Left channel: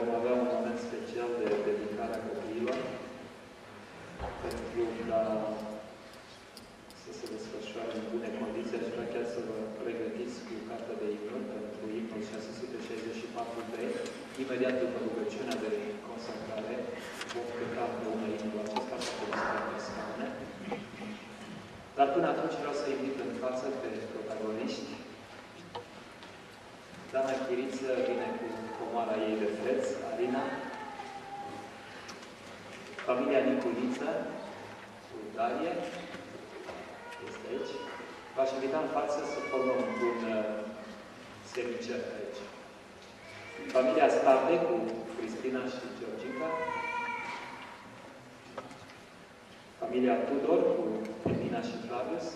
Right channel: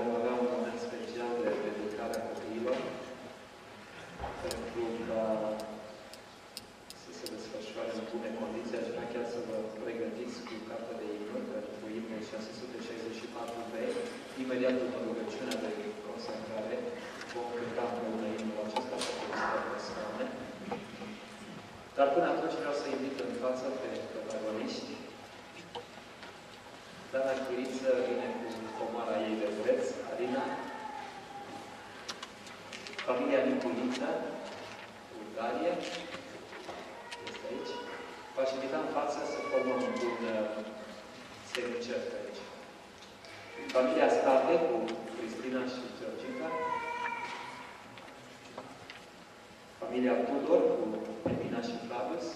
vom avea un moment special de dedicare a copiilor, pentru ca să se desfășoare în bune condiții, aș vrea chiar să vă pregătiți cu cartea de imnuri pentru imnul 664B. Imediat după rugăciunea de consacrare, vom cânta împreună imnul acesta pentru câteva persoane. Dar până atunci vreau să invit în față pe protagoniști. Dana Chiriță vine cu comara ei de preț, Arina. Familia Niculiță, Bulgarie, este aici. V-aș invita în față să formăm un semicert aici. Familia Stave cu Cristina și Georgica. Familia Tudor cu Edina și Flavius.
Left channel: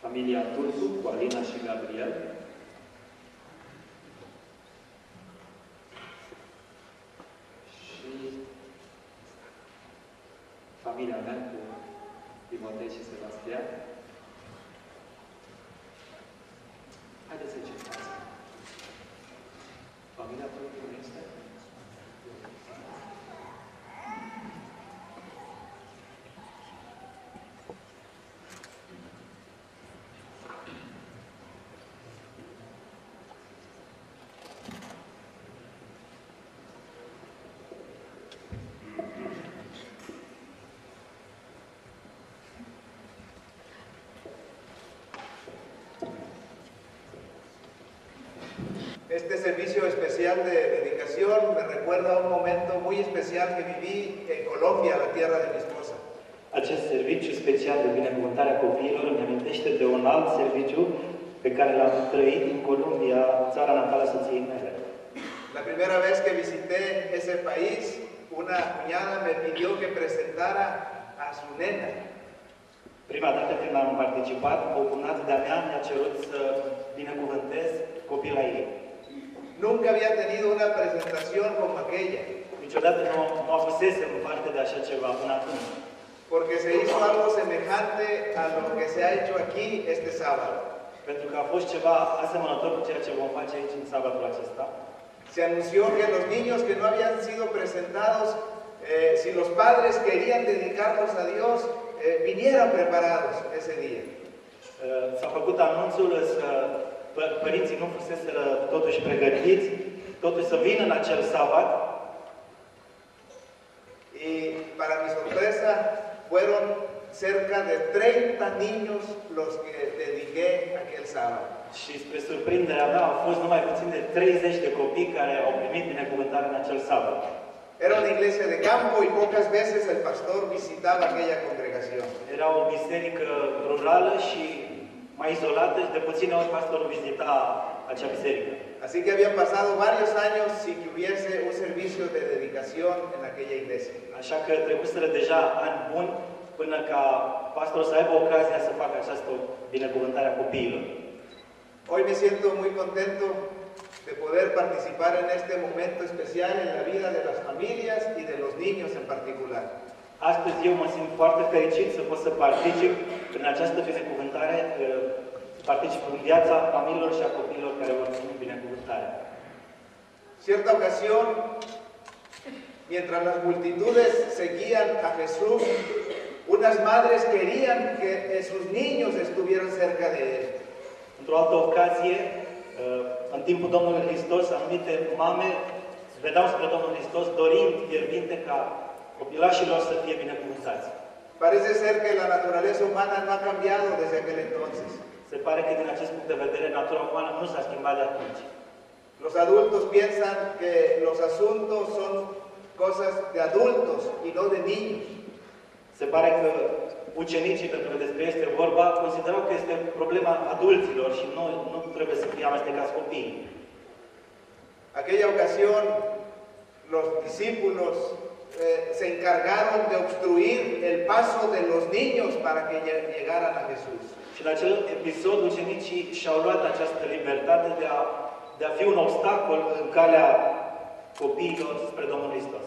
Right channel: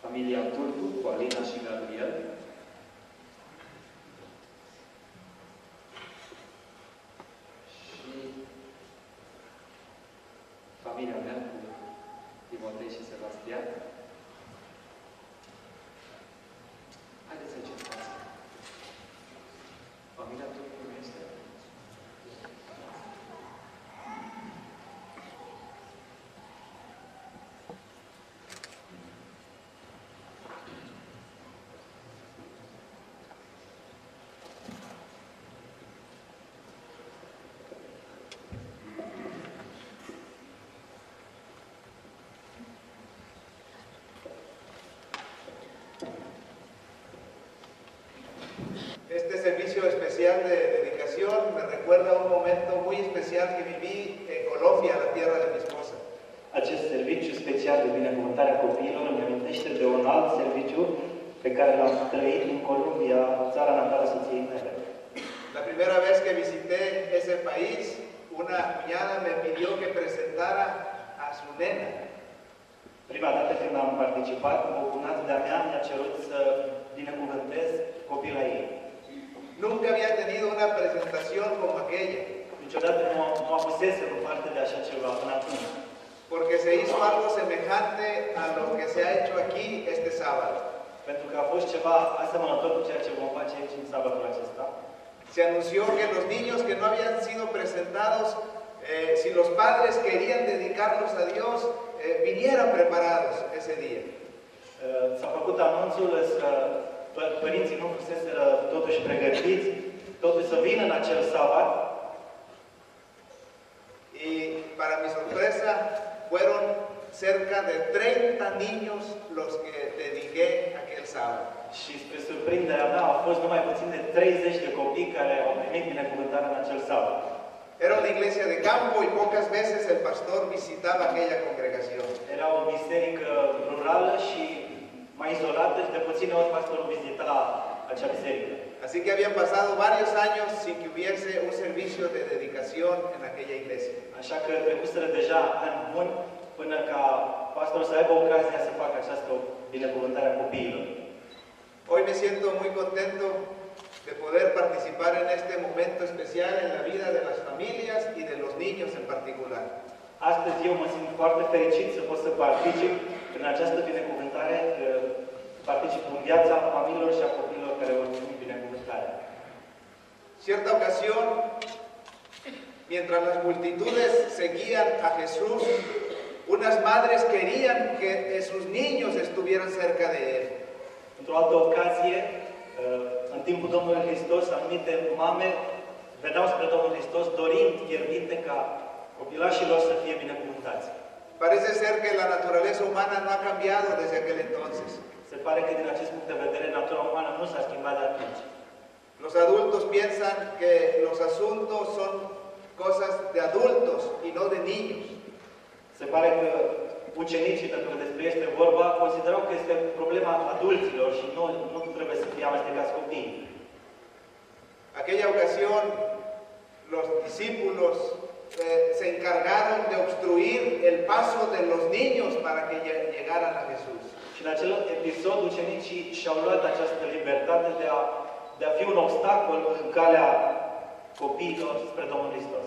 Familia Turcu cu Alina și Gabriel. Și familia mea cu Timotei și Sebastian. Haideți să încercați. Familia Turcu nu este? Este servicio especial de dedicación me recuerda un momento muy especial que viví en Colombia, la tierra de mi esposa. Acest serviciu special de binecuvântare a copiilor îmi amintește de un alt serviciu pe care l-am trăit în Columbia, țara natală a soției mele. La primera vez que visité ese país, una cuñada me pidió que presentara a su nena. Prima dată când am participat, o cunată de-a mea mi-a cerut să binecuvântez copila ei. Nunca había tenido una presentación como aquella. Niciodată nu avusesem parte de așa ceva până atunci. Porque se hizo algo semejante a lo que se ha hecho aquí este sábado. Pentru că a fost ceva asemănător cu ceea ce vom face aici în sabatul acesta. Se anunció que los niños que no habían sido presentados, si los padres querían dedicarlos a Dios, vinieran preparados ese día. S-a făcut anunțul să părinții nu fuseseră totuși pregătiți, totuși să vină în acel sabat. Y para mi sorpresa, fueron cerca de 30 niños los que dediqué aquel sábado. Și spre surprinderea mea au fost numai puțin de 30 de copii care au primit binecuvântare în acel sabat. Era una iglesia de campo y pocas veces el pastor visitaba aquella congregación. Era o biserică rurală și mai izolată și de puține ori pastorul vizita acea biserică. Así que habían pasado varios años sin que hubiese un servicio de dedicación en aquella iglesia. Așa că trebuseră deja ani buni până ca pastorul să aibă ocazia să facă această binecuvântare a copiilor. Hoy me siento muy contento de poder participar en este momento especial en la vida de las familias y de los niños en particular. Astăzi eu mă simt foarte fericit să pot să particip în această binecuvântare, particip în viața familiilor și a copiilor care vor primi binecuvântare. Cierta ocasión, mientras las multitudes seguían a Jesús, unas madres querían que sus niños estuvieran cerca de él. Într-o altă ocazie, în timpul Domnului Hristos, anumite mame vedeau spre Domnul Hristos dorind fierbinte ca copilașilor să fie binecuvântați. Parece ser que la naturaleza humana no ha cambiado desde aquel entonces. Se pare că din acest punct de vedere, natura umană nu s-a schimbat de atunci. Los adultos piensan que los asuntos son cosas de adultos y no de niños. Se pare că ucenicii, pentru că despre este vorba, considerau că este problema adulților și nu trebuie să fie amestecați copiii. Aquella ocasión, los discípulos se encargaron de obstruir el paso de los niños para que llegaran a Jesús. Și în acel episod, ucenicii și-au luat această libertate de a fi un obstacol în calea copiilor spre Domnul Hristos.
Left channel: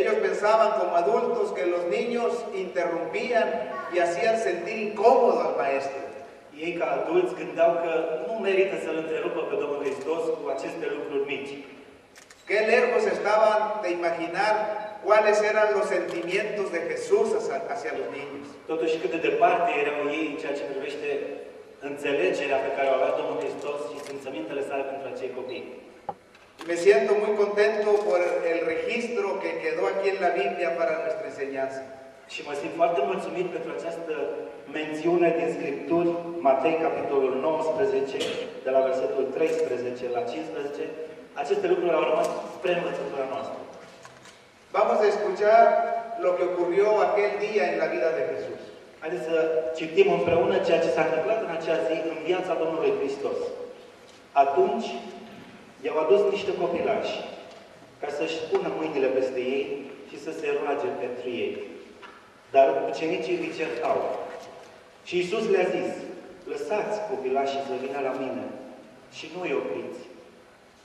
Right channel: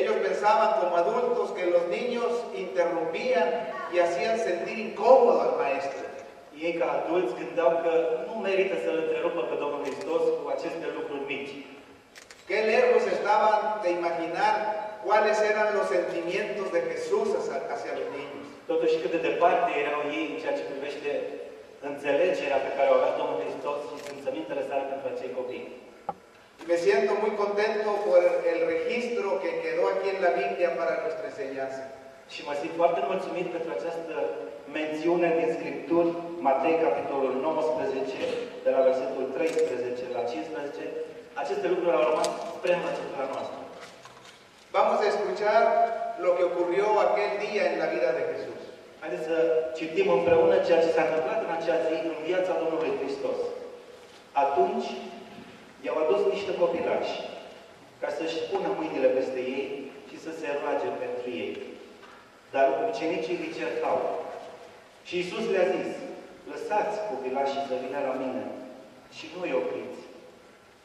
Ellos pensaban como adultos que los niños interrumpían y hacían sentir incómodo al maestro. Ei ei ca adulți gândeau că nu merită să-L întrerupă pe Domnul Hristos cu aceste lucruri mici. Qué lejos estaban de imaginar cuáles eran los sentimientos de Jesús hacia los niños. Totuși cât de departe erau ei în ceea ce privește înțelegerea pe care o avea Domnul Hristos și simțămintele sale pentru acei copii. Me siento muy contento por el registro que quedó aquí en la Biblia para nuestra enseñanza. Și mă simt foarte mulțumit pentru această mențiune din Scripturi, Matei, capitolul 19, de la versetul 13 la 15. Aceste lucruri au rămas spre învățătura noastră. Vamos a escuchar lo que ocurrió aquel día en la vida de Jesús. Haideți să citim împreună ceea ce s-a întâmplat în acea zi în viața Domnului Hristos. Atunci i-au adus niște copilași ca să-și pună mâinile peste ei și să se roage pentru ei. Dar ucenicii îi certau. Și Iisus le-a zis, lăsați copilașii să vină la mine și nu îi opriți,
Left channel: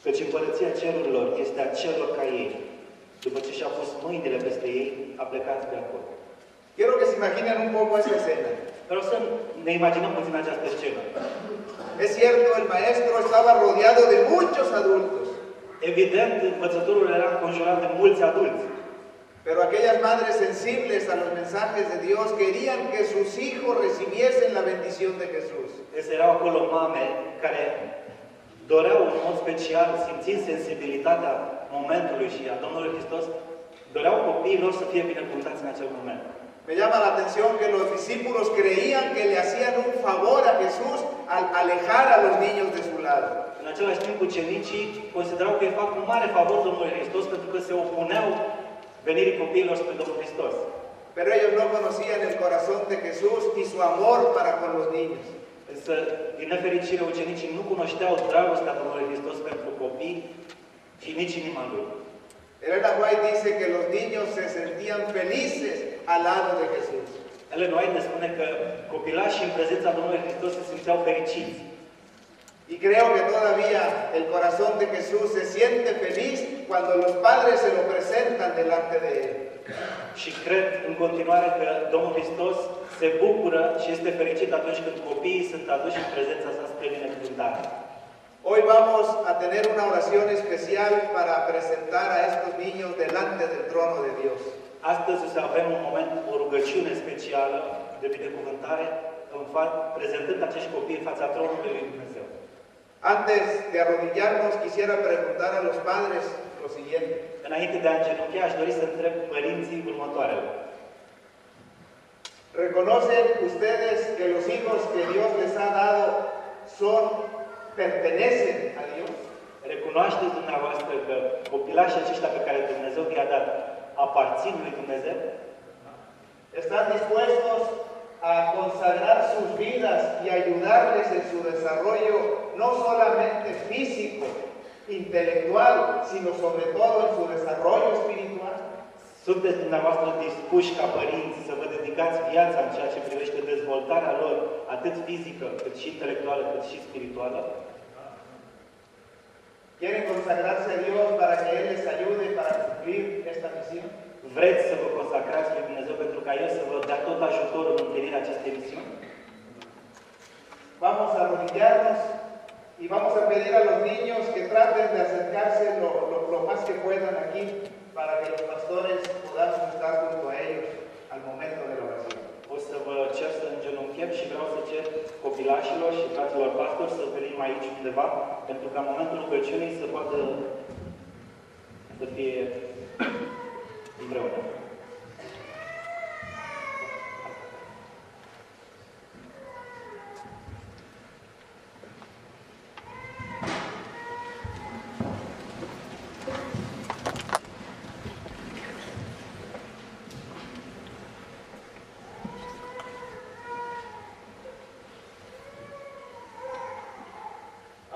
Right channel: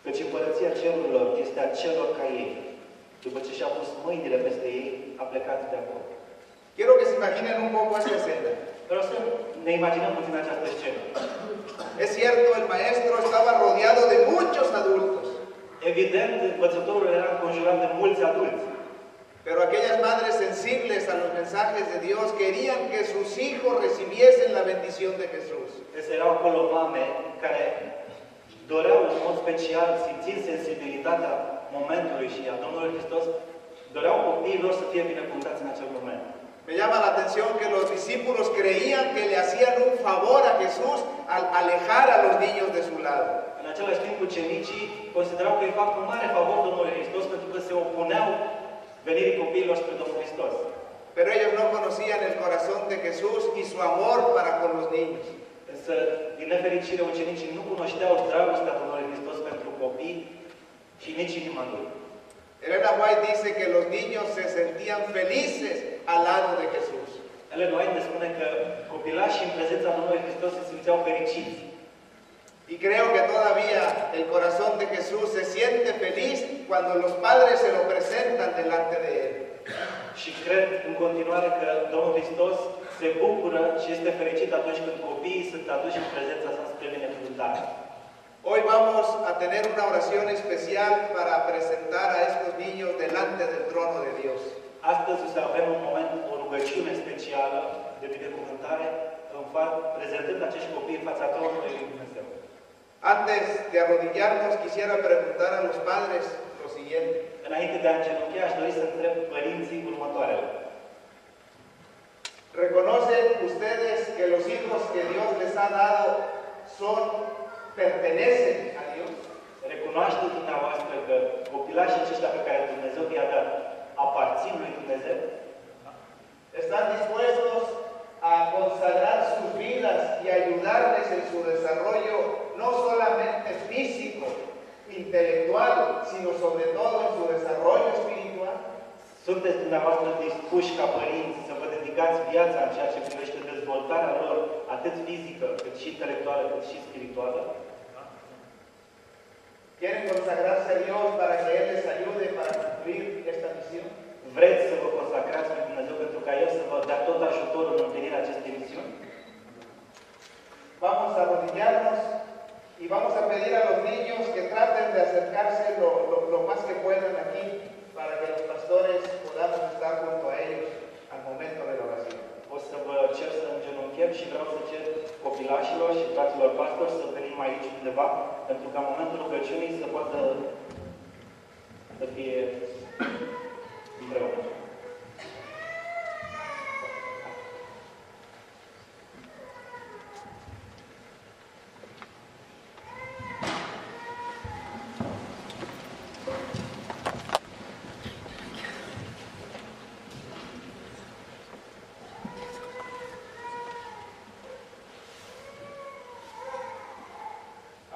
căci împărăția cerurilor este a celor ca ei. După ce și-a pus mâinile peste ei, a plecat de acolo. Quiero que se imaginen un poco esa escena. Vreau să ne imaginăm puțin această scenă. Es cierto, el maestro estaba rodeado de muchos adultos, Evident, învățătorul era înconjurat de mulți adulți. pero aquellas madres sensibles a los mensajes de Dios querían que sus hijos recibiesen la bendición de Jesús. Erau acolo mame care doreau în mod special, simțind sensibilitatea momentului și a Domnului Hristos, doreau copiii lor să fie binecuvântați în acel moment. Me llama la atención que los discípulos creían que le hacían un favor a Jesús al alejar a los niños de su lado. În același timp, ucenicii considerau că îi fac un mare favor Domnului Hristos pentru că se opuneau venirii copiilor spre Domnul Hristos. Pero ellos no conocían el corazón de Jesús y su amor para con los niños. Însă, din nefericire, ucenicii nu cunoșteau dragostea Domnului Hristos pentru copii și nici inima Lui. Elena White dice que los niños se sentían felices al lado de Jesús. Ellen White ne spune că copilașii în prezența Domnului Hristos se simțeau fericiți. Y creo que todavía el corazón de Jesús se siente feliz cuando los padres se lo presentan delante de Él. Și cred în continuare că Domnul Hristos se bucură și este fericit atunci când copiii sunt aduși în prezența sa spre binecuvântare. Hoy vamos a tener una oración especial para presentar a estos niños delante del trono de Dios. Astăzi o să avem un moment, o rugăciune specială de binecuvântare, prezentând acești copii în fața tronului lui Dumnezeu. Antes de arrodillarnos, quisiera preguntar a los padres lo siguiente. Înainte de a îngenunchea, aș dori să întreb părinții următoarele. ¿Reconocen ustedes que los hijos que Dios les ha dado pertenecen a Dios? Recunoașteți dumneavoastră că copilașii aceștia pe care Dumnezeu i-a dat aparțin lui Dumnezeu? ¿Están dispuestos a consagrar sus vidas y ayudarles en su desarrollo, no solamente físico, intelectual, sino sobre todo en su desarrollo espiritual? Sunteți dumneavoastră dispuși ca părinți să vă dedicați viața în ceea ce privește dezvoltarea lor, atât fizică, cât și intelectuală, cât și spirituală? ¿Quieren consagrarse a Dios para que Él les ayude para cumplir esta misión? Vreți să vă consacrați lui Dumnezeu pentru ca El să vă dea tot ajutorul în împlinirea acestei misiuni? Vamos a arrodillarnos y vamos a pedir a los niños que traten de acercarse lo más que puedan aquí para que los pastores podamos estar junto a ellos al momento de la oración. O să vă cer să îngenunchem și vreau să cer copilașilor și fraților pastori să venim aici undeva, pentru ca în momentul rugăciunii să poată să fie împreună.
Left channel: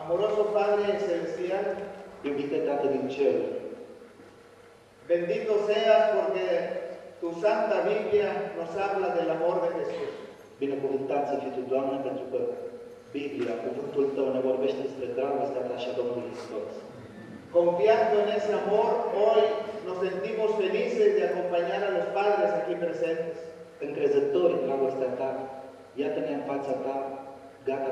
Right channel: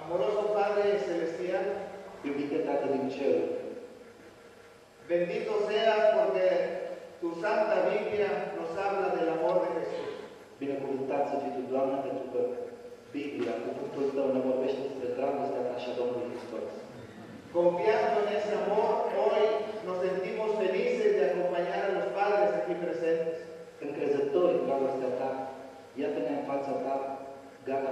Amoroso Padre Celestial, Iubite Tată din cer, bendito seas porque tu Santa Biblia nos habla del amor de Jesús. binecuvântat să fii Tu, Doamne, pentru că Biblia, cuvântul Tău, ne vorbește despre dragostea Ta și Domnul Hristos. Confiando en ese amor, hoy nos sentimos felices de acompañar a los padres aquí presentes. Încrezători în dragostea Ta, iată-ne în fața Ta, gata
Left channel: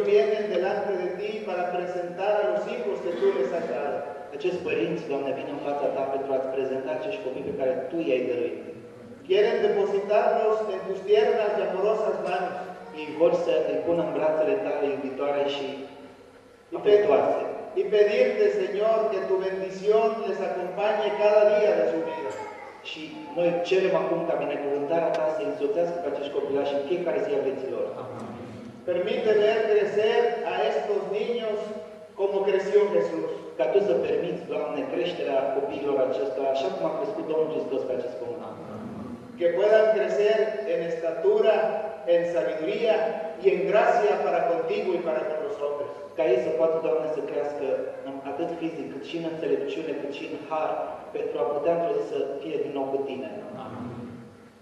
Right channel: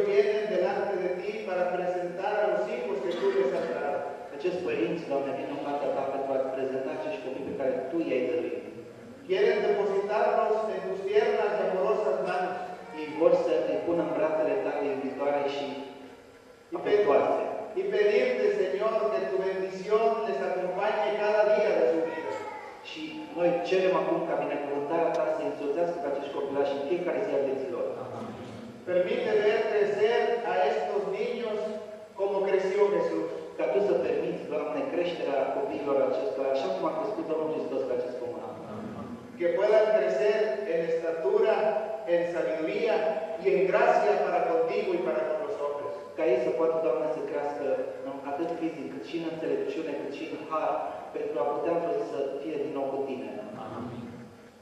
ellos vienen delante de ti para presentar a los hijos que tú les has dado. Acești părinți, Doamne, vin în fața Ta pentru a-ți prezenta acești copii pe care Tu i-ai dăruit. Quieren depositarlos en tus tiernas y amorosas manos. Ei vor să îi pună în brațele Tale iubitoare și afectuoase. Y pedirte, Señor, que tu bendición les acompañe cada día de su vida. Și noi cerem acum ca binecuvântarea Ta să însoțească pe acești copilași în fiecare zi a vieților. Permite ver crecer a estos niños como creció Jesús. Ca Tu să permiți, Doamne, creșterea copiilor acestora, așa cum a crescut Domnul Hristos pe acest pământ. Que puedan crecer en estatura, en sabiduría y en gracia para contigo y para con los hombres. Ca ei să poată, Doamne, să crească atât fizic, cât și în înțelepciune, cât și în har, pentru a putea să fie din nou cu Tine.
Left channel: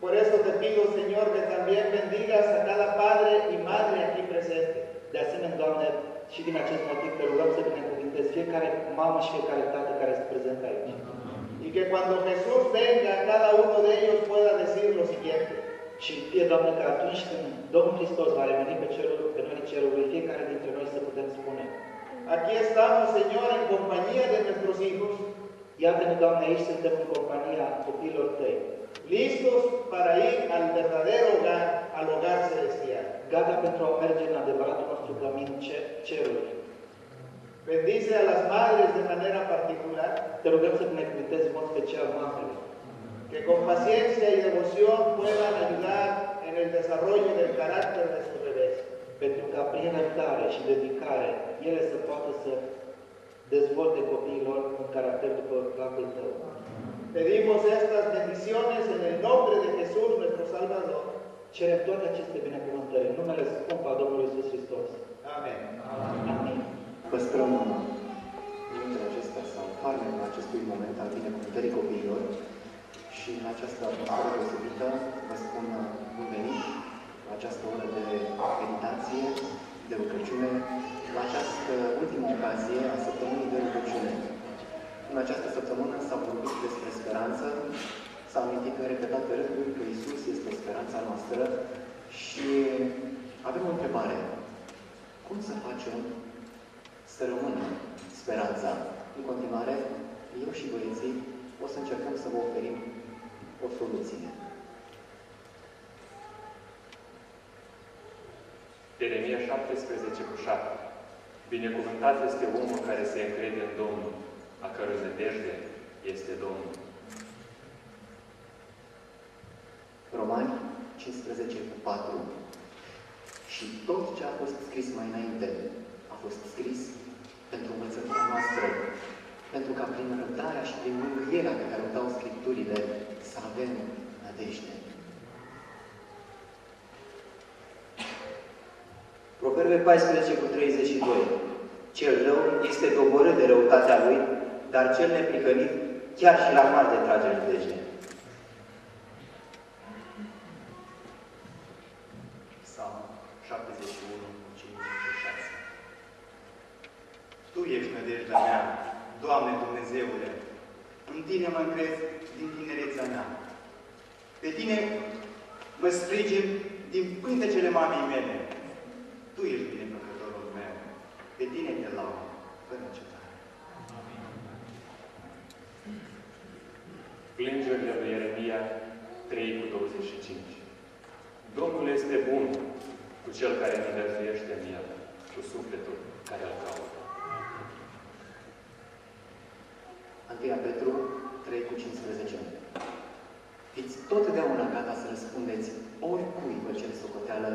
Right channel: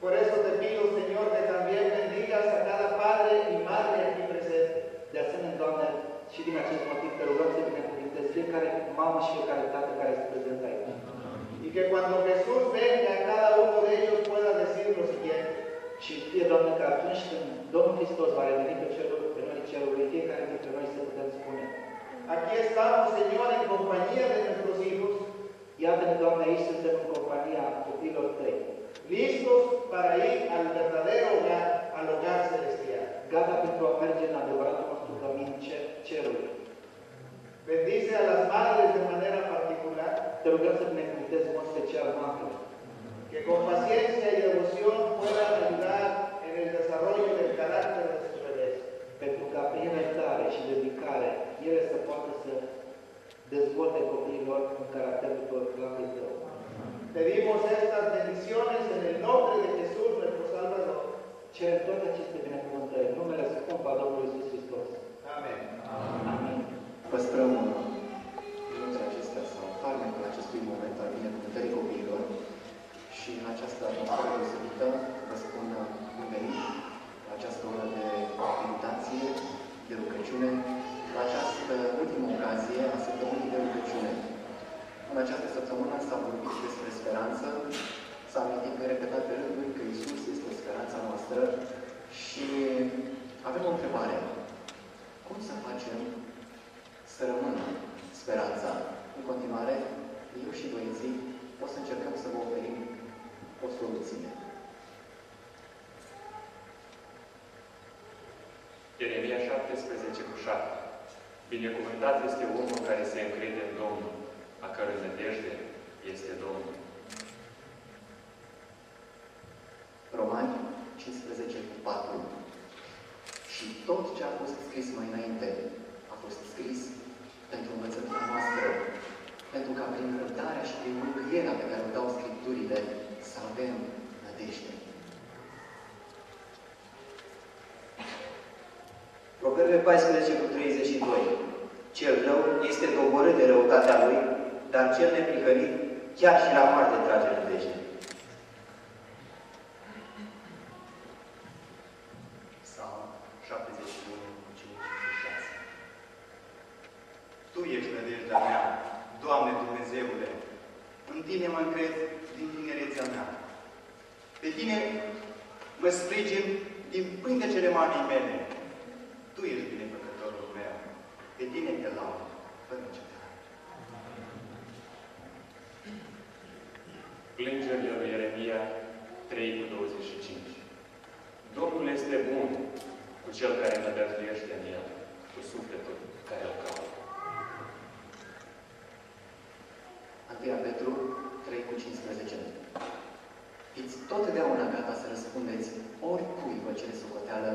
Por eso te pido, Señor, que también bendigas a cada padre y madre aquí presente. De asemenea, Doamne, și din acest motiv te rugăm să binecuvântezi fiecare mamă și fiecare tată care este prezent aici. Y que cuando Jesús venga, cada uno de ellos pueda decir lo siguiente. Și fie, Doamne, că atunci când Domnul Hristos va reveni pe noi cerului, fiecare dintre noi să putem spune: Aquí estamos, Señor, en compañía de nuestros hijos, Iată-ne, Doamne, aici suntem în compania copiilor Tăi, listos para ir al verdadero hogar, al hogar celestial. gata pentru a merge în adevăratul nostru cămin cerului. Bendice a las madres de manera particular, Te rugăm să binecuvântezi în mod special mamele, que con paciencia y devoción puedan ayudar en el desarrollo del carácter de sus bebés. pentru ca prin iertare și dedicare ele să poată să dezvolte copiilor un caracter după capul Tău. Pedimos estas bendiciones en el nombre de Jesús, nuestro Salvador. Cerem toate aceste binecuvântări în numele scump al Domnului Iisus Hristos. Amén. Amin. Păstrăm minunile acestea sau farmecul acestui moment al binecuvântării copiilor și în această atmosferă deosebită vă spun bun venit la această oră de meditație, de rugăciune, la această ultimă ocazie a săptămânii de rugăciune. În această săptămână s-a vorbit despre speranță, s-a amintit în repetate rânduri că Iisus este speranța noastră și avem o întrebare. Cum să facem să rămână speranța? În continuare, eu și băieții o să încercăm să vă oferim o soluție. Ieremia 17:7. Binecuvântat este omul care se încrede în Domnul, a cărui nădejde este Domnul. Romani 15:4. Și tot ce a fost scris mai înainte a fost scris pentru învățătura noastră, pentru ca prin răbdarea și prin mângâierea pe care o dau Scripturile să avem nădejde. Proverbe 14:32. Cel rău este doborât de răutatea lui, dar cel neprihănit chiar și la moarte trage nădejde. Psalm 71:5-6. Tu ești nădejdea mea, Doamne Dumnezeule, în Tine mă încred din tinerețea mea. Pe Tine mă sprijin din pântecele mamei mele. Tu ești binefăcătorul meu, pe Tine te laud, fără încetare. Plângerile lui Ieremia 3:25. Domnul este bun cu cel care nădăjduiește în El, cu sufletul care îl caută. 1 Petru 3:15. Fiți totdeauna gata să răspundeți oricui vă cer socoteală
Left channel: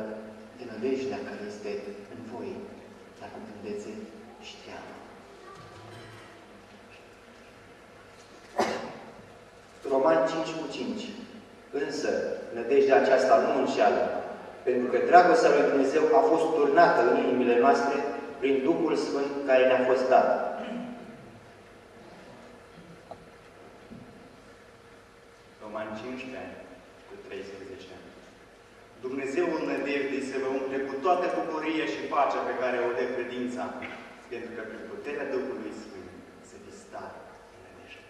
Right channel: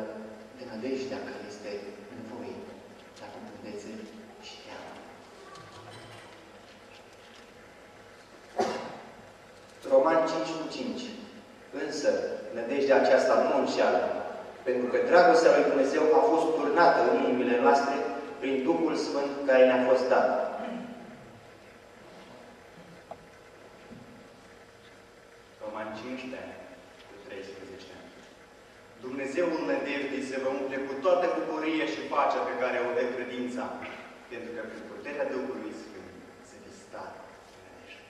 de nădejdea care este în voi, dacă îndeți și teamă. Roman 5:5. Însă, nădejdea aceasta nu înșeală, pentru că dragostea lui Dumnezeu a fost turnată în inimile noastre prin Duhul Sfânt care ne-a fost dat. Roman 15:13. Dumnezeul nădejdei se vă umple cu toată bucuria și pacea pe care o dă credința, pentru că prin puterea Duhului Sfânt se distat în nădejde.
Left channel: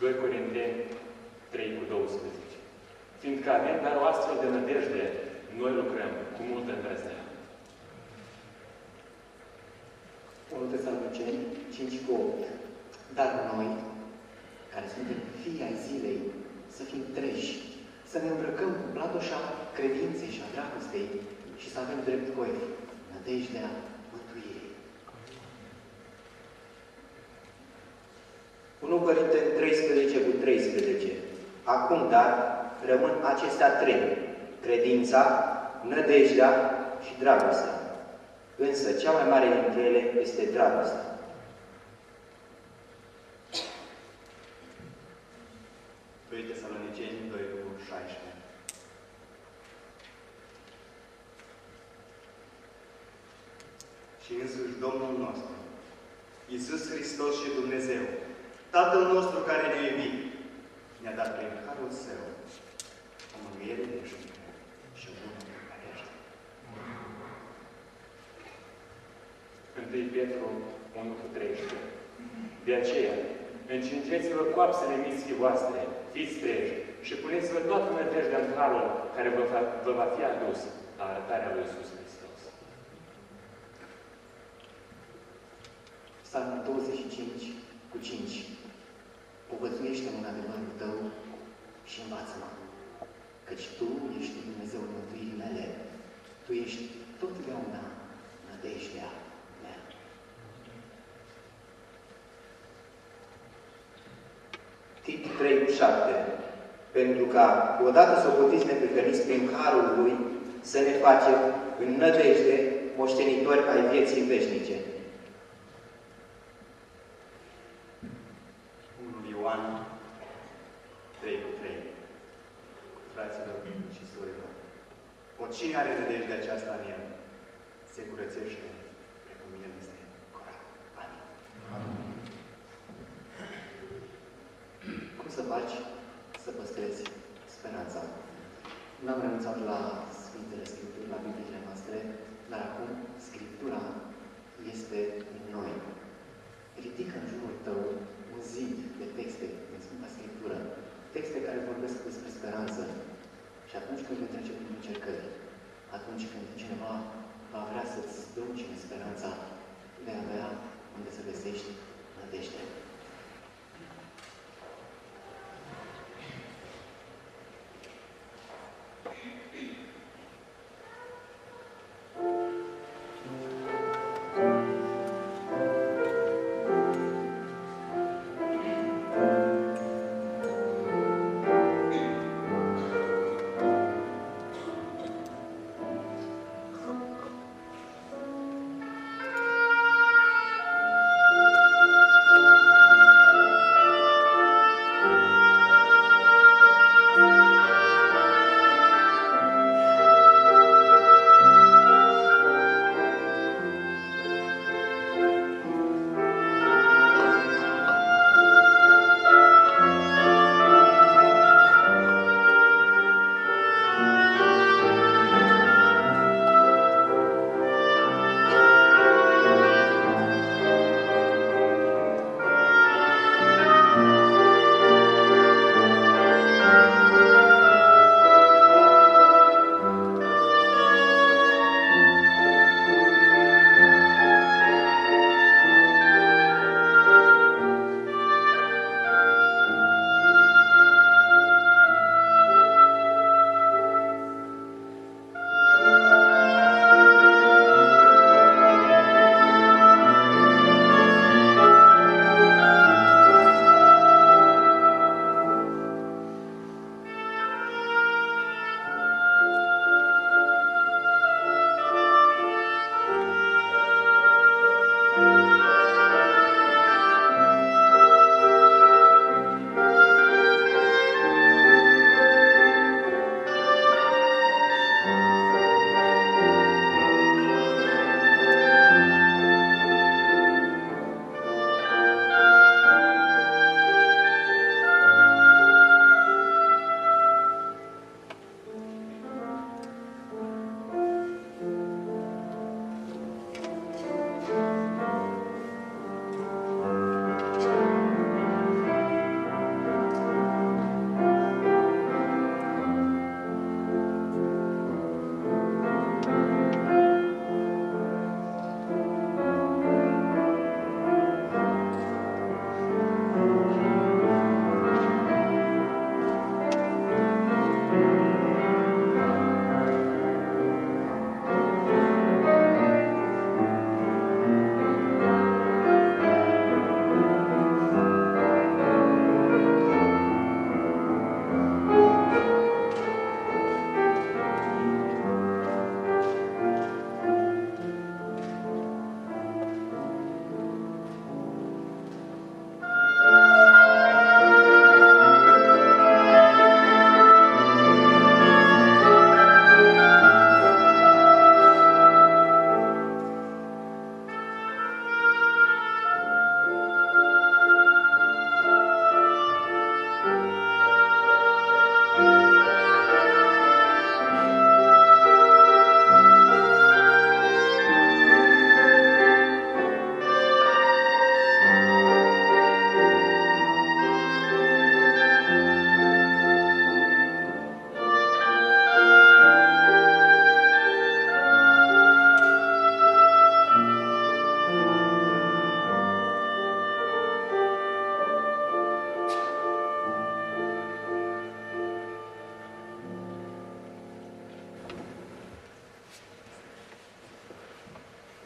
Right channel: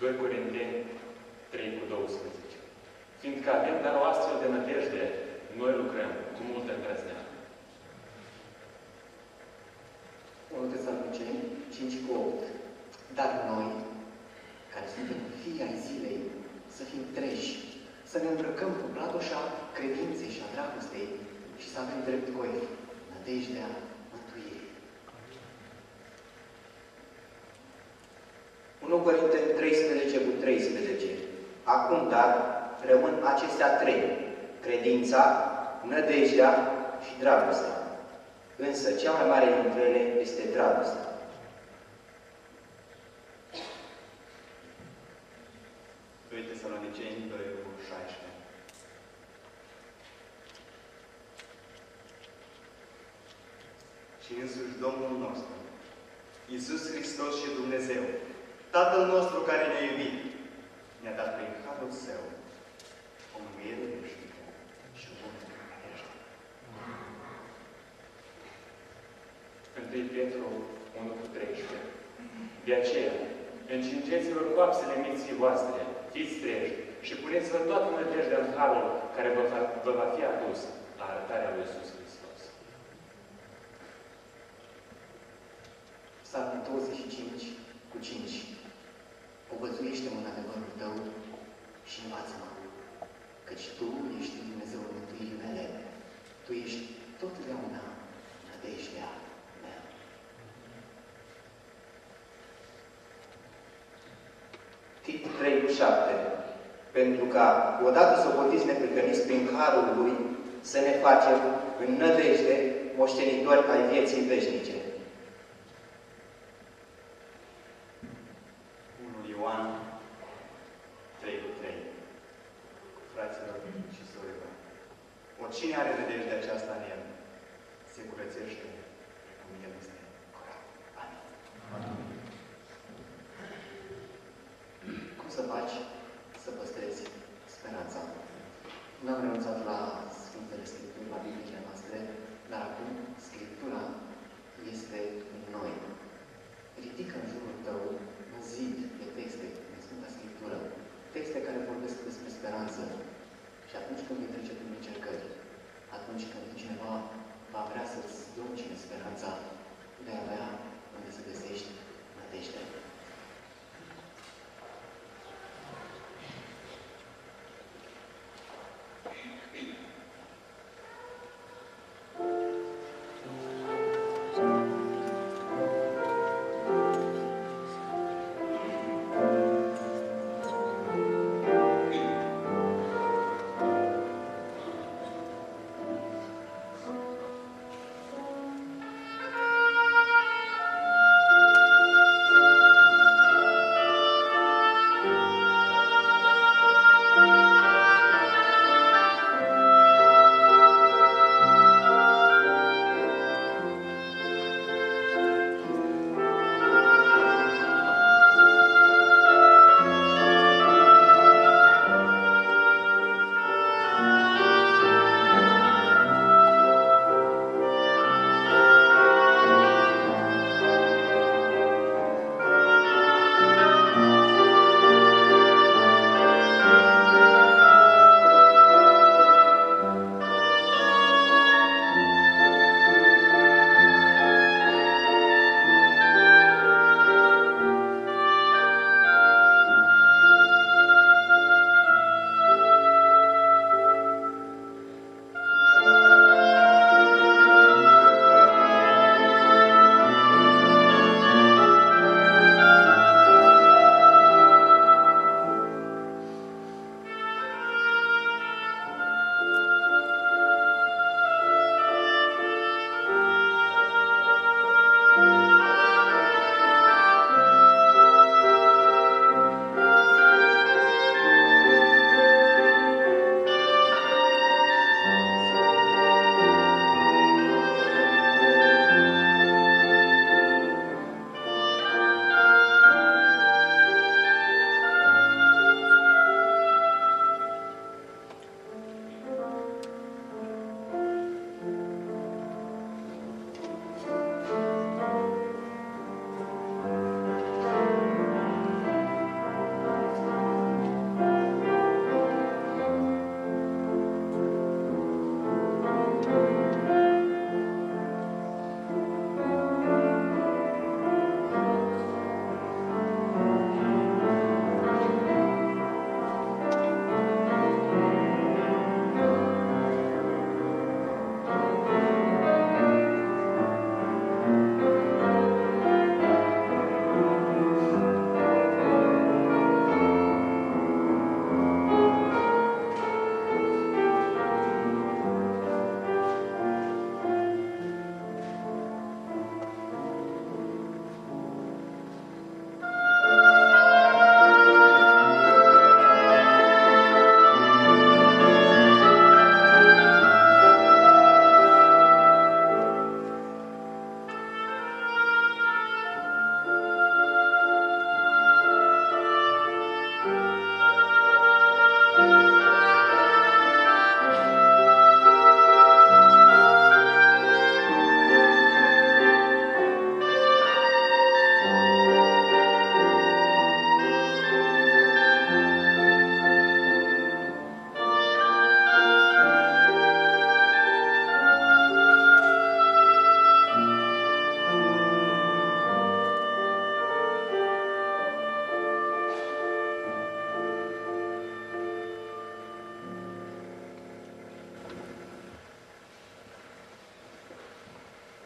2 Corinteni 3:12. Fiindcă avem dar o astfel de nădejde, noi lucrăm cu multă îndrăzneală. 1 Tesaloniceni 5:8. Dar noi, care suntem fii ai zilei, să fim treji, să ne îmbrăcăm cu platoșa credinței și a dragostei și să avem drept coefi, nădejdea mântuirii. 1 Corinteni 13:13. Acum, dar, rămân acestea trei: credința, nădejdea și dragostea. Însă, cea mai mare dintre ele este dragostea. Tesaloniceni 2:16. Și însuși Domnul nostru, Iisus Hristos și Dumnezeu, Tatăl nostru care ne-a iubit, ne-a dat prin Harul Său o mângâiere veșnică și o bună nădejde. 1 Petru 1:13. De aceea, încingeți-vă coapsele minții voastre, fiți treji și puneți-vă toată nădejdea în harul care vă va fi adus la arătarea lui Iisus Hristos. Psalmul 25:5. Povățuiește-mă în adevărul tău și învață-mă, căci tu ești Dumnezeul mântuirii mele, tu ești totdeauna nădejdea mea. Tit 3:7. Pentru ca, odată socotiți neprihăniți prin harul lui, să ne facem în nădejde moștenitori ai vieții veșnice. 1 Ioan 3:3. Fraților și surorilor, oricine are nădejdea aceasta în el, se curățește, precum el este curat. Amin. Cum să faci să păstrezi speranța? N-am renunțat la Sfintele Scripturi, la Bibliile noastre, dar acum Scriptura este în noi. Ridică în jurul tău un zid de texte din Sfânta Scriptură, texte care vorbesc despre speranță. Și atunci când vei trece prin încercări, atunci când cineva va vrea să-ți duce speranța, vei avea unde să găsești nădejde.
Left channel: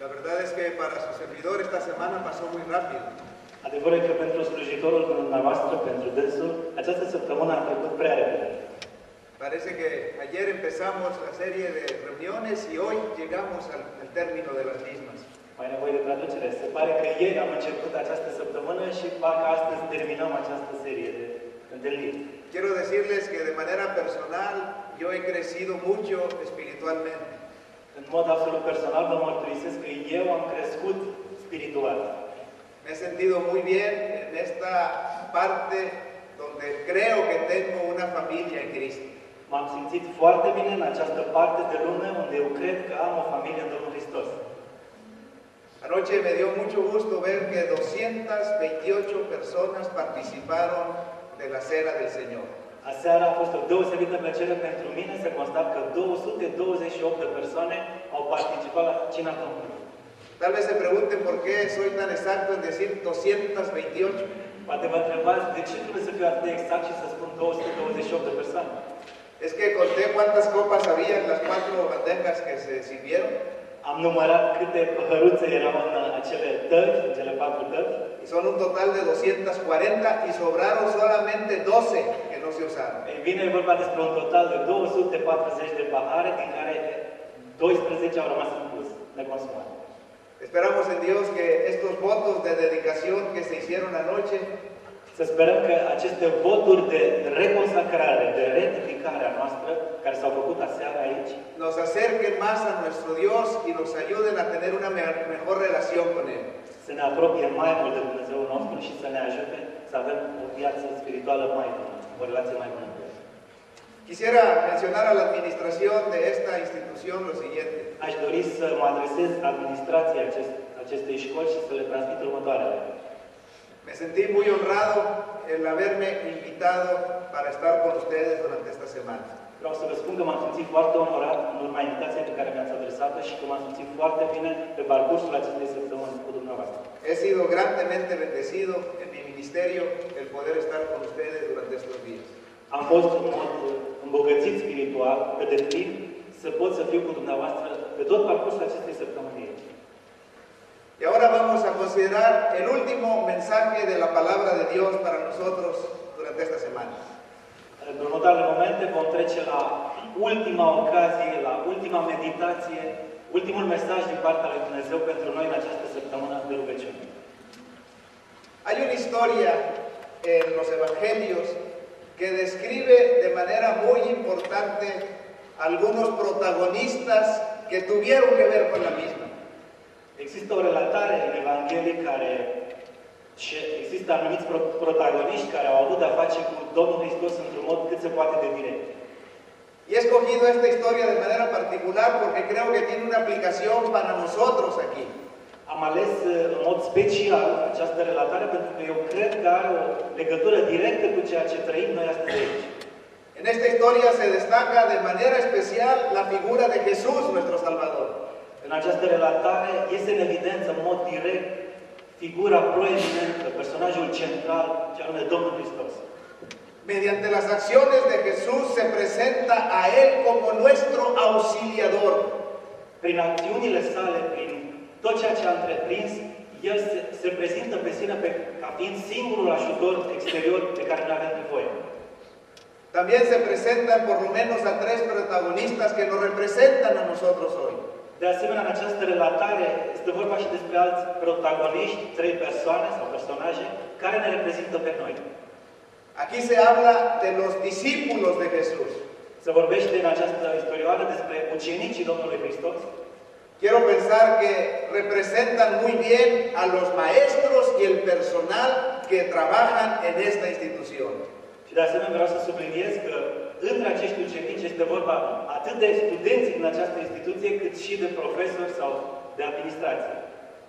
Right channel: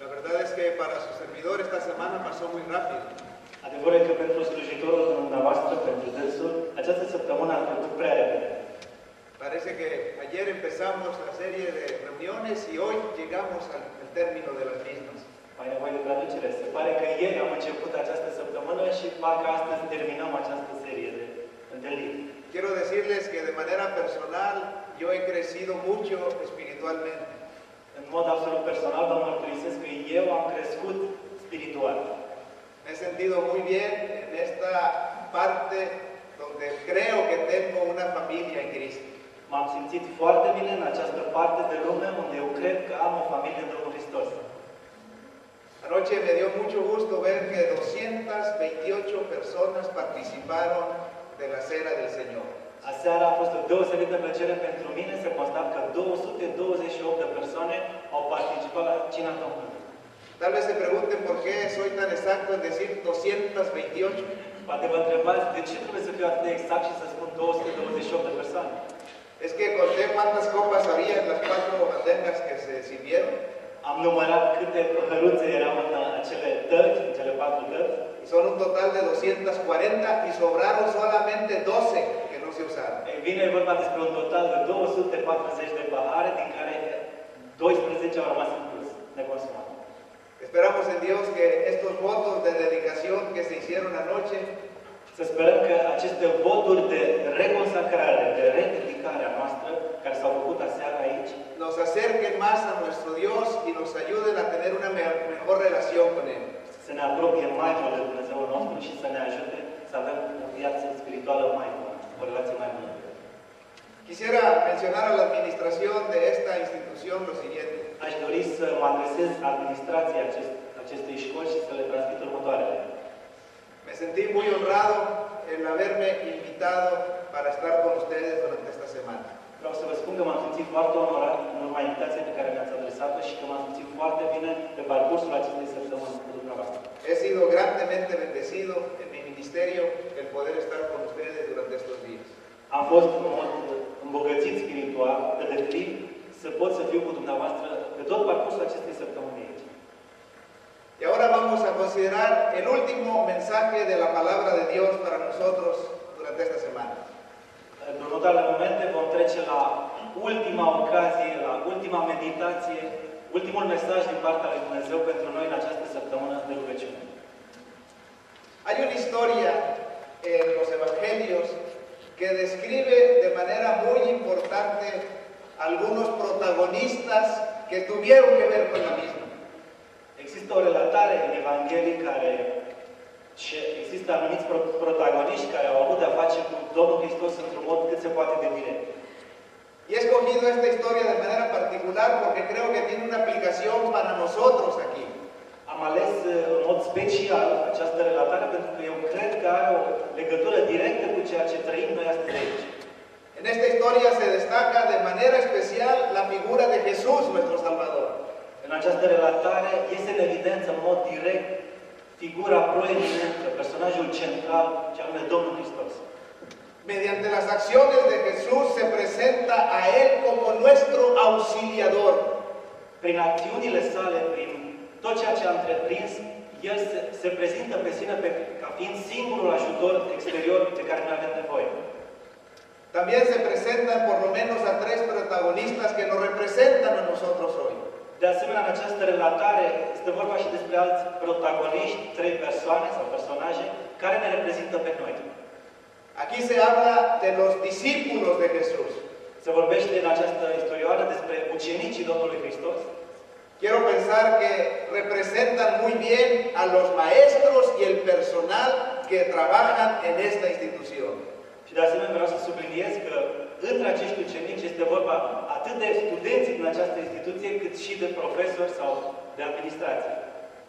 La verdad es que para su servidor esta semana pasó muy rápido. Adevărul e că pentru slujitorul dumneavoastră, pentru dânsul, această săptămână a trecut prea repede. Parece que ayer empezamos la serie de reuniones y hoy llegamos al término de las mismas. Mai nevoie de traducere. Se pare că ieri am început această săptămână și parcă astăzi terminăm această serie de întâlniri. Quiero decirles que de manera personal yo he crecido mucho espiritualmente. În mod absolut personal vă mărturisesc că eu am crescut spiritual. Me he sentido muy bien en esta parte donde creo que tengo una familia en Cristo. M-am simțit foarte bine în această parte de lume unde eu cred că am o familie de Domnul Hristos. Anoche me dio mucho gusto ver que 228 personas participaron de la Cena del Señor. Aseară a fost o deosebită plăcere pentru mine să constat că 228 de persoane au participat la Cina Domnului. Tal vez se pregunten por qué soy tan exacto en decir 228. Poate vă întrebați de ce trebuie să fiu atât de exact și să spun 228 de persoane. Es que conté cuántas copas había en las 4 bandejas que se sirvieron. Am numărat câte păhăruțe erau în acele tăți, în cele 4 tăți. Y son un total de 240 y sobraron solamente 12 que no se usaron. Ei bine, e vorba despre un total de 240 de pahare, din care 12 au rămas în plus, neconsumate. Esperamos en Dios que estos votos de dedicación que se hicieron anoche Să sperăm că aceste voturi de reconsacrare, de rededicare a noastră, care s-au făcut aseară aici, nos acerquen más a nuestro Dios y nos ayuden a tener una mejor relación con Él. să ne apropie mai mult de Dumnezeul nostru și să ne ajute să avem o viață spirituală mai bună, o relație mai bună cu El. Quisiera mencionar a la administración de esta institución lo siguiente. Aș dori să mă adresez administrației acestei școli și să le transmit următoarele. Me sentí muy honrado en haberme invitado para estar con ustedes durante esta semana. Vreau să vă spun că m-am simțit foarte onorat în urma invitației pe care mi-ați adresat-o și că m-am simțit foarte bine pe parcursul acestei săptămâni cu dumneavoastră. He sido grandemente bendecido en mi ministerio el poder estar con ustedes durante estos días. Am fost în mod îmbogățit spiritual, pe deplin, să pot să fiu cu dumneavoastră pe tot parcursul acestei săptămâni aici. Y ahora vamos a considerar el último mensaje de la palabra de Dios para nosotros durante esta semana. În următoarele momente vom trece la ultima ocazie, la ultima meditație, ultimul mesaj din partea lui Dumnezeu pentru noi în această săptămână de rugăciune. Hay una historia en los evangelios que describe de manera muy importante algunos protagonistas que tuvieron que ver con la misma. Există o relatare în Evanghelie care și există anumiți protagoniști care au avut de-a face cu Domnul Hristos într-un mod cât se poate de direct. Y he escogido esta historia de manera particular porque creo que tiene una aplicación para nosotros aquí. Am ales în mod special această relatare pentru că eu cred că are o legătură directă cu ceea ce trăim noi astăzi aici. En esta historia se destaca de manera especial la figura de Jesús, nuestro Salvador. În această relatare este în evidență în mod direct figura proeminentă, personajul central, ce anume Domnul Hristos. Mediante las acciones de Jesús se presenta a Él como nuestro auxiliador. Prin acțiunile sale, prin tot ceea ce a întreprins, El se prezintă pe sine ca fiind singurul ajutor exterior de care noi avem nevoie. También se presentan por lo menos a 3 protagonistas que nos representan a nosotros hoy. De asemenea, în această relatare este vorba și despre alți protagoniști, 3 persoane sau personaje care ne reprezintă pe noi. Aquí se habla de los discípulos de Jesús. Se vorbește în această istorioară despre ucenicii Domnului Hristos. Quiero pensar que representan muy bien a los maestros y el personal que trabajan en esta institución. Și de asemenea vreau să subliniez că între acești ucenici este vorba atât de studenți din această instituție, cât și de profesori sau de administrație.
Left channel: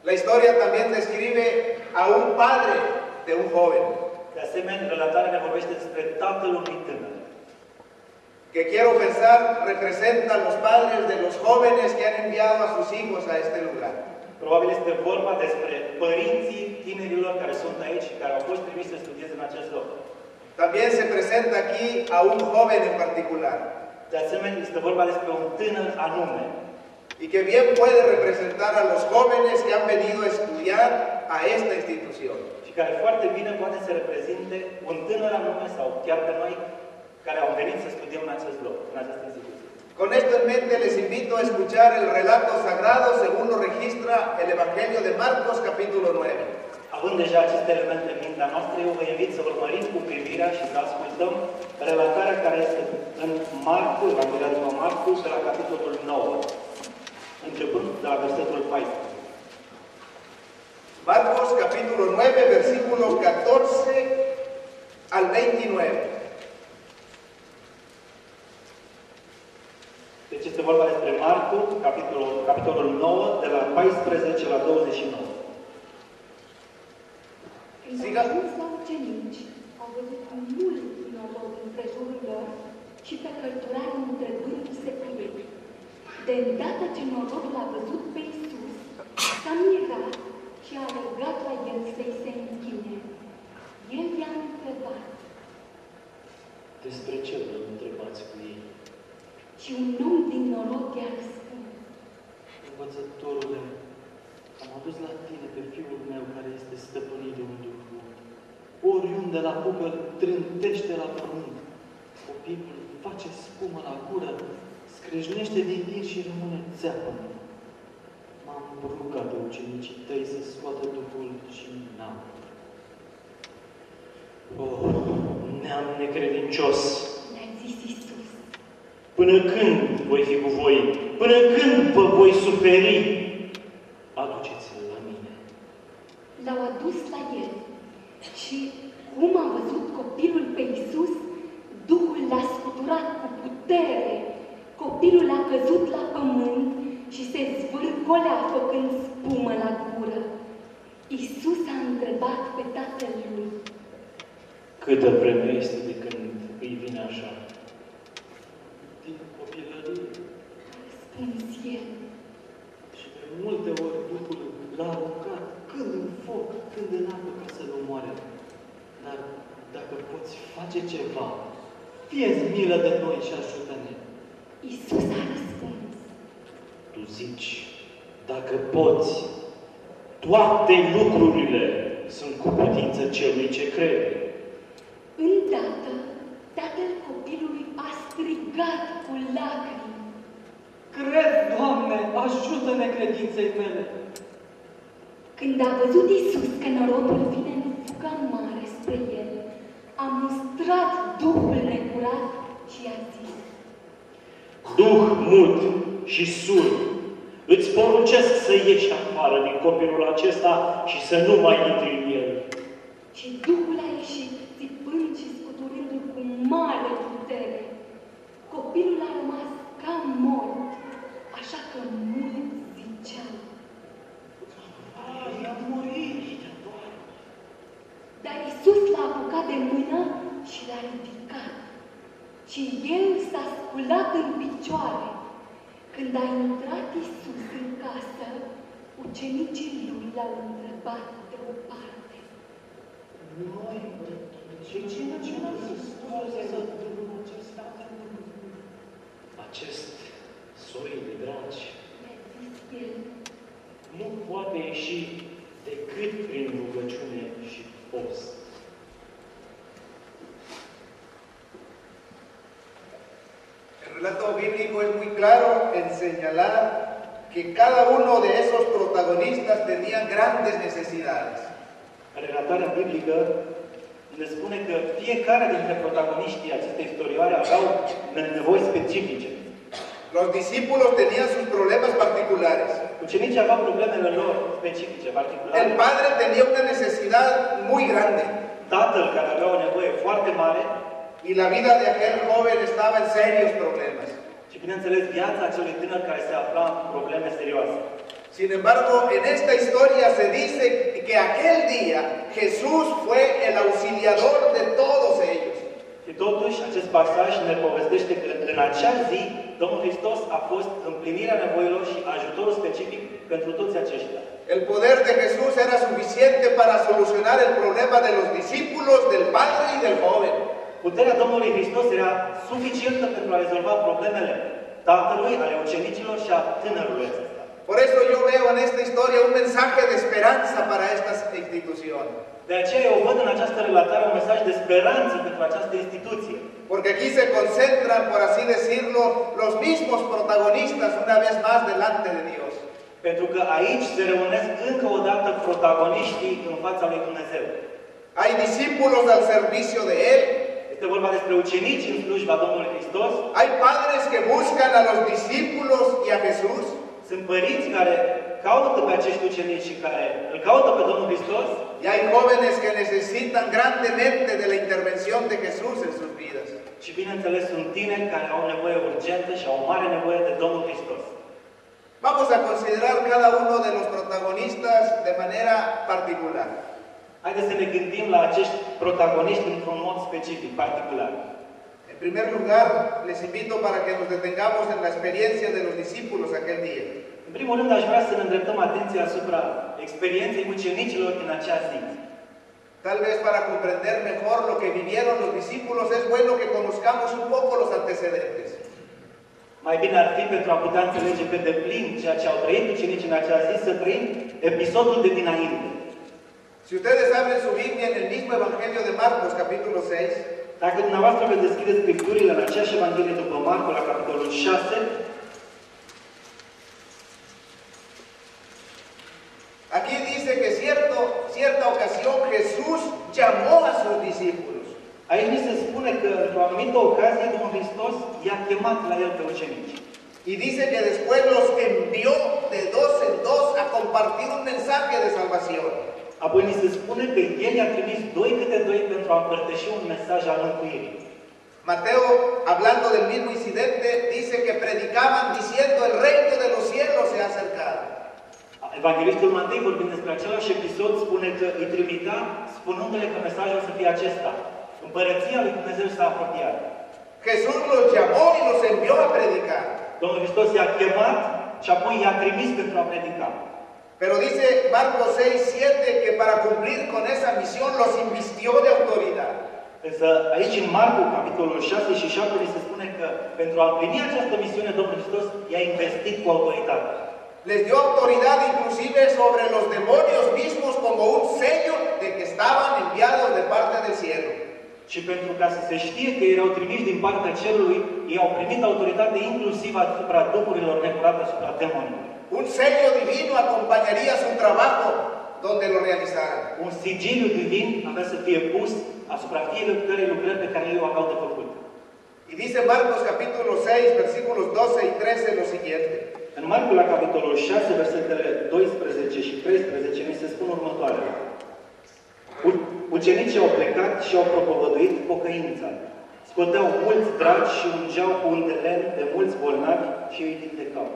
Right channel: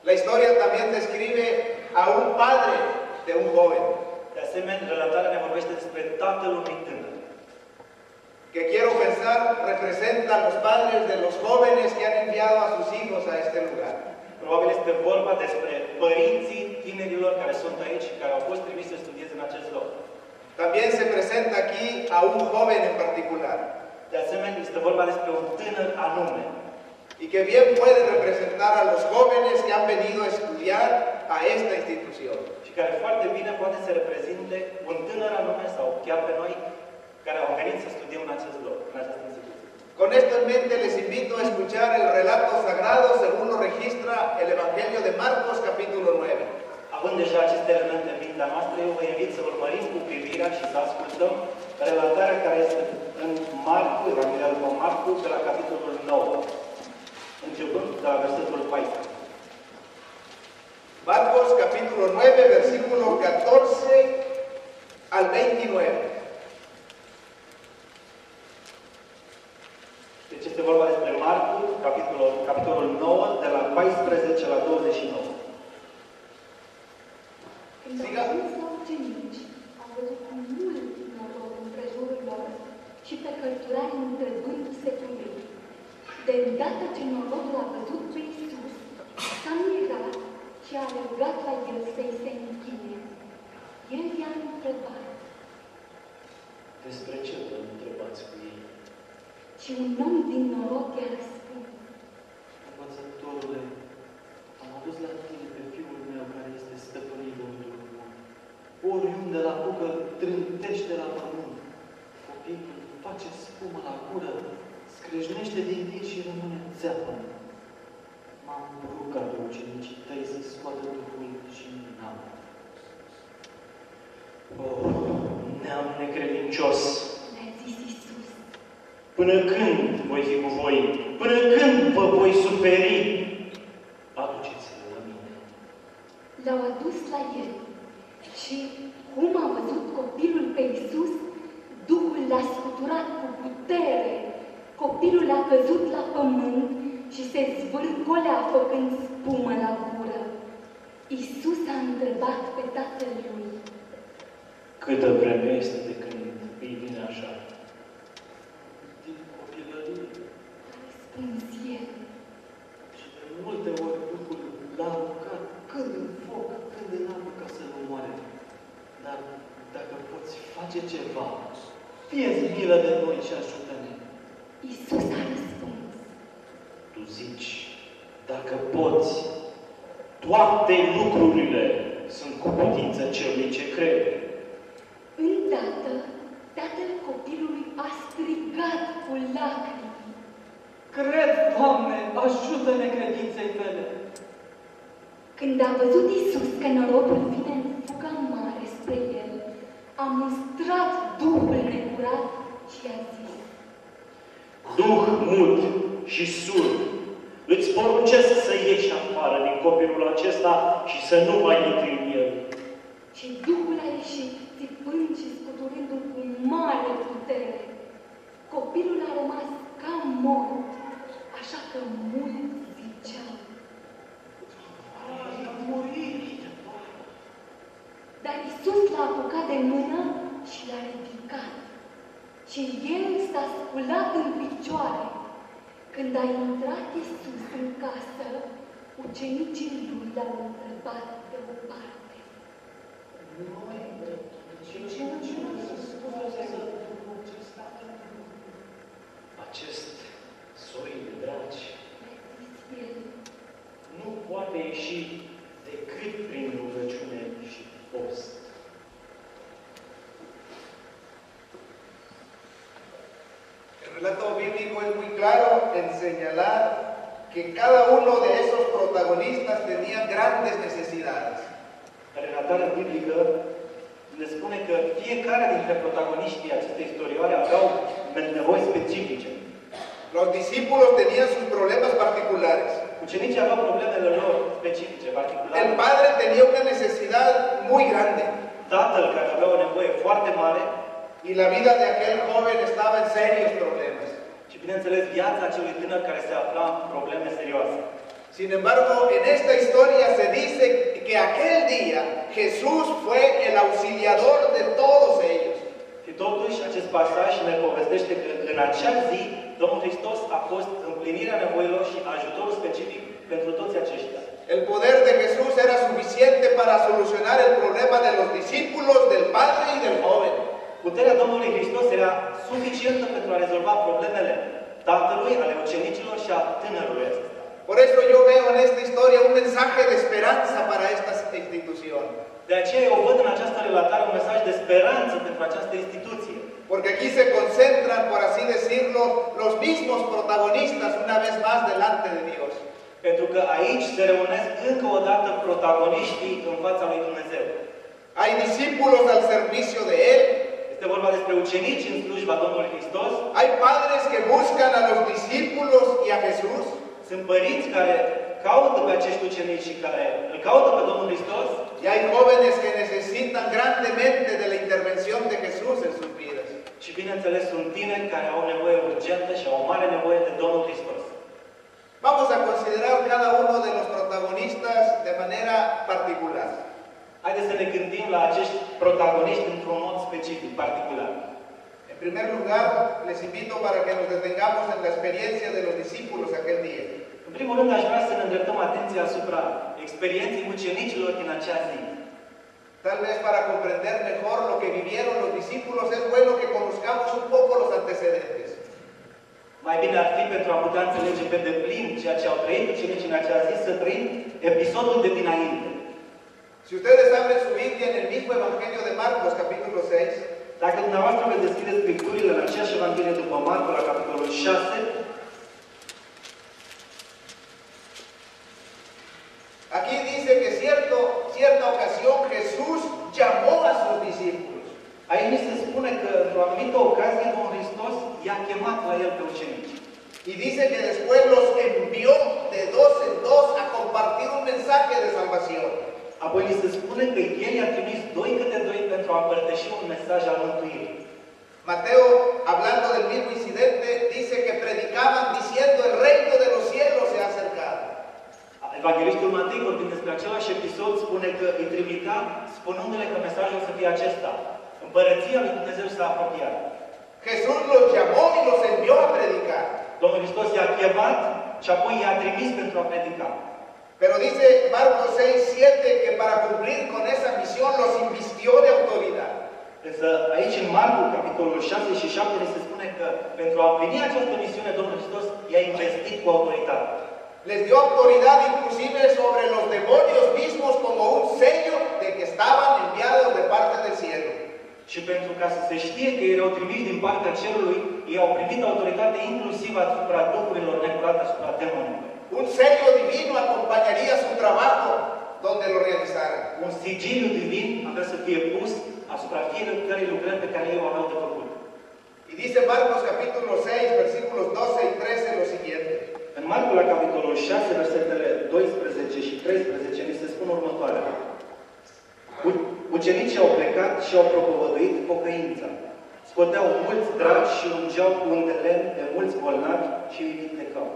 La historia también describe a un padre de un joven. De asemenea, relatarea ne vorbește despre tatăl unui tânăr. Que quiero pensar representa a los padres de los jóvenes que han enviado a sus hijos a este lugar. Probabil este vorba despre părinții tinerilor care sunt aici și care au fost trimiși să studieze în acest loc. También se presenta aquí a un joven en particular. De asemenea, este vorba despre un tânăr anume. y que bien puede representar a los jóvenes que han venido a estudiar a esta institución. Și care foarte bine poate să reprezinte un tânăr anume sau chiar pe noi care au venit să studiem în acest loc, în această instituție. Con esto en mente les invito a escuchar el relato sagrado según lo registra el Evangelio de Marcos capítulo 9. Având deja aceste elemente în mintea noastră, eu vă invit să urmărim cu privirea și să ascultăm relatarea care este în Marcu, Evanghelia după Marcu, de la capitolul 9, începând de la versetul 14. Marcos capítulo 9, versículo 14 al 29. Deci este vorba despre Marcu, capitolul 9, de la 14 la 29. Când au ajuns la ucenici, au văzut mult noroc împrejurul lor și pe cărturarul întrăgându se pe ei. De îndată ce norodul a văzut pe Iisus, s-a mirat și a rugat la el să-i se închine. El i-a întrebat. Despre ce vă întrebați cu ei? Și un om din noroc i-a răspuns. Învățătorule, am adus la tine pe fiul meu care este stăpânit de un duh bun. Oriunde la bucă trântește la pământ. Copilul face spumă la gură, scrâșnește din dir și rămâne țeapă. M-am rugat pe ucenicii tăi să scoată Duhul și n-am. Neam necredincios! Le-a zis Iisus. Până când voi fi cu voi? Până când vă voi suferi? Aduceți-l la mine. L-au adus la el și, cum a văzut copilul pe Iisus, Duhul l-a scuturat cu putere. Copilul a căzut la pământ și se zvârcolea făcând spumă la gură. Iisus a întrebat pe tatăl lui. Câtă vreme este de când îi vine așa? Din copilărie. Răspuns el. Și de multe ori Duhul l-a aruncat când în foc, când în apă ca să-l omoare. Dar dacă poți face ceva, fie-ți milă de noi și ajută-ne. Iisus a răspuns. Tu zici, dacă poți, toate lucrurile sunt cu putință celui ce crede. Îndată, tatăl copilului a strigat cu lacrimi. Cred, Doamne, ajută-ne credinței tale! Când a văzut Iisus că norodul vine în fugă mare spre el, a mustrat Duhul necurat și a zis. Duh mut și surd, îți poruncesc să ieși afară din copilul acesta și să nu mai intri în el. Și Duhul a ieșit, țipând și scuturându-l cu mare putere. Copilul a rămas ca mort, așa că mulți ziceau. Dar Iisus l-a apucat de mână și l-a ridicat. Și el s-a sculat în picioare. Când a intrat Iisus în casă, ucenicii lui l-au întrebat deoparte. Acest soiul dragi nu poate ieși decât prin rugăciune și post. El relato bíblico es muy claro en señalar que cada uno de esos protagonistas tenía grandes necesidades. Relatarea biblică ne spune că fiecare dintre protagoniștii acestei istorioare aveau nevoi specifice. Los discípulos tenían sus problemas particulares. Ucenicii aveau problemele lor specifice, particulare. El padre tenía una necesidad muy grande. Tatăl, care avea o nevoie foarte mare, y la vida de aquel joven estaba en serios problemas. Și bineînțeles, viața acelui tânăr care se afla în probleme serioase. Sin embargo, en esta historia se dice que aquel día Jesús fue el auxiliador de todos ellos. Și totuși, acest pasaj ne povestește că în acea zi, Domnul Hristos a fost împlinirea nevoilor și ajutorul specific pentru toți aceștia. El poder de Jesús era suficiente para solucionar el problema de los discípulos, del padre y del joven. Puterea Domnului Hristos era suficientă pentru a rezolva problemele tatălui, ale ucenicilor și a tânărului acesta. Por eso yo veo en esta historia un mensaje de esperanza para esta institución. De aceea eu văd în această relatare un mesaj de speranță pentru această instituție. Porque aquí se concentran, por así decirlo, los mismos protagonistas una vez más delante de Dios. Pentru că aici se reunesc încă o dată protagoniștii în fața lui Dumnezeu. Hay discípulos al servicio de Él. Este vorba despre ucenici în slujba Domnului Hristos. Hay padres que buscan a los discípulos y a Jesús. Sunt părinți care caută pe acești ucenici și care îl caută pe Domnul Hristos. Y hay jóvenes que necesitan grandemente de la intervención de Jesús en sus vidas. Și bineînțeles sunt tineri care au nevoie urgentă și au o mare nevoie de Domnul Hristos. Vamos a considerar cada uno de los protagonistas de manera particular. Haideți să ne gândim la acești protagoniști într-un mod specific, particular. En primer lugar, les invito para que nos detengamos en la experiencia de los discípulos aquel día. În primul rând, aș vrea să ne îndreptăm atenția asupra experienței ucenicilor din acea zi. Tal vez para comprender mejor lo que vivieron los discípulos es bueno que conozcamos un poco los antecedentes. Mai bine ar fi pentru a putea înțelege pe deplin ceea ce au trăit ucenicii în acea zi, să trăim episodul de dinainte. Si ustedes abren su Biblia en el mismo Evangelio de Marcos, capítulo 6, dacă dumneavoastră veți deschide Scripturile în aceeași Evanghelie după Marco, la capitolul 6, aquí dice que cierta ocasión Jesús llamó a sus discípulos. aici ni se spune că într-o anumită ocazie Domnul Hristos i-a chemat la el pe ucenici. Y dice que después los envió de dos en dos a compartir un mensaje de salvación. Apoi ni se spune că el i-a trimis doi câte doi pentru a împărtăși un mesaj al mântuirii. Mateo, hablando del mismo incidente, dice que predicaban diciendo el reino de los cielos se ha acercado. Evanghelistul Matei, vorbind despre același episod, spune că îi trimitea spunându-le că mesajul să fie acesta. Împărăția lui Dumnezeu s-a apropiat. Jesús los llamó y los envió a predicar. Domnul Hristos i-a chemat și apoi i-a trimis pentru a predica. Pero dice Marcos 6:7 que para cumplir con esa misión los invistió de autoridad. Însă aici în Marcu, capitolul 6 și 7, ni se spune că pentru a împlini această misiune, Domnul Hristos i-a investit cu autoritate. Les dio autoridad inclusive sobre los demonios mismos como un sello de que estaban enviados de parte del cielo. Și pentru ca să se știe că erau trimiși din partea cerului, ei au primit autoritate inclusiv asupra duhurilor necurate, asupra demonilor. Un sello divino acompañaría su trabajo donde lo realizaran. Un sigiliu divin avea să fie pus asupra fiecărei lucrări pe care ei o aveau de făcut. Y dice Marcos capítulo 6, versículos 12 y 13 lo siguiente. În Marcu, la capitolul 6, versetele 12 și 13, ni se spun următoarele. Ucenicii au plecat și au propovăduit pocăința. Scoteau mulți dragi și ungeau cu un de lemn de mulți bolnavi și îi vindecau.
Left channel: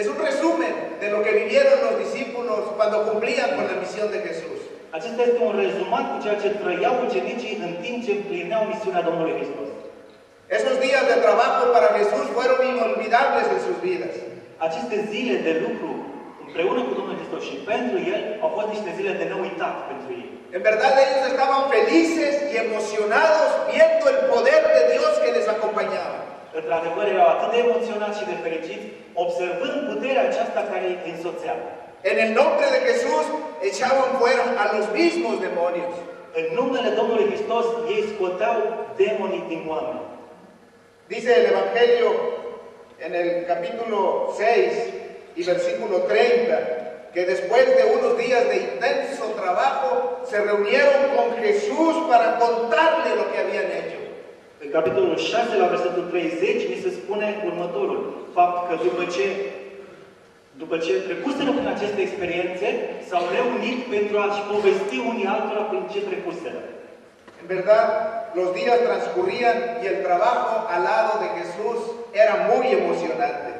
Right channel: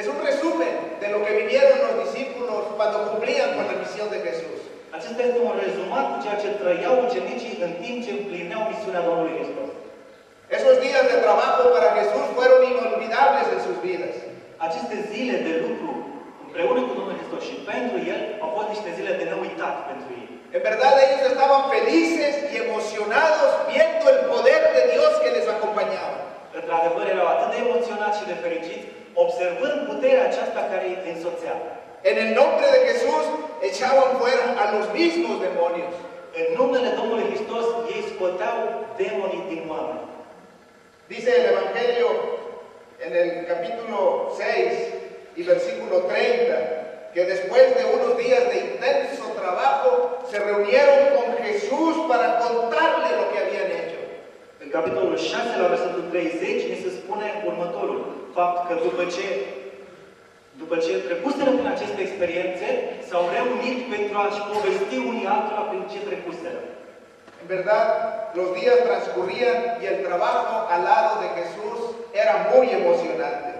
Es un resumen de lo que vivieron los discípulos cuando cumplían con la misión de Jesús. Acesta este un rezumat cu ceea ce trăiau ucenicii în timp ce împlineau misiunea Domnului Hristos. Esos días de trabajo para Jesús fueron inolvidables en sus vidas. Aceste zile de lucru împreună cu Domnul Hristos și pentru El au fost niște zile de neuitat pentru ei. En verdad ellos estaban felices y emocionados viendo el poder de Dios que les acompañaba. Într-adevăr, erau atât de emoționați și de fericiți, observând puterea aceasta care îi însoțea. En el nombre de Jesús echaban fuera a los mismos demonios. În numele Domnului Hristos, ei scoteau demonii din oameni. Dice el Evangelio en el capítulo 6 y versículo 30, que después de unos días de intenso trabajo, se reunieron con Jesús para contarle lo que habían hecho. În capitolul 6, la versetul 30, ni se spune următorul fapt că după ce trecuseră prin aceste experiențe, s-au reunit pentru a-și povesti unii altora prin ce trecuseră. En verdad, los días transcurrían y el trabajo al lado de Jesús era muy emocionante.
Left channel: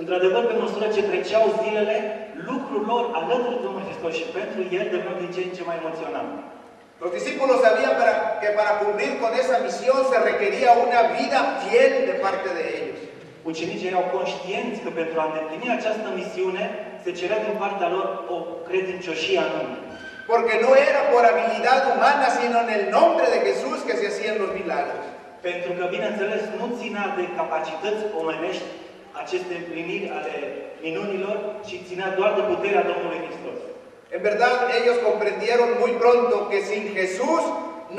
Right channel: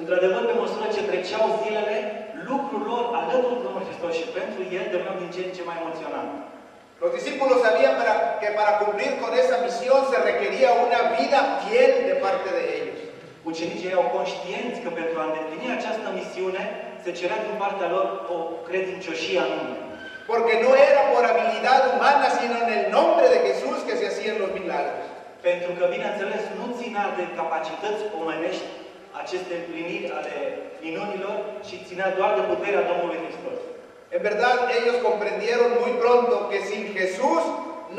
Într-adevăr, pe măsură ce treceau zilele, lucrul lor alături de Domnul Hristos și pentru El deveneau din ce în ce mai emoționant. Los discípulos sabían que para cumplir con esa misión se requería una vida fiel de parte de ellos. Ucenicii erau conștienți că pentru a îndeplini această misiune se cerea din partea lor o credincioșie anume. Porque no era por habilidad humana, sino en el nombre de Jesús que se hacían los milagros. Pentru că, bineînțeles, nu ținea de capacități omenești aceste împliniri ale minunilor, ci ținea doar de puterea Domnului Hristos. En verdad, ellos comprendieron muy pronto que sin Jesús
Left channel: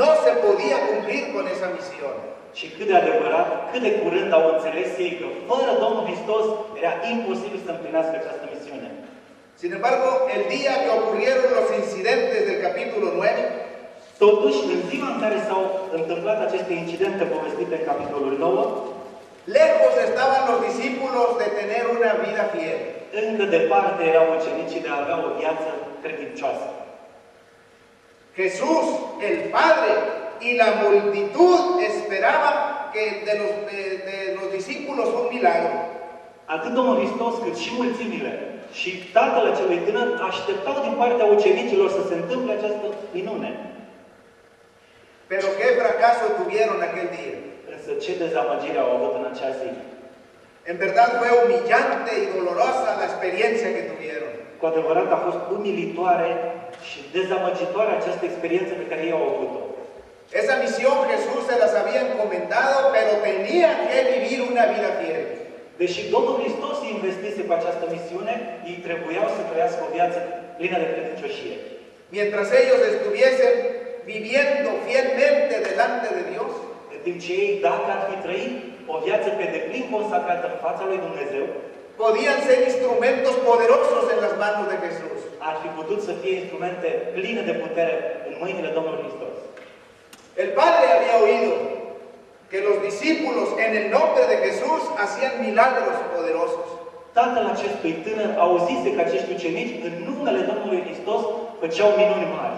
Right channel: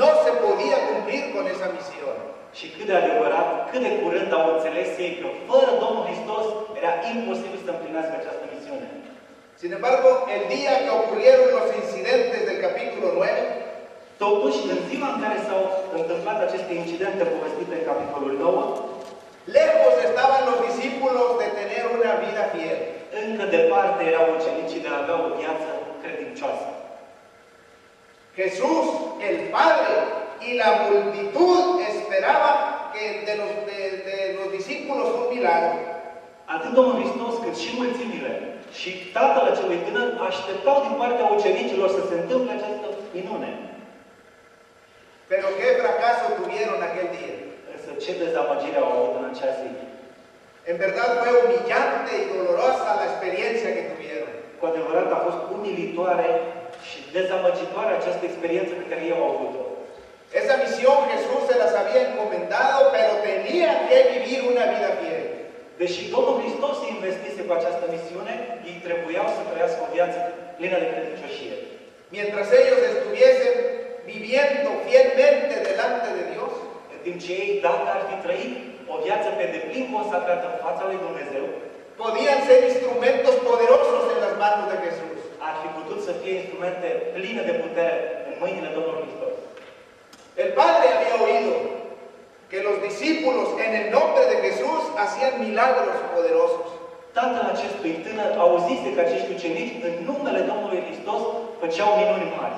no se podía cumplir con esa misión. Și cât de adevărat, cât de curând au înțeles ei că fără Domnul Hristos era imposibil să împlinească această misiune. Sin embargo, el día que ocurrieron los incidentes del capítulo 9, Totuși, în ziua în care s-au întâmplat aceste incidente povestite în capitolul 9, lejos estaban los discípulos de tener una vida fiel. încă departe erau ucenicii de a avea o viață credincioasă. Jesús, el Padre y la multitud esperaban que de los discípulos un milagro. Atât Domnul Hristos cât și mulțimile și tatăl acelui tânăr așteptau din partea ucenicilor să se întâmple această minune. Pero qué fracaso tuvieron aquel día. Însă ce dezamăgire au avut în acea zi. En verdad fue humillante y dolorosa la experiencia que tuvieron. Cu adevărat a fost umilitoare și dezamăgitoare această experiență pe care ei au avut-o. Esa misión Jesús se las había encomendado, pero tenían que vivir una vida fiel. Deși Domnul Hristos se investise cu această misiune, ei trebuiau să trăiască o viață plină de credincioșie. Mientras ellos estuviesen viviendo fielmente delante de Dios, În timp ce ei, dacă ar fi trăit o viață pe deplin consacrată în fața lui Dumnezeu, podían ser instrumentos poderosos en las manos de Jesús. ar fi putut să fie instrumente pline de putere în mâinile Domnului Hristos. El Padre había oído que los discípulos en el nombre de Jesús hacían milagros poderosos. Tatăl acestui tânăr auzise că acești ucenici, în numele Domnului Hristos, făceau minuni mari.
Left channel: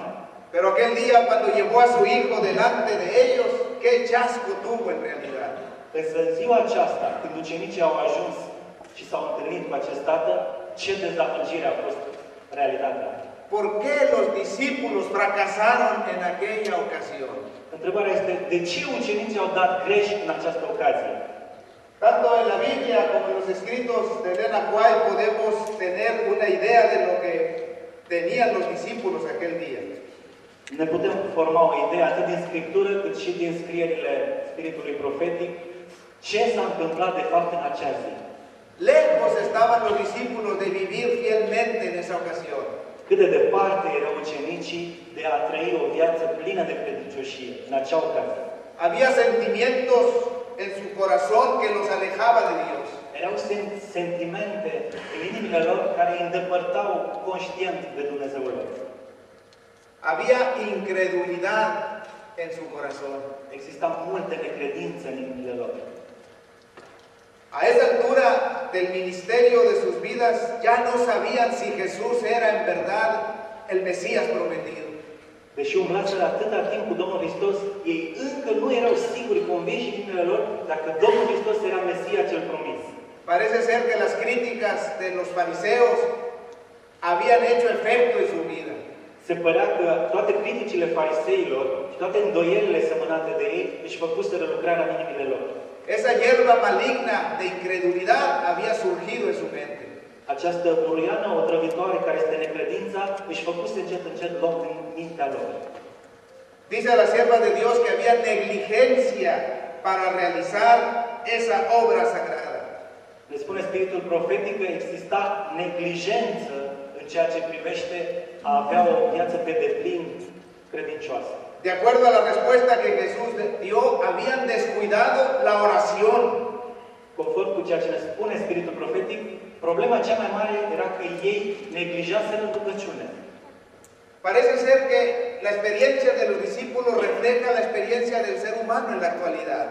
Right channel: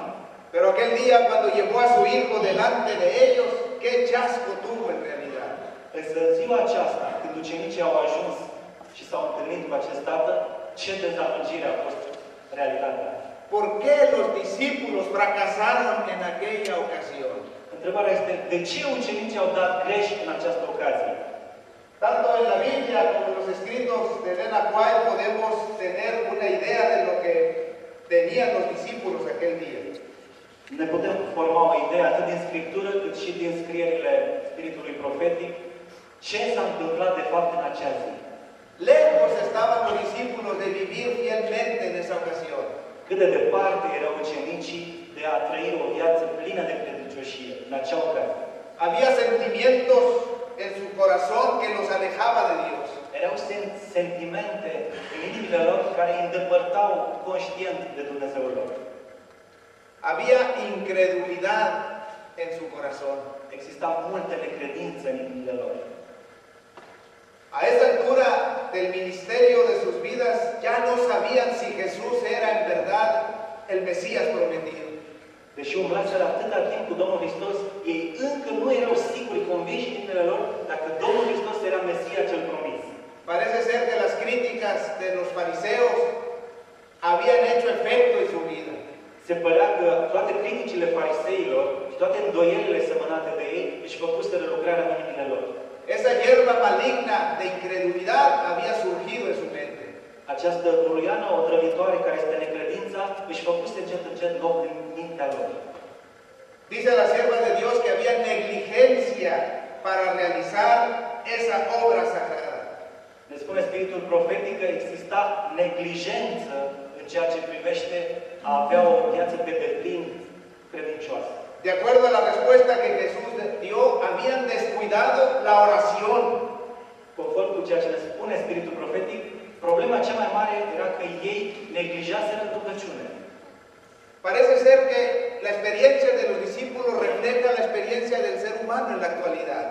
Pero aquel día, cuando llevó a su hijo delante de ellos, qué chasco tuvo en realidad. Însă în ziua aceasta, când ucenicii au ajuns și s-au întâlnit cu acest tată, ce dezamăgire a fost realitatea. ¿Por qué los discípulos fracasaron en aquella ocasión? Întrebarea este, de ce ucenicii au dat greș în această ocazie? Tanto en la Biblia como en los escritos de Elena White podemos tener una idea de lo que tenían los discípulos aquel día. Ne putem forma o idee atât din Scriptură, cât și din scrierile Spiritului Profetic, ce s-a întâmplat de fapt în acea zi. Lejos estaban los discípulos de vivir fielmente en esa ocasión. Cât de departe erau ucenicii de a trăi o viață plină de credincioșie în acea ocazie. Había sentimientos en su corazón que los alejaba de Dios. Erau sentimente în inimile lor care îi îndepărtau conștient de Dumnezeul lor. Había incredulidad en su corazón. Exista multă necredință în inimile lor. A esa altura del ministerio de sus vidas ya no sabían si Jesús era en verdad el Mesías prometido. Deși umblaseră atâta timp cu Domnul Hristos, ei încă nu erau siguri, convinși în inimile lor dacă Domnul Hristos era Mesia cel promis. Parece ser que las críticas de los fariseos habían hecho efecto en su vida. Se părea că toate criticile fariseilor și toate îndoielile semănate de ei își făcuseră lucrarea în inimile lor. Esa hierba maligna de incredulidad había surgido en su mente. Această buruiană otrăvitoare care este necredința își făcuse încet loc în mintea lor. Dice la sierva de Dios que había negligencia para realizar esa obra sagrada. Ne spune Spiritul Profetic că exista neglijență în ceea ce privește a avea o viață pe deplin credincioasă. De acuerdo a la respuesta que Jesús dio, habían descuidado la oración. Conform cu ceea ce ne spune Spiritul Profetic, problema cea mai mare era că ei neglijaseră rugăciunea. Parece ser que la experiencia de los discípulos refleja la experiencia del ser humano en la actualidad.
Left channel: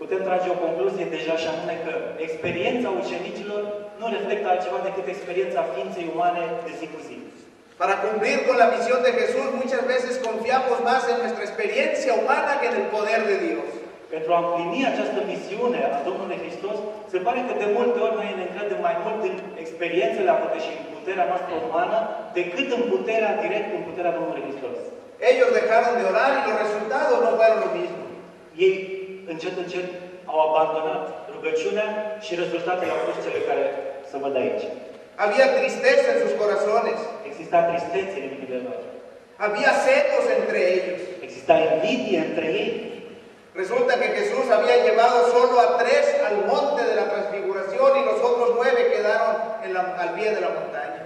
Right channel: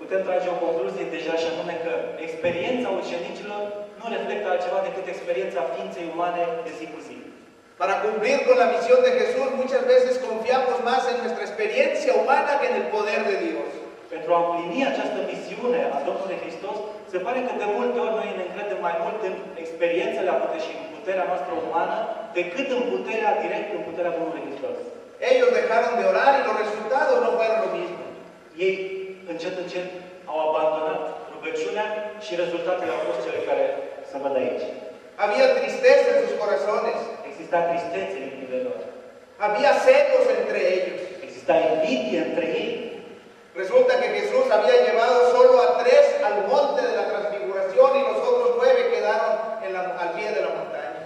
Putem trage o concluzie deja și anume că experiența ucenicilor nu reflectă altceva decât experiența ființei umane de zi cu zi. Para cumplir con la misión de Jesús, muchas veces confiamos más en nuestra experiencia humana que en el poder de Dios. Pentru a împlini această misiune a Domnului Hristos, se pare că de multe ori noi ne încredem mai mult în experiențele avute și în puterea noastră umană, decât în puterea direct, în puterea Domnului Hristos. Ellos dejaron de orar y los resultados no fueron lo mismo. Ei, încet au abandonat rugăciunea și rezultatele au fost cele care se văd aici. Había tristeza en sus corazones. Exista tristețe în inimile lor. Había celos entre ellos. Exista invidie între ei. Resulta que Jesús había llevado solo a 3 al monte de la transfiguración y los otros 9 quedaron al pie de la montaña.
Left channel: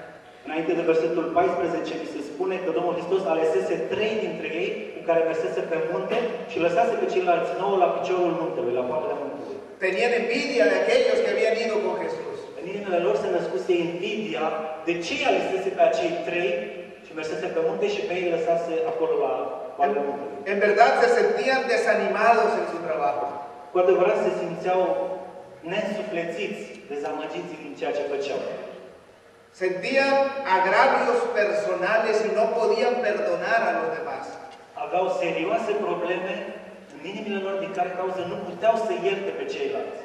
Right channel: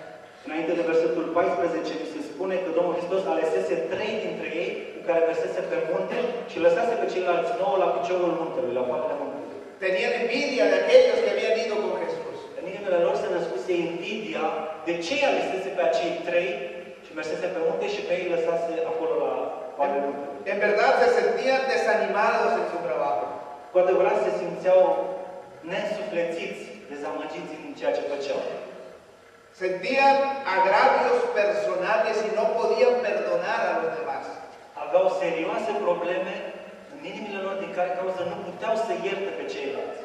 Înainte de versetul 14, se spune că Domnul Hristos alesese 3 dintre ei cu care mersese pe munte și lăsase pe ceilalți 9 la piciorul muntelui, la coapele muntelui. Tenían envidia de aquellos que habían ido con Jesús. În inimile lor se născuse invidia de ce alesese pe acei 3 și mersese pe munte și pe ei lăsase acolo la coapele muntelui. En verdad se sentían desanimados en su trabajo. Cu adevărat se simțeau neînsuflețiți, dezamăgiți în ceea ce făceau. Sentían agravios personales y no podían perdonar a los demás. Aveau serioase probleme în inimile lor din care cauză nu puteau să ierte pe ceilalți.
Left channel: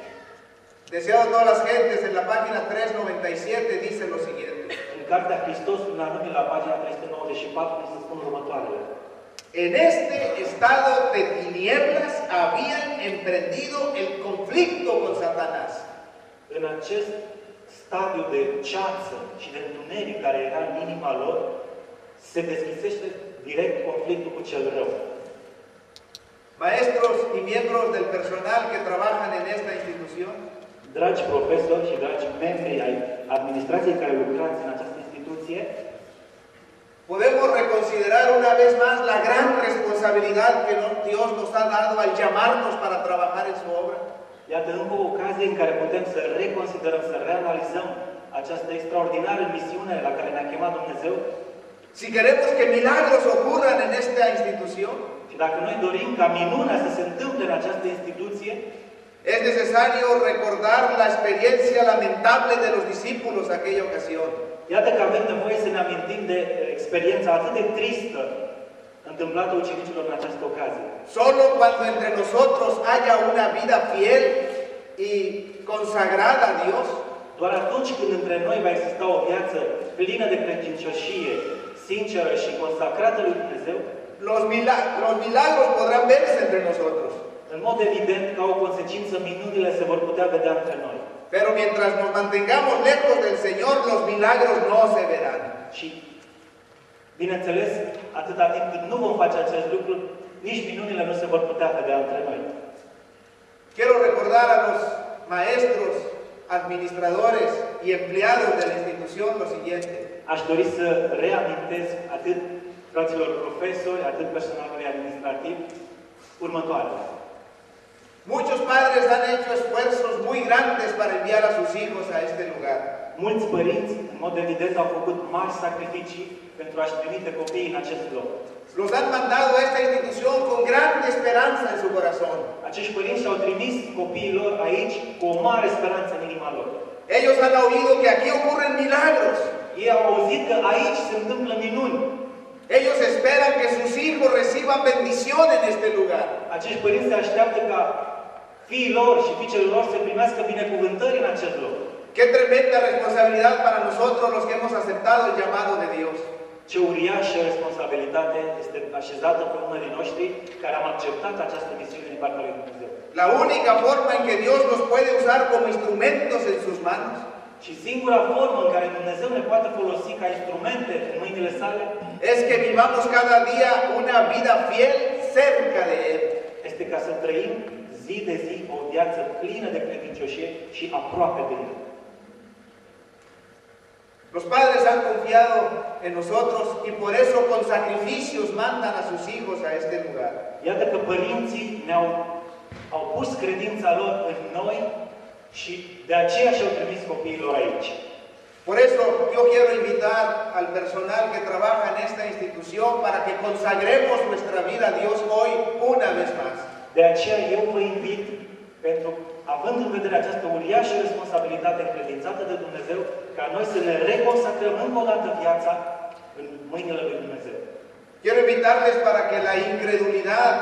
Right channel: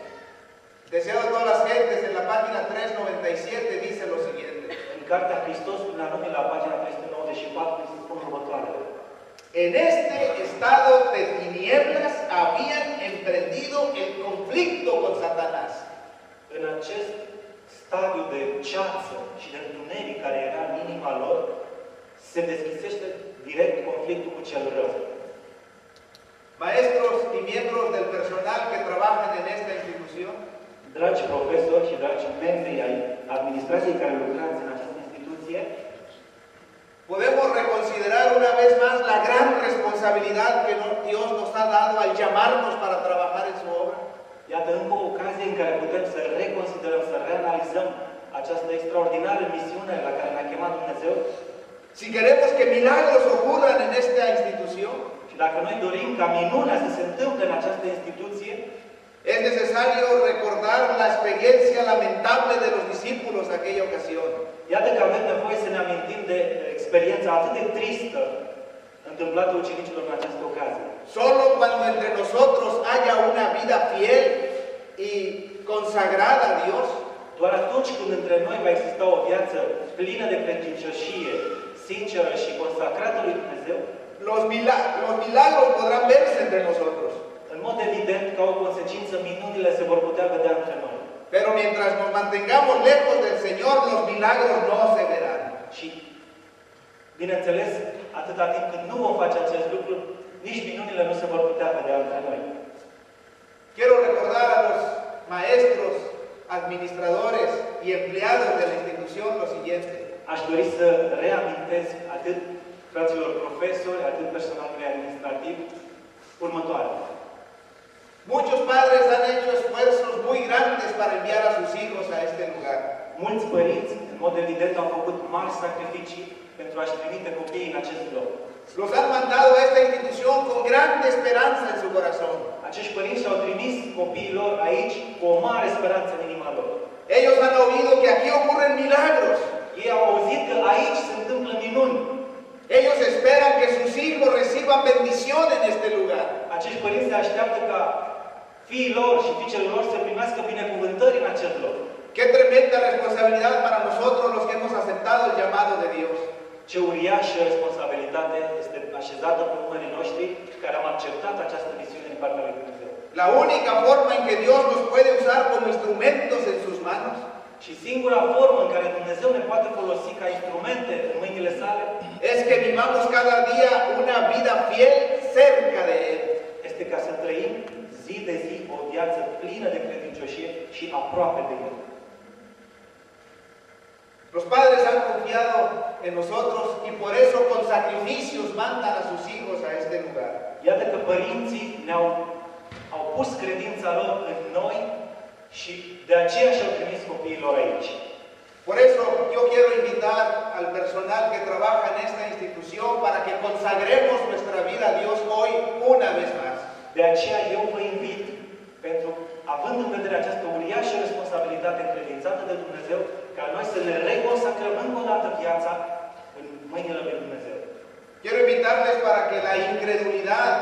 Deseado a todas las gentes, en la página 397 dice lo siguiente. În Cartea Hristos, până la nume, la pagina 394, se spun următoarele. En este estado de tinieblas habían emprendido el conflicto con Satanás. În acest stadiu de ceață și de întuneric care era în inima lor, se deschisește direct conflictul cu cel rău. Maestros y miembros del personal que trabajan en esta institución, dragi profesori și dragi membri ai administrației care lucrați în această instituție, podemos reconsiderar una vez más la gran responsabilidad que Dios nos ha dado al llamarnos para trabajar en su obra. Iată încă o ocazie în care putem să reconsiderăm, să reanalizăm această extraordinară misiune la care ne-a chemat Dumnezeu. Si queremos que milagros ocurran en esta institución, și dacă noi dorim ca minunea să se întâmple în această instituție, es necesario recordar la experiencia lamentable de los discípulos aquella ocasión. Iată că avem nevoie să ne amintim de experiența atât de tristă întâmplată ucenicilor în această ocazie. Solo cuando entre nosotros haya una vida fiel y consagrada a Dios, doar atunci când între noi va exista o viață plină de credincioșie, sinceră și consacrată lui Dumnezeu, los milagros podrán verse entre nosotros. În mod evident, ca o consecință, minunile se vor putea vedea între noi. Pero mientras nos mantengamos lejos del Señor, los milagros no se verán. Și, bineînțeles, atâta timp cât nu vom face acest lucru, nici minunile nu se vor putea vedea între noi. Quiero recordar a los maestros, administradores y empleados de la institución lo siguiente. Aș dori să reamintesc atât fraților profesori, atât personalului administrativ, următoarele. Muchos padres han hecho esfuerzos muy grandes para enviar a sus hijos a este lugar. Mulți părinți, în mod evident, au făcut mari sacrificii pentru a-și trimite copiii în acest loc. Los han mandado a esta institución con grande esperanza en su corazón. Acești părinți și-au trimis copiii lor aici cu o mare speranță în inima lor. Ellos han oído que aquí ocurren milagros. Ei au auzit că aici se întâmplă minuni. Ellos esperan que sus hijos reciban bendición en este lugar. Acești părinți se așteaptă ca fiii lor și fiicele lor să primească binecuvântări în acest loc. Qué tremenda responsabilidad para nosotros los que hemos aceptado el llamado de Dios. Ce uriașă responsabilitate este așezată pe umerii noștri care am acceptat această misiune din partea lui Dumnezeu. La única forma en que Dios nos puede usar como instrumentos en sus manos și singura formă în care Dumnezeu ne poate folosi ca instrumente în mâinile sale es que vivamos cada día una vida fiel cerca de Él. Este ca să trăim zi de zi o viață plină de credincioșie și aproape de El. Los padres han confiado en nosotros y por eso con sacrificios mandan a sus hijos a este lugar. Iată că părinții au pus credința lor în noi și de aceea și-au trimis copiii lor aici. Por eso yo quiero invitar al personal que trabaja en esta institución para que consagremos nuestra vida a Dios hoy una vez más. De aceea eu vă invit, pentru, având în vedere această uriașă responsabilitate încredințată de Dumnezeu, ca noi să ne reconsacrăm încă o dată viața în mâinile lui Dumnezeu. Quiero invitarles para que la incredulidad,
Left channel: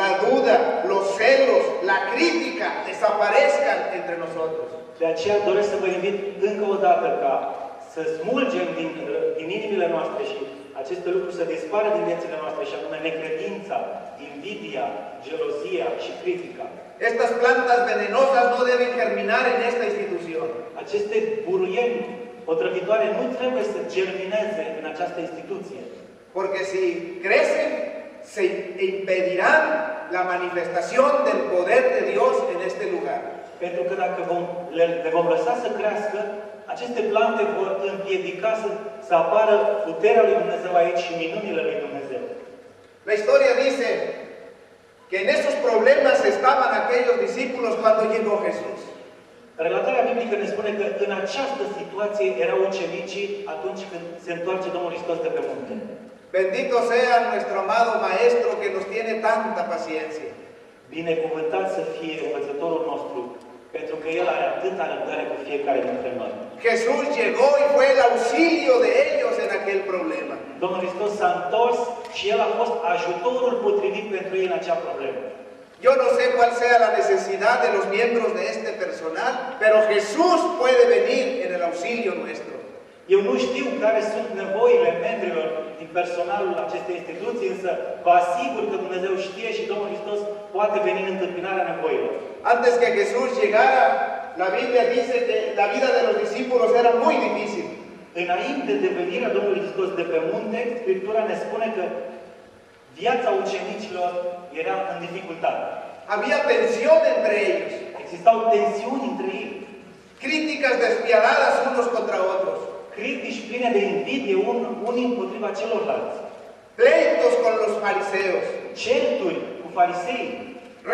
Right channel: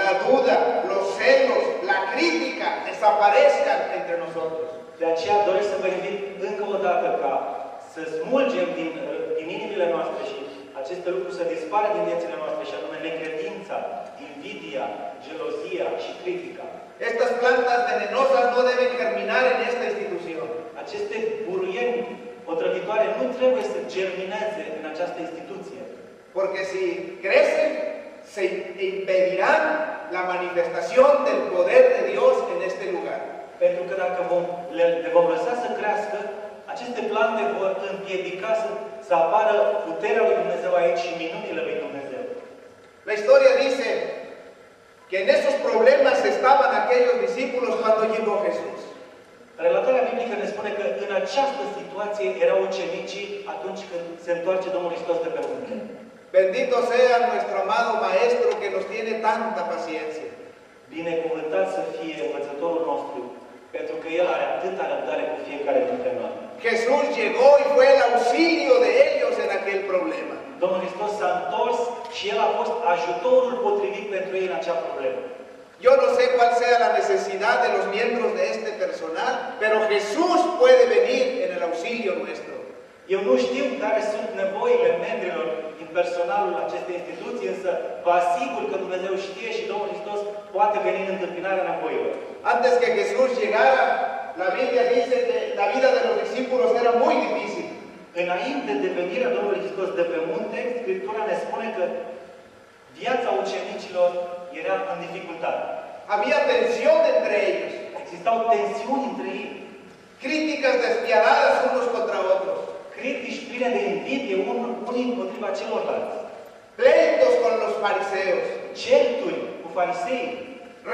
la duda, los celos, la crítica desaparezcan entre nosotros. De aceea doresc să vă invit încă o dată ca să smulgem din inimile noastre și aceste lucruri să dispară din viețile noastre, și anume necredința, invidia, gelozia și critica. Estas plantas venenosas no deben germinar en esta institución. Aceste buruieni otrăvitoare nu trebuie să germineze în această instituție. Porque si crecen, se impedirán la manifestación del poder de Dios en este lugar. Pentru că dacă le vom lăsa să crească, aceste plante vor împiedica să apară puterea lui Dumnezeu aici și minunile lui Dumnezeu. La historia dice que en esos problemas estaban aquellos discípulos cuando llegó Jesús. Relatarea biblică ne spune că în această situație erau ucenicii atunci când se întoarce Domnul Hristos de pe munte. Bendito sea nuestro amado Maestro que nos tiene tanta paciencia. Binecuvântat să fie învățătorul nostru, pentru că El are atâta răbdare cu fiecare dintre noi. Jesús llegó y fue el auxilio de ellos en aquel problema. Domnul Hristos s-a întors și El a fost ajutorul potrivit pentru ei în acea problemă. Yo no sé cuál sea la necesidad de los miembros de este personal, pero Jesús puede venir en el auxilio nuestro. Eu nu știu care sunt nevoile membrilor din personalul acestei instituții, însă vă asigur că Dumnezeu știe și Domnul Hristos poate veni în întâmpinarea nevoilor. Antes que Jesús llegara, la Biblia dice que la vida de los discípulos era muy difícil. Înainte de venirea Domnului Hristos de pe munte, Scriptura ne spune că viața ucenicilor era în dificultate. Había tensión entre ellos. Existau tensiuni între ei. Críticas despiadadas unos contra otros. Critici pline de invidie unii împotriva celorlalți. Pleitos con los fariseos. Certuri cu farisei.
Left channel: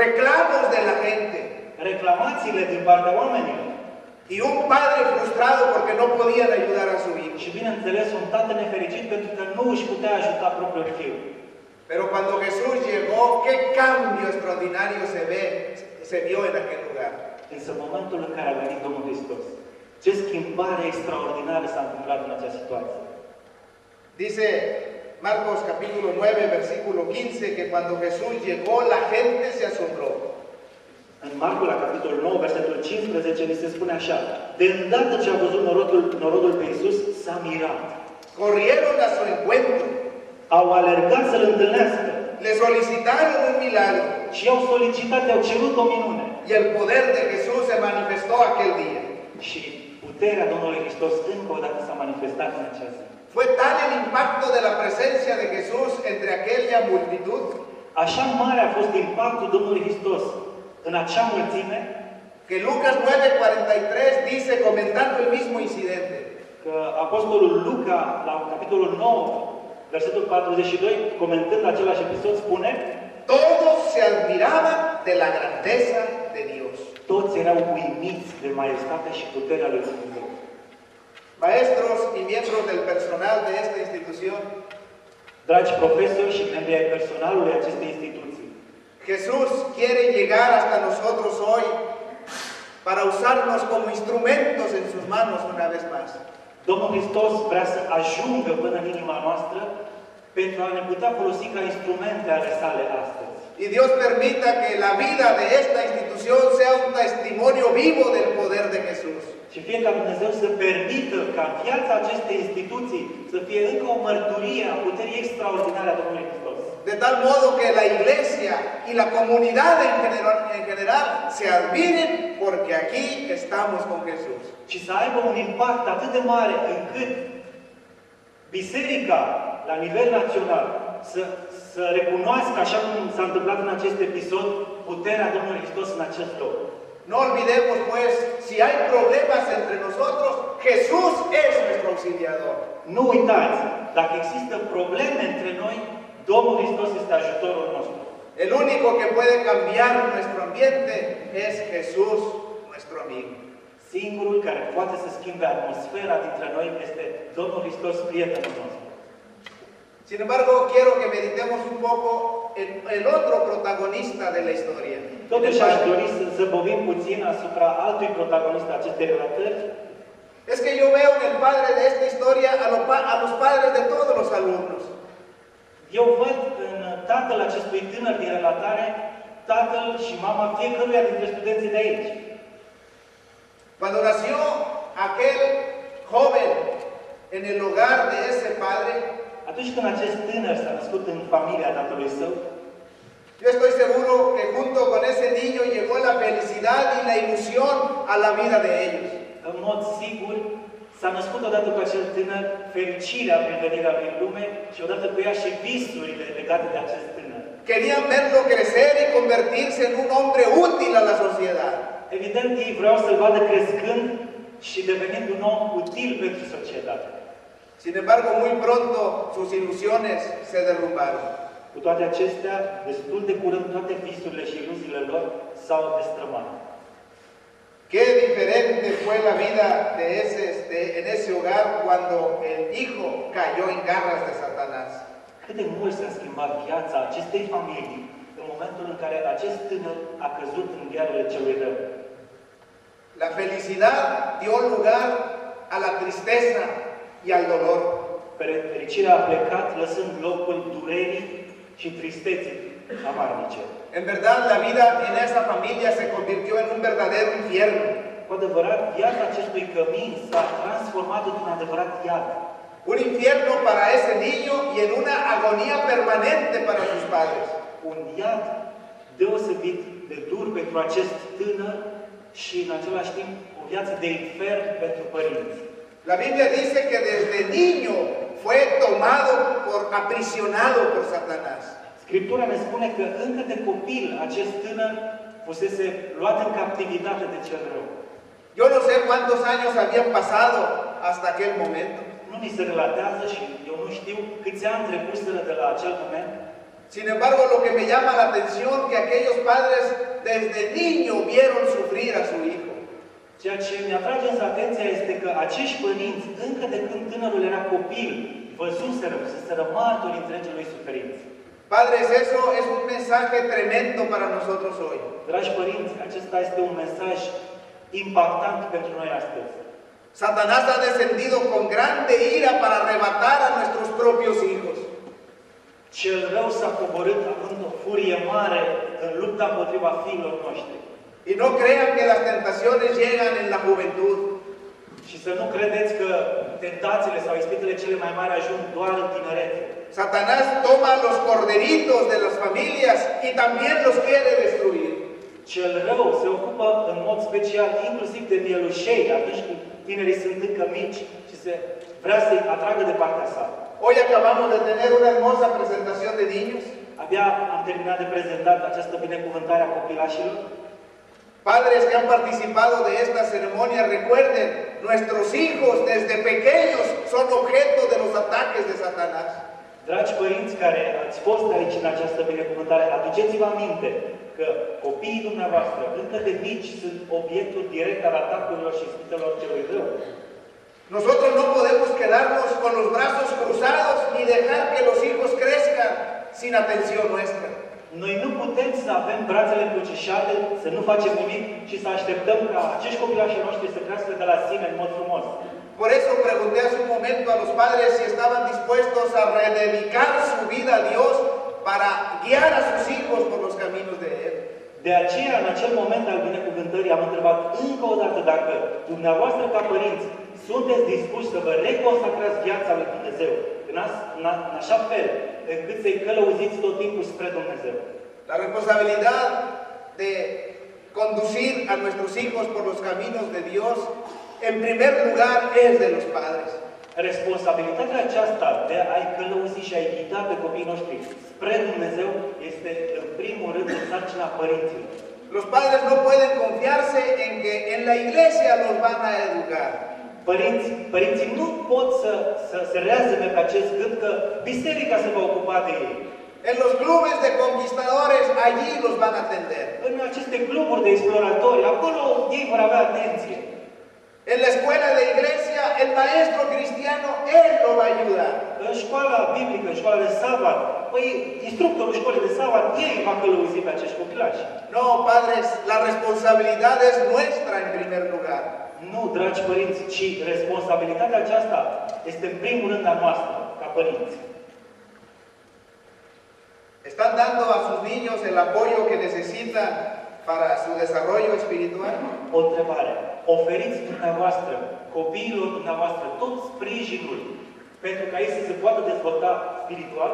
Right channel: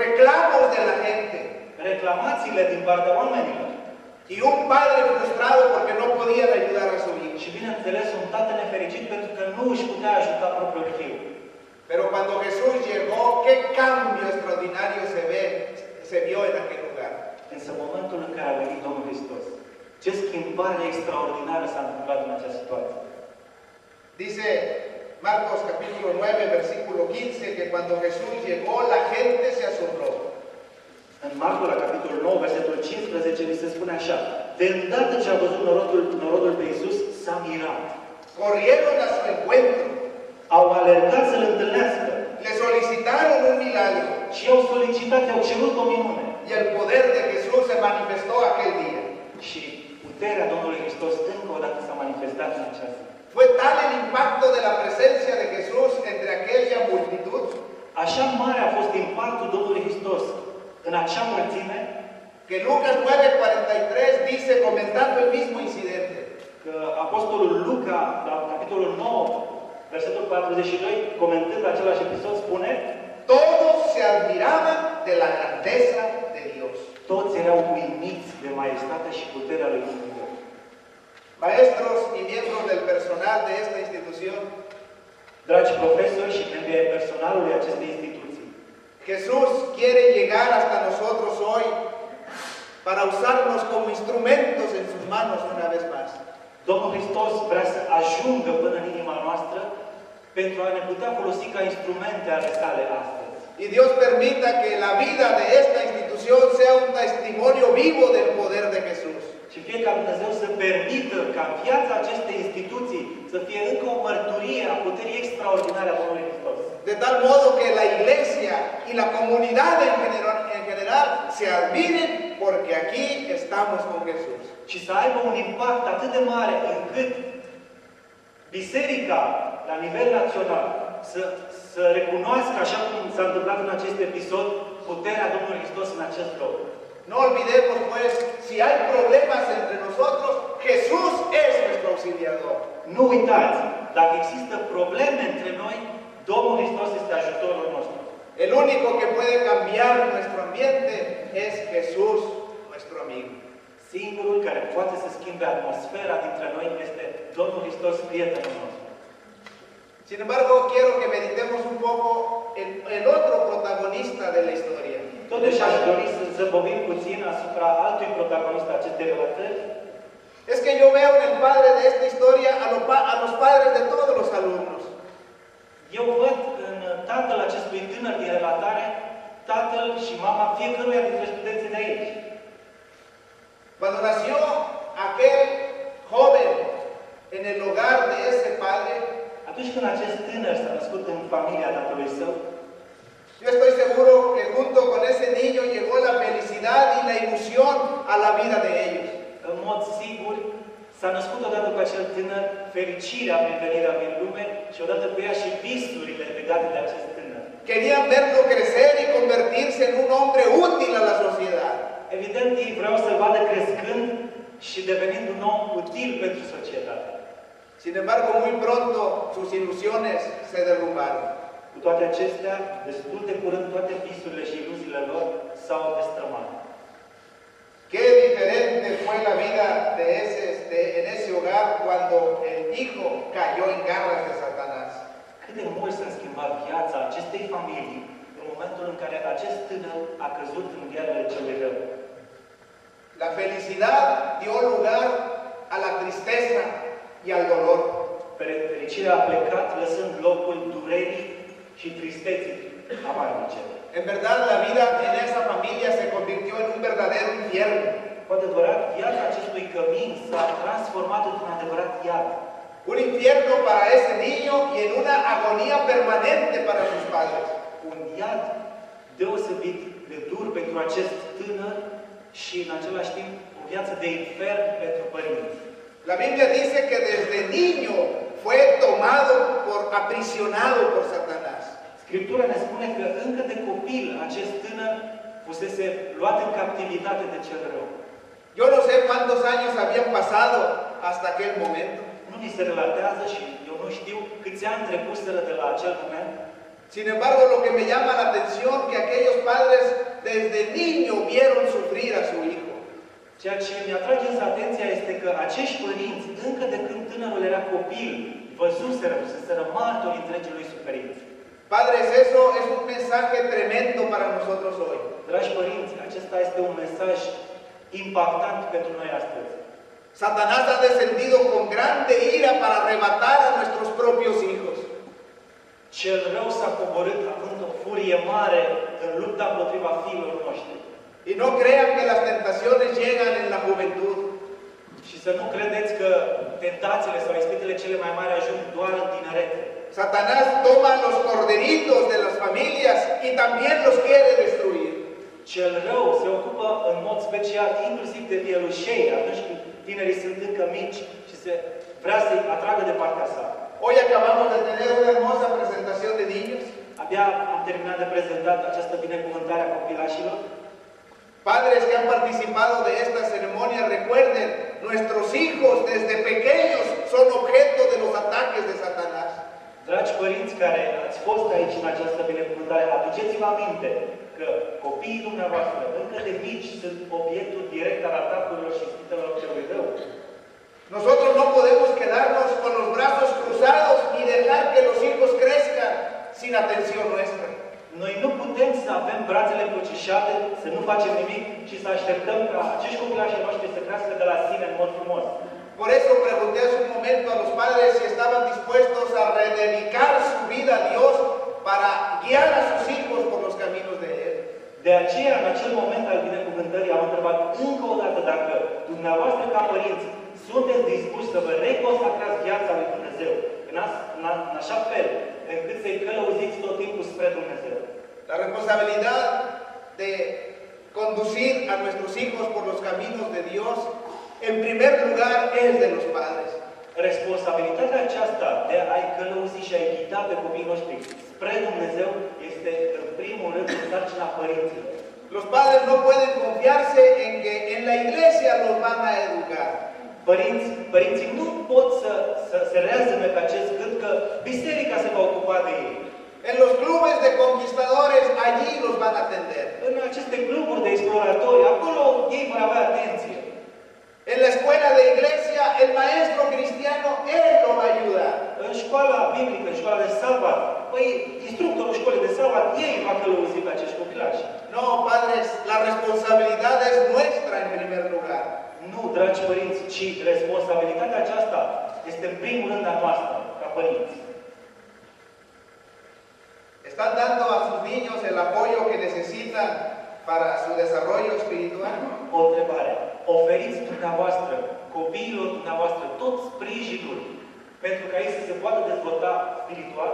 Reclamos de la gente. Reclamațiile din partea oamenilor. Y un padre frustrado porque no podían ayudar a su hijo. Și bineînțeles un tată nefericit pentru că nu își putea ajuta propriul fiu. Pero cuando Jesús llegó, qué cambio extraordinario se vio en aquel lugar. Însă în momentul în care a venit Domnul Hristos, ce schimbare extraordinară s-a întâmplat în acea situație. Dice Marcos capítulo 9, versículo 15, que cuando Jesús llegó, la gente se asombró. În Marcul, la capitolul 9, versetul 15, ni se spune așa: de îndată ce a văzut norodul pe Iisus, s-a mirat. Corrieron a su encuentro. Au alergat să-L întâlnească. Le solicitaron un milagro. Și au solicitat, au cerut o minune. Y el poder de Jesús se manifestó aquel día. Și puterea Domnului Hristos încă o dată s-a manifestat în acea zi. Fue tal el impacto de la presencia de Jesús entre aquella multitud. Așa mare a fost impactul Domnului Hristos în acea mulțime, que Lucas 9:43 dice, comentando el mismo incidente, că Apostolul Luca, la capitolul 9, versetul 42, comentând același episod, spune: todos se admiraban de la grandeza de Dios. Toți erau uimiți de maestatea și puterea lui Dumnezeu. Maestros y miembros del personal de esta institución, dragi profesori și membri ai personalului acestei instituții, Jesús quiere llegar hasta nosotros hoy para usarnos como instrumentos en sus manos una vez más. Domnul Hristos vrea să ajungă până în inima noastră pentru a ne putea folosi ca instrumente ale sale astăzi. Y Dios permita que la vida de esta institución sea un testimonio vivo del poder de Jesús. Și fie ca Dumnezeu să permită ca viața acestei instituții să fie încă o mărturie a puterii extraordinare a Domnului Hristos. De tal modo que la iglesia y la comunidad en general se admiren porque aquí estamos con Jesús. Și să aibă un impact atât de mare încât biserica la nivel național să recunoască, așa cum s-a întâmplat în acest episod, puterea Domnului Hristos în acest loc. No olvidemos pues, si hay problemas entre nosotros, Jesús es nuestro auxiliador. Nu uitați, dacă există probleme între noi, Domnul Hristos este ajutorul nostru. El único que puede cambiar nuestro ambiente es Jesús, nuestro amigo. Singurul care poate să schimbe atmosfera dintre noi este Domnul Hristos, prietenul nostru. Sin embargo, quiero que meditemos un poco en el otro protagonista de la historia. Totuși aș dori să zăbovim puțin asupra altui protagonist acestei relatări. Es que yo veo en el padre de esta historia a los padres de todos los alumnos. Eu văd în tatăl acestui tânăr din relatare, tatăl și mama fiecăruia dintre studenții de aici. Cuando nació aquel joven en el hogar de ese padre, atunci când acest tânăr s-a născut în familia tatălui său, yo estoy seguro que junto con ese niño llegó la felicidad y la ilusión a la vida de ellos. În mod sigur, s-a născut odată cu acel tânăr fericirea prin venirea lui în lume și odată cu ea și visurile legate de acest tânăr. Querían verlo crecer y convertirse en un hombre útil a la sociedad. Evident, ei vreau să-l vadă crescând și devenind un om util pentru societate. Sin embargo, muy pronto sus ilusiones se derrumbaron. Cu toate acestea, destul de curând, toate visurile și iluziile lor s-au destrămat. Qué diferente fue la vida en ese hogar cuando el hijo cayó en garras de Satanás. Cât de mult s-a schimbat viața acestei familii în momentul în care acest tânăr a căzut în ghearele celui rău. La felicidad dio lugar a la tristeza y al dolor. Fericirea a plecat lăsând locul durerii și tristeții amarnice. En verdad, la vida en esa familia se convirtió en un verdadero infierno. Cu adevărat, viața acestui cămin s-a transformat într-un adevărat iad. Un infierno para ese niño y en una agonía permanente para sus padres. Un iad deosebit de dur pentru acest tânăr și în același timp o viață de infern pentru părinți. La Biblia dice que desde niño fue tomado aprisionado por Satanás. Scriptura ne spune că încă de copil acest tânăr fusese luat în captivitate de cel rău. Yo no sé cuántos años habían pasado hasta aquel momento. Nu ni se relatează și eu nu știu câți ani trecuseră de la acel moment. Sin embargo, lo que me llama la atención que aquellos padres desde niño vieron sufrir a su hijo. Ceea ce mi atrage însă atenția este că acești părinți, încă de când tânărul era copil, văzuseră, fuseseră martori întregului suferință. Padres, eso es un mensaje tremendo para nosotros hoy. Dragi părinți, acesta este un mesaj impactant pentru noi astăzi. Satanás ha descendido con grande ira para arrebatar a nuestros propios hijos. Cel rău s-a coborât având o furie mare în lupta împotriva fiilor noștri. Y no crean que las tentaciones llegan en la juventud. Și să nu credeți că tentațiile sau ispitele cele mai mari ajung doar în tineret. Satanás toma los corderitos de las familias y también los quiere destruir. Cel rău se ocupă în mod special inclusiv de mielușei atunci când tinerii sunt încă mici și se vrea să-i atragă de partea sa. Hoy acabamos de tener una hermosa presentación de niños. Abia am terminat de prezentat această binecuvântare a copilașilor. Padres que han participado de esta ceremonia, recuerden, nuestros hijos desde pequeños son objeto de los ataques de Satanás. Dragi părinți care ați fost aici în această binecuvântare, aduceți-vă aminte că copiii dumneavoastră, încă de mici, sunt obiectul direct al atacurilor și ispitelor celui rău. Nosotros no podemos quedarnos con los brazos cruzados ni dejar que los hijos crezcan sin atención nuestra. Noi nu putem să avem brațele încrucișate, să nu facem nimic și să așteptăm ca acești copilași noștri să crească de la sine în mod frumos. Por eso pregunté hace un momento a los padres si estaban dispuestos a rededicar su vida a Dios para guiar a sus hijos por los caminos de Él. De aceea, în acel moment al binecuvântării, am întrebat încă o dată dacă dumneavoastră ca părinți sunteți dispuși să vă reconsacrați viața lui Dumnezeu în așa fel încât să-i călăuziți tot timpul spre Dumnezeu. La responsabilidad de conducir a nuestros hijos por los caminos de Dios, en primer lugar, es de los padres. Responsabilitatea aceasta de a-i călăuzi și a-i ghida pe copiii noștri spre Dumnezeu este, în primul rând, sarcina părinților. Los padres no pueden confiarse en que en la iglesia los van a educar. Părinții nu pot să se reazime pe acest gând că biserica se va ocupa de ei. En los clubes de conquistadores, allí los van a atender. În aceste cluburi de exploratori, acolo ei vor avea atenție. En la escuela de iglesia, el maestro cristiano, él lo va a ayudar. În școala biblică, în școala de sabat, păi, instructorul școlii de sabat, ei va călăuzi pe acești copilași. No, padres, la responsabilidad es nuestra en primer lugar. Nu, dragi părinți, ci responsabilitatea aceasta este în primul rând a noastră, ca părinți. ¿Están dando a sus niños el apoyo que necesitan para su desarrollo espiritual? O întrebare. Oferiți dumneavoastră, copiilor dumneavoastră, tot sprijinul pentru ca ei să se poată dezvolta spiritual?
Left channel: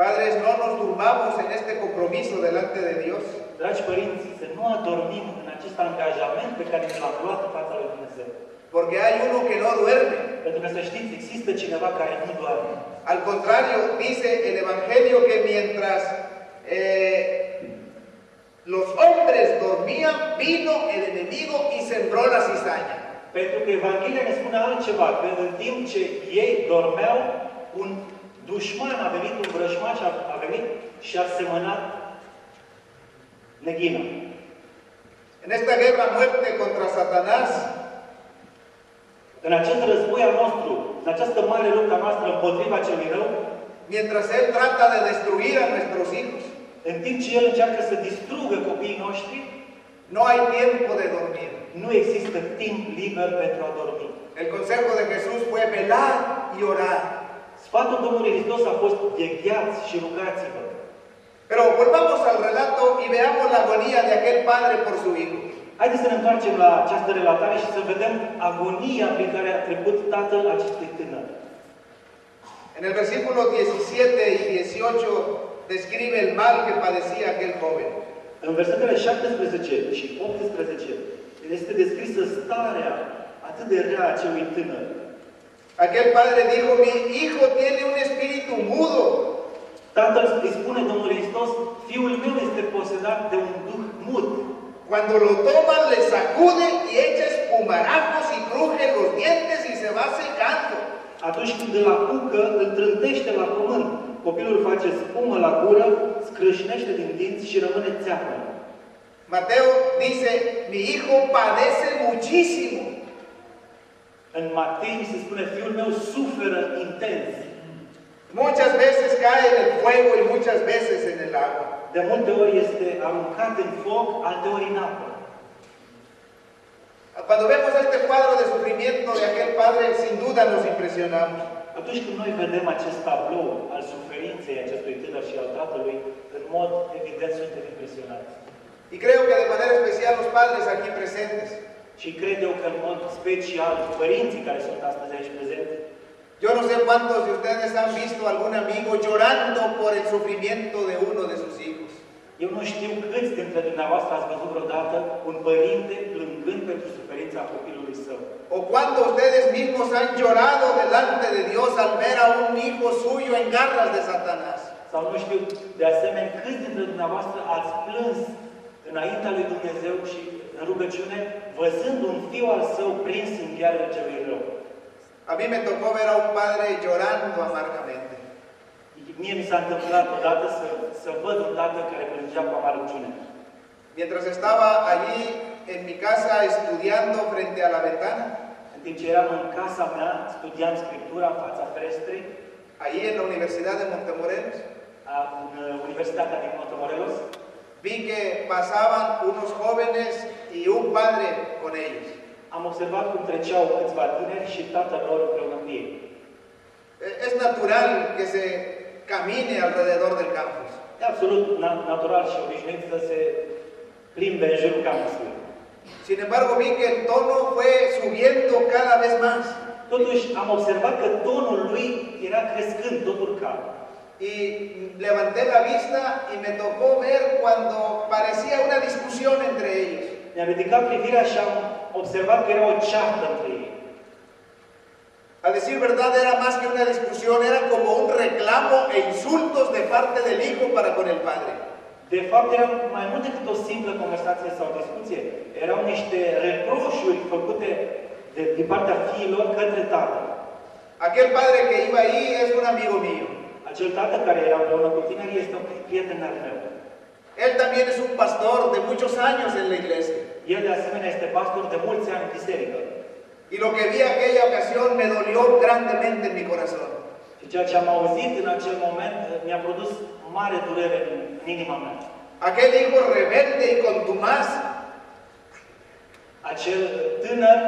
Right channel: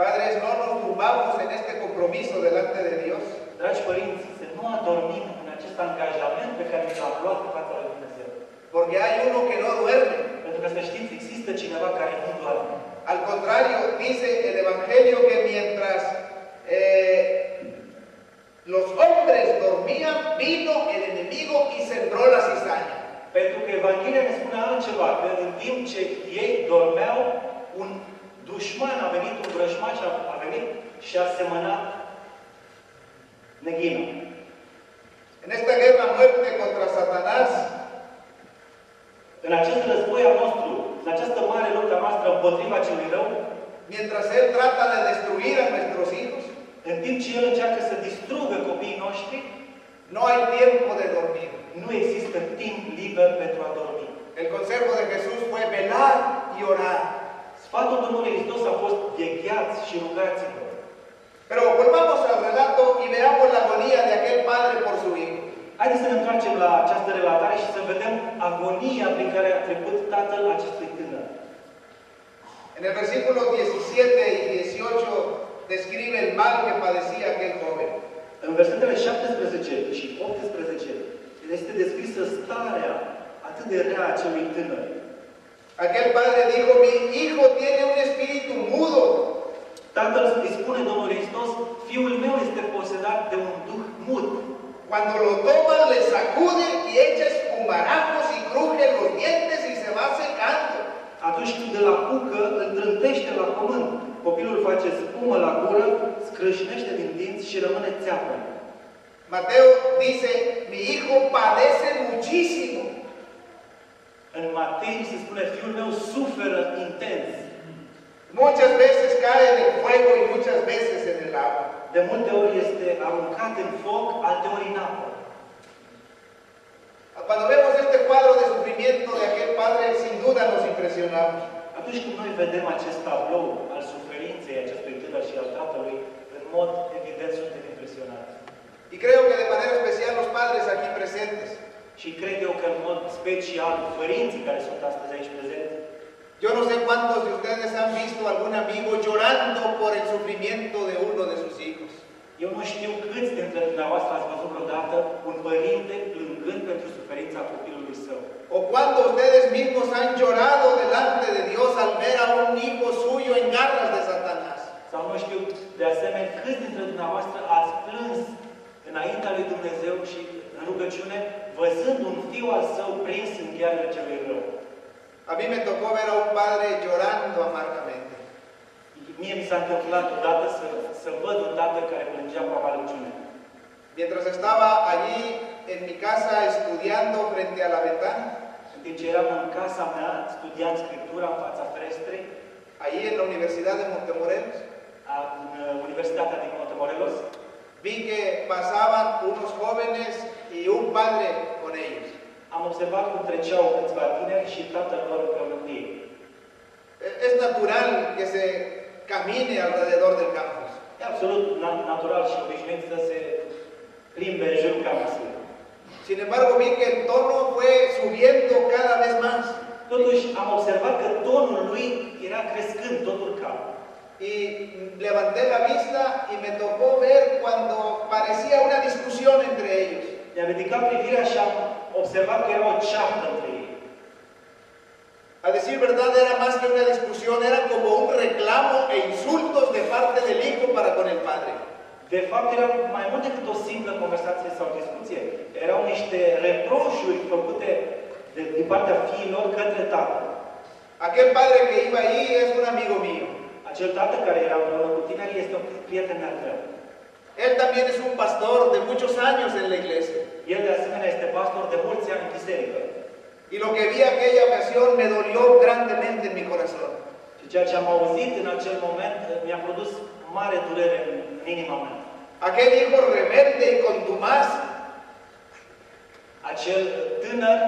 Padres, no nos turbamos en este compromiso delante de Dios. Dragi părinți, să nu adormim în acest angajament pe care l-am luat în fața lui Dumnezeu. Porque hay uno que no duerme. Pentru că să știți, există cineva care nu doarme. Al contrario, dice el Evangelio que mientras los hombres dormían, vino el enemigo y sembró la cizaña. Pentru că Evanghelia ne spune altceva, că în timp ce ei dormeau, un dușman a venit, un vrăjmaș a venit și a semănat neghină. En esta guerra a muerte contra Satanás, în acest război al nostru, în această mare luptă noastră împotriva celui rău, mientras él trata de destruir a nuestros hijos, în timp ce el încearcă să distrugă copiii noștri, no hay tiempo de dormir. nu există timp liber pentru a dormi. El consejo de Jesús fue velar y orar. Sfatul Domnului Hristos a fost vegheați și rugați-vă. Pero volvamos al relato y veamos la agonía de aquel padre por su hijo. Haideți să ne întoarcem la această relatare și să vedem agonia prin care a trecut tatăl acestui tânăr. En el versículo 17 y 18 describe el mal que padecía aquel joven. În versetele 17 și 18 este descrisă starea atât de rea a acelui tânăr. Aquel padre dijo, mi hijo tiene un espíritu mudo. Tatăl îi spune Domnul Hristos, fiul meu este posedat de un duh mut. Cuando lo toma, le sacude y echa espumarajos y cruje los dientes y se va secando. Atunci când îl apucă, îl trântește la pământ. Copilul face spumă la gură, scrâșnește din dinți și rămâne țeapă. Mateo dice, mi hijo padece muchísimo. În Matei se spune, fiul meu suferă intens. Muchas veces cae en el fuego y muchas veces en el agua. De multe ori este aruncat în foc, alteori în apă. Cuando vemos este cuadro de sufrimiento de aquel padre, sin duda nos impresionamos. Atunci când noi vedem acest tablou al suferinței acestui tânăr și al tatălui, în mod evident suntem impresionați. Y creo que de manera especial los padres aquí presentes. Și cred eu că în mod special părinții care sunt astăzi aici prezenți, yo no sé cuántos de ustedes han visto algún amigo llorando por el sufrimiento de uno de sus hijos. Eu nu știu câți dintre dumneavoastră ați văzut vreodată un părinte plângând pentru suferința copilului său. O cuando ustedes mismos han llorado delante de Dios al ver a un hijo suyo en garras de Satanás. Sau nu știu, de asemenea, câți dintre dumneavoastră ați plâns înaintea lui Dumnezeu și în rugăciune, văzând un fiu al său prins în ghearele celui rău. A mí me tocó ver a un padre llorando amargamente. Mie mi s-a întâmplat odată să văd un tată care plângea cu amargăciune. Mientras estaba allí en mi casa estudiando frente a la ventana, în timp ce eram în casa mea, studiând Scriptura în fața ferestrei, allí en la Universidad de Montemorelos, în Universitatea din Montemorelos, vi que pasaban unos jóvenes y un padre con ellos. Am observat cum treceau câțiva tineri și tatăl lor împreună cu ei. Es natural que se camine alrededor del campus. E absolut natural și obișnuit să se plimbe în jurul campusului. Sin embargo, vi que el tono fue subiendo cada vez más. Totuși, am observat că tonul lui era crescând, tot urca. Y levanté la vista y me tocó ver cuando parecía una discusión entre ellos. Mi-am ridicat privirea și am observat că era o ceartă între ei. A decir verdad, era más que una discusión, era como un reclamo e insultos de parte del hijo para con el padre. De fapt, era mai mult decât o simplă conversație sau discuție. Erau niște reproșuri făcute din partea fiilor către tatăl. Aquel padre que iba ahí es un amigo mío. Acel tată care era împreună cu tinerii este un prieten al meu. Él también es un pastor de muchos años en la iglesia. El de asemenea este pastor de mulți ani în biserică. Y lo que vi aquella ocasión me dolió grandemente en mi corazón. Și ceea ce am auzit în acel moment mi-a produs mare durere în inima mea. Aquel hijo rebelde y contumaz, acel tânăr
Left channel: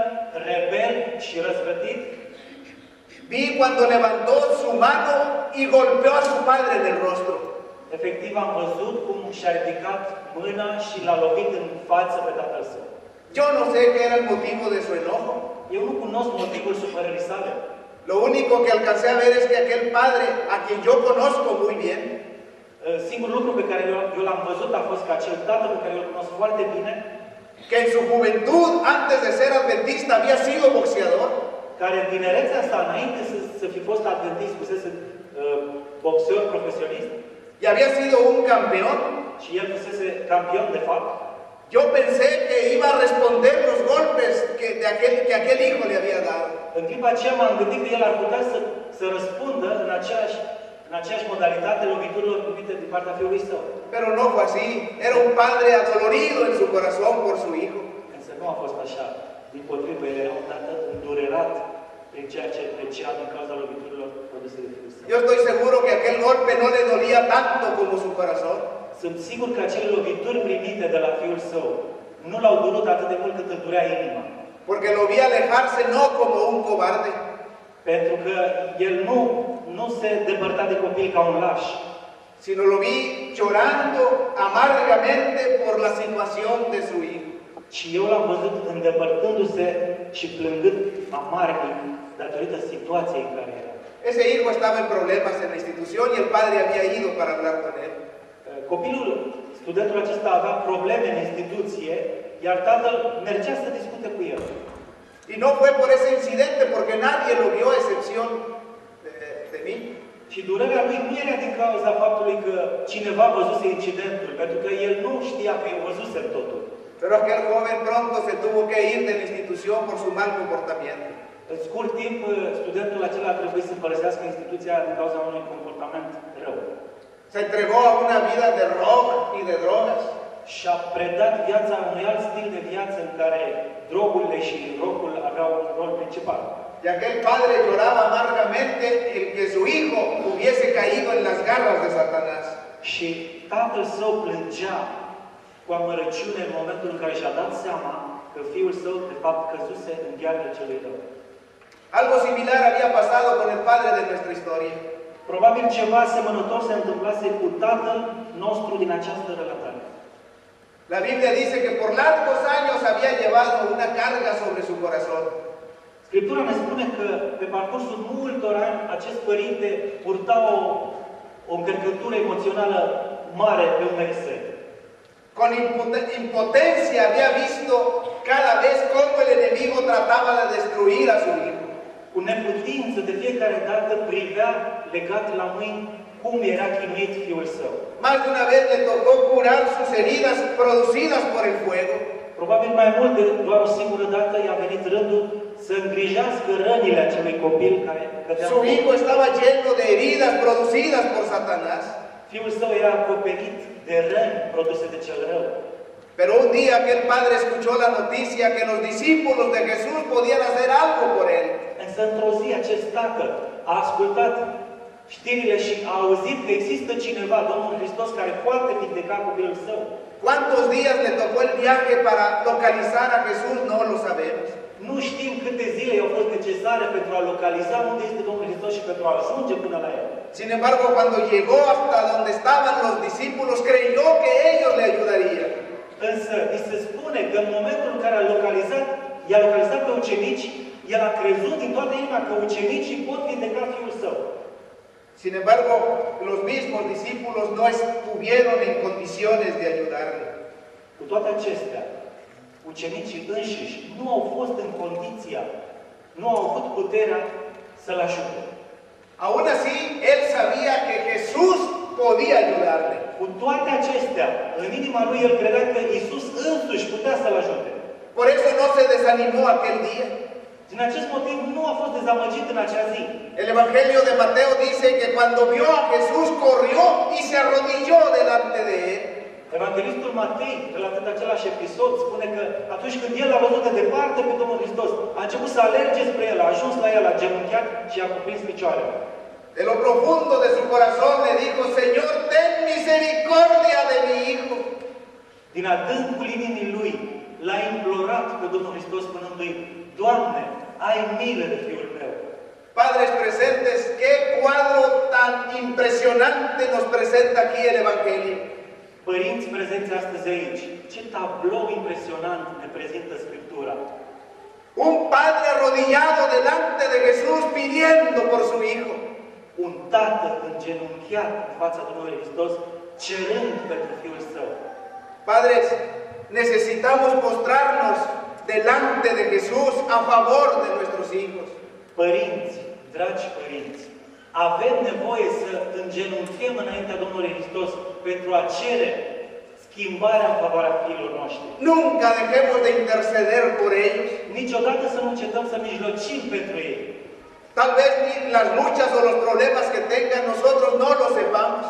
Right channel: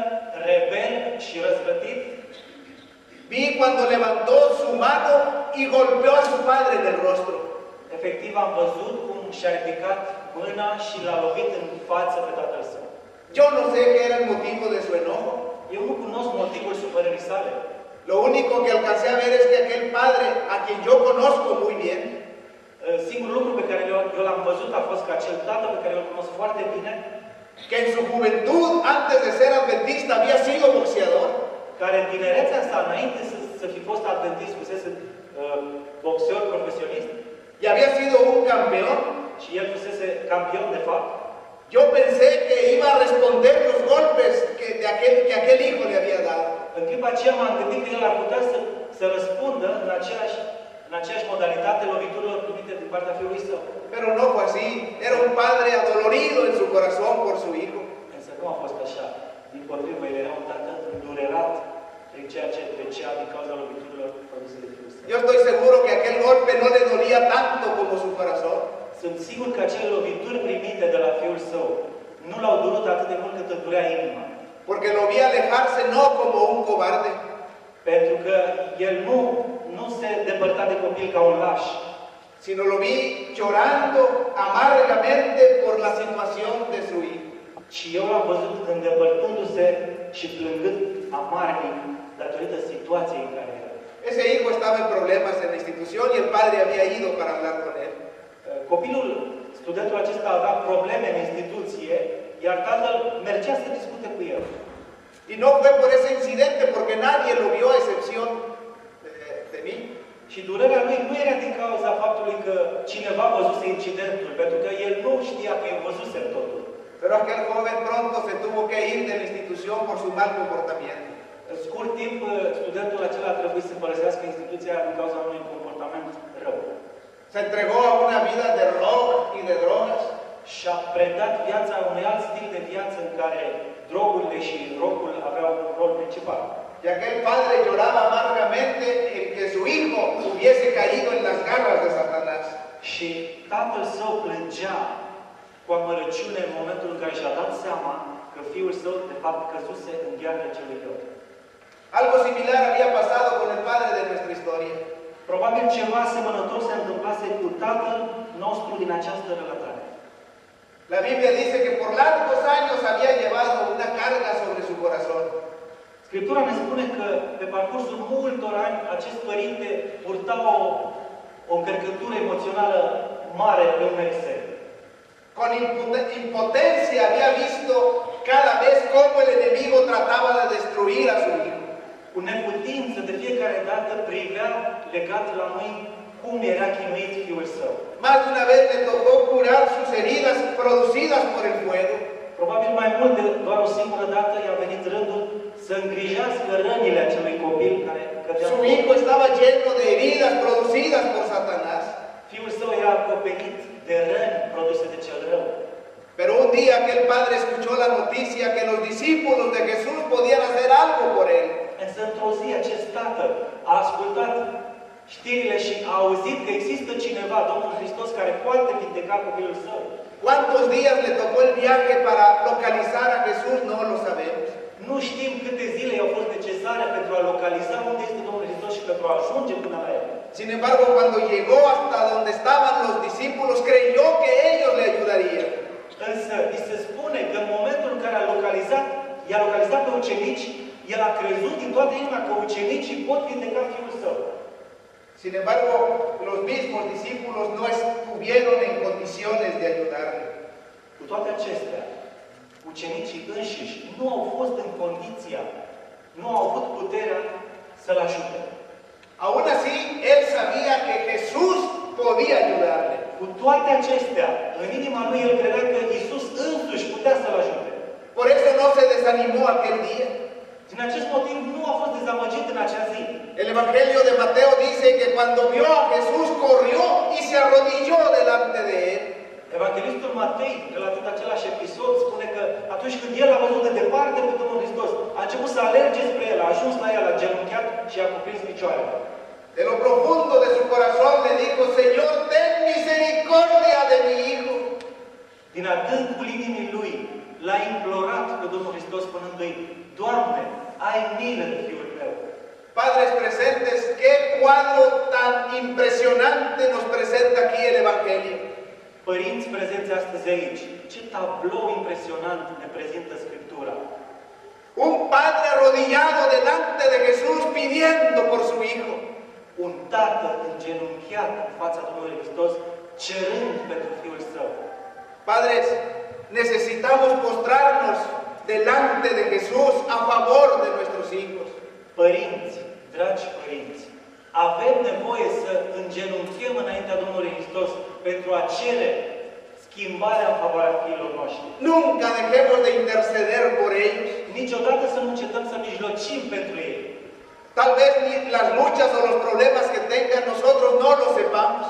rebel și răzvrătit, vi cuando levantó su mano y golpeó a su padre en el rostro. Efectiv am văzut cum și-a ridicat mâna și l-a lovit în față pe tatăl său. Yo no sé qué era el motivo de su enojo. Eu nu cunosc motivul supărării sale. Lo único que alcancé a ver es que aquel padre, a quien yo conozco muy bien, singurul lucru pe care eu l-am văzut a fost că acel tată pe care eu îl cunosc foarte bine, que en su juventud, antes de ser adventista, había sido boxeador, care în tinerețea sa, înainte să fi fost adventist, fusese boxer profesionist y había sido un campeón. și el fusese campion de fapt. Yo pensé que iba a responder los golpes que aquel hijo le había dado. În clipa aceea m-am gândit că el ar putea să răspundă în aceeași modalitate loviturilor primite din partea fiului său. Pero no fue así. Era un padre adolorido en su corazón por su hijo. Însă nu a fost așa. Dimpotrivă, el era un tată îndurerat prin ceea ce trecea din cauza loviturilor produse de fiul său. Yo estoy seguro que aquel golpe no le dolía tanto como su corazón. Sunt sigur că acele lovituri primite de la fiul său nu l-au durut atât de mult cât îl durea inima. Porque lo vi alejarse no como un cobarde, Pentru că el nu se depărta de copil ca un laș, sino lo vi llorando amargamente por la situación de su hijo. ci eu l-am văzut îndepărtându-se și plângând amarnic datorită situației în care era. Ese hijo estaba en problemas en la institución y el padre había ido para hablar con él. Copilul, studentul acesta avea probleme în instituție, iar tatăl mergea să discute cu el. Y no fue por ese incidente, porque nadie lo vio a excepción de mí. Și durerea lui nu era din cauza faptului că cineva văzuse incidentul, pentru că el nu știa că el văzuse totul. Pero aquel joven pronto se tuvo que ir de la institución por su mal comportamiento. În scurt timp, studentul acela a trebuit să părăsească instituția din cauza unui comportament rău. Se entregó a una vida de rock y de drogas. Și-a predat viața unui alt stil de viață în care drogurile și rockul aveau un rol principal. Y aquel padre lloraba amargamente en que su hijo hubiese caído en las garras de Satanás. Și tatăl său plângea cu amărăciune în momentul în care și-a dat seama că fiul său, de fapt, căzuse în ghearele celui rău. Algo similar había pasado con el padre de nuestra historia. Probabil ceva asemănător se întâmplase cu tatăl nostru din această relatare. La Biblia dice que por largos años había llevado una carga sobre su corazón. Scriptura ne spune că pe parcursul multor ani acest părinte purta o încărcătură emoțională mare pe umerii. Con impotencia había visto cada vez cómo el enemigo trataba de destruir a su hijo. Cu neputință de fiecare dată privea legat la mâini cum era chinuit fiul său. Más de una vez le tocó curar sus heridas producidas por el fuego. Probabil mai mult de doar o singură dată i-a venit rândul să îngrijească rănile acelui copil care cădea. Su hijo estaba lleno de heridas producidas por Satanás. Fiul său era acoperit de răni produse de cel rău. Pero un día aquel padre escuchó la noticia que los discípulos de Jesús podían hacer algo por él. Însă într-o zi acest tată a ascultat știrile și a auzit că există cineva, Domnul Hristos, care poate vindeca copilul său. ¿Cuántos días le tocó el viaje para localizar a Jesús? No lo sabemos. Nu știm câte zile i-au fost necesare pentru a localiza unde este Domnul Hristos și pentru a ajunge până la el. Sin embargo, cuando llegó hasta donde estaban los discípulos, creyó que ellos le ayudarían. Însă, îi se spune că în momentul în care i-a localizat pe ucenici, el a crezut din toată inima că ucenicii pot vindeca fiul său. Sin embargo, los mismos discípulos no estuvieron en condiciones de ayudarle. Cu toate acestea, ucenicii înșiși nu au fost în condiția, nu au avut puterea să-l ajute. Aún así, él sabía que Jesús podía ayudarle. Cu toate acestea, în inima lui el credea că Iisus însuși putea să-l ajute. Por eso no se desanimó aquel día. Din acest motiv nu a fost dezamăgit în acea zi. El Evangelio de Mateo dice que cuando vio a Jesús corrió y se arrodilló delante de él. Evanghelistul Matei, relatând același episod, spune că atunci când el l-a văzut de departe pe Domnul Hristos, a început să alerge spre el, a ajuns la el, a genunchiat și a cuprins picioarele. De lo profundo de su corazón le dijo: Señor, ten misericordia de mi hijo. Din adâncul inimii lui, l-a implorat pe Domnul Hristos spunându-i: Doamne, ai milă de fiul meu. Padres presentes, qué cuadro tan impresionante nos presenta aquí el Evangelio. Părinți prezenți astăzi aici, ce tablou impresionant ne prezintă Scriptura. Un padre arrodillado delante de Jesús pidiendo por su hijo. Un tată îngenunchiat în fața Domnului Hristos, cerând pentru fiul său. Padres, necesitamos postrarnos delante de Jesús a favor de nuestros hijos. Părinți, dragi părinți, avem nevoie să îngenunchem înaintea Domnului Hristos pentru a cere schimbarea în favoarea fiilor noștri. Nunca dejemos de interceder por ellos. Niciodată să nu încetăm să mijlocim pentru ei. Tal vez ni las luchas o los problemas que tengan nosotros no lo sepamos.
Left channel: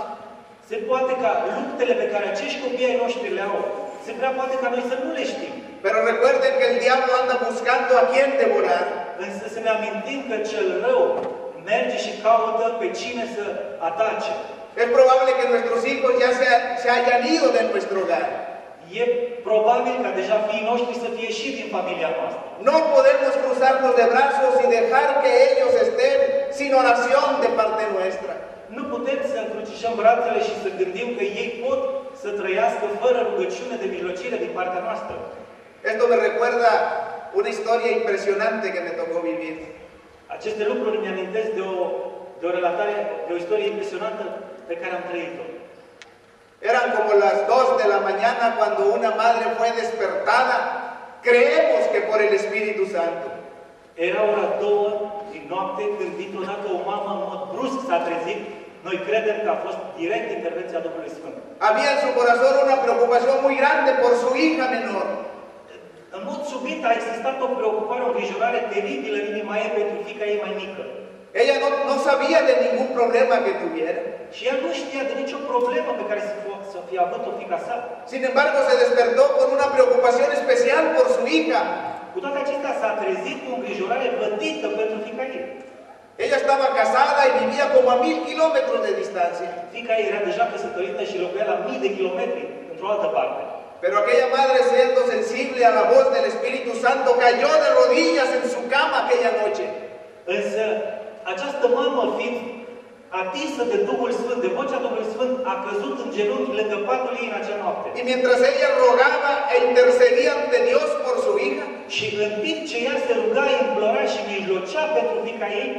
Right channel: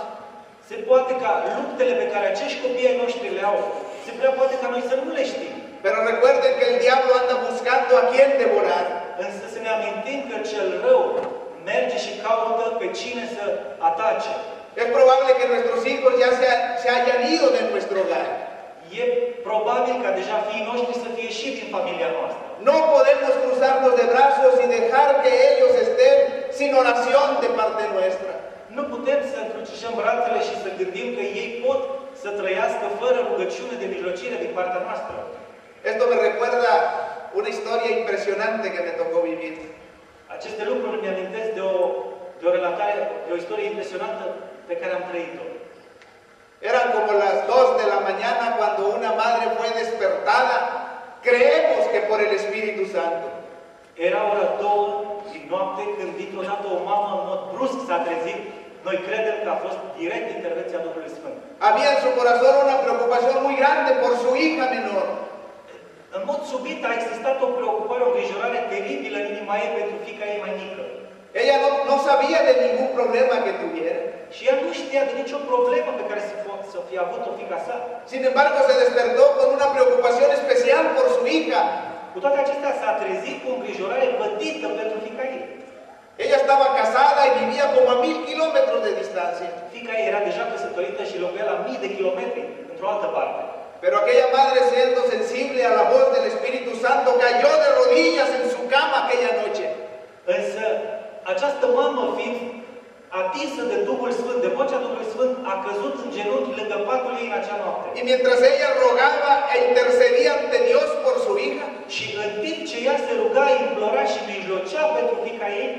Se poate ca luptele pe care acești copii ai noștri le au, se prea poate ca noi să nu le știm. Pero recuerden que el diablo anda buscando a quien devorar. Însă să ne amintim că cel rău merge și caută pe cine să atace. Es probable que nuestros hijos ya se hayan ido de nuestro hogar. E probabil ca deja fiii noștri să fie ieșit din familia noastră. No podemos cruzarnos de brazos y dejar que ellos estén sin oración de parte nuestra. Nu putem să încrucișăm brațele și să gândim că ei pot să trăiască fără rugăciune de mijlocire din partea noastră. Esto me recuerda una historia impresionante que me tocó vivir. Aceste lucruri mi amintesc de o relatare, de o istorie impresionantă pe care am trăit-o. Eran como las 2 de la mañana cuando una madre fue despertada, creemos que por el Espíritu Santo. Era ora 2 din noapte când dintr-o dată o mamă în mod brusc s-a trezit. Noi credem că a fost direct intervenția Duhului Sfânt. Había en su corazón una preocupación muy grande por su hija menor. În mod subit a existat o preocupare, o îngrijorare teribilă în inima ei pentru fiica ei mai mică. Ella no sabía de ningún problema que tuviera. Și ea nu știa de nicio problemă pe care să fie avut-o fiica sa. Sin embargo, se despertó con una preocupación especial por su hija. Cu toate acestea s-a trezit cu o îngrijorare vădită pentru fiica ei. Ella estaba casada y vivía como a 1000 kilómetros de distancia. Fiica ei era deja căsătorită și locuia la 1000 de kilometri, într-o altă parte. Pero aquella madre, siendo sensible a la voz del Espíritu Santo, cayó de rodillas en su cama aquella noche. Însă, această mamă, fiind atinsă de Duhul Sfânt, de vocea Duhului Sfânt, a căzut în genunchi lângă patul ei în acea noapte. Y mientras ella rogaba e intercedía ante Dios por su hija, și în timp ce ea se ruga, implora și mijlocea pentru fiica ei,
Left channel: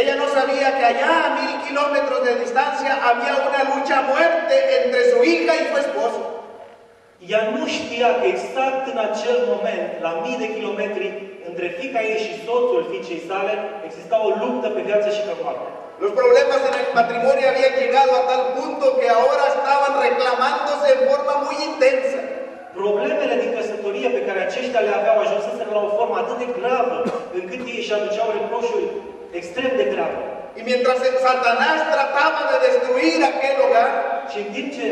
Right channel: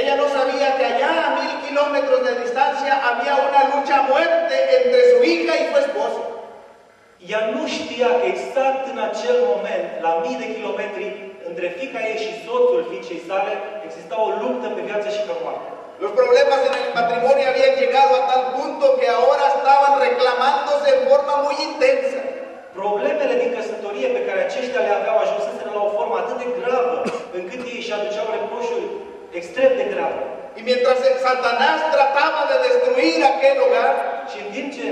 ella no sabía que allá a 1000 kilómetros de distancia había una lucha a muerte entre su hija y su esposo. Ea nu știa că exact în acel moment, la 1000 de kilometri, între fiica ei și soțul fiicei sale, exista o luptă pe viață și pe moarte. Los problemas en el matrimonio habían llegado a tal punto que ahora estaban reclamándose en forma muy intensa. Problemele din căsătorie pe care aceștia le aveau ajunseseră la o formă atât de gravă, încât ei își aduceau reproșuri extrem de grave. Y mientras Satanás trataba de destruir aquel hogar, și în timp ce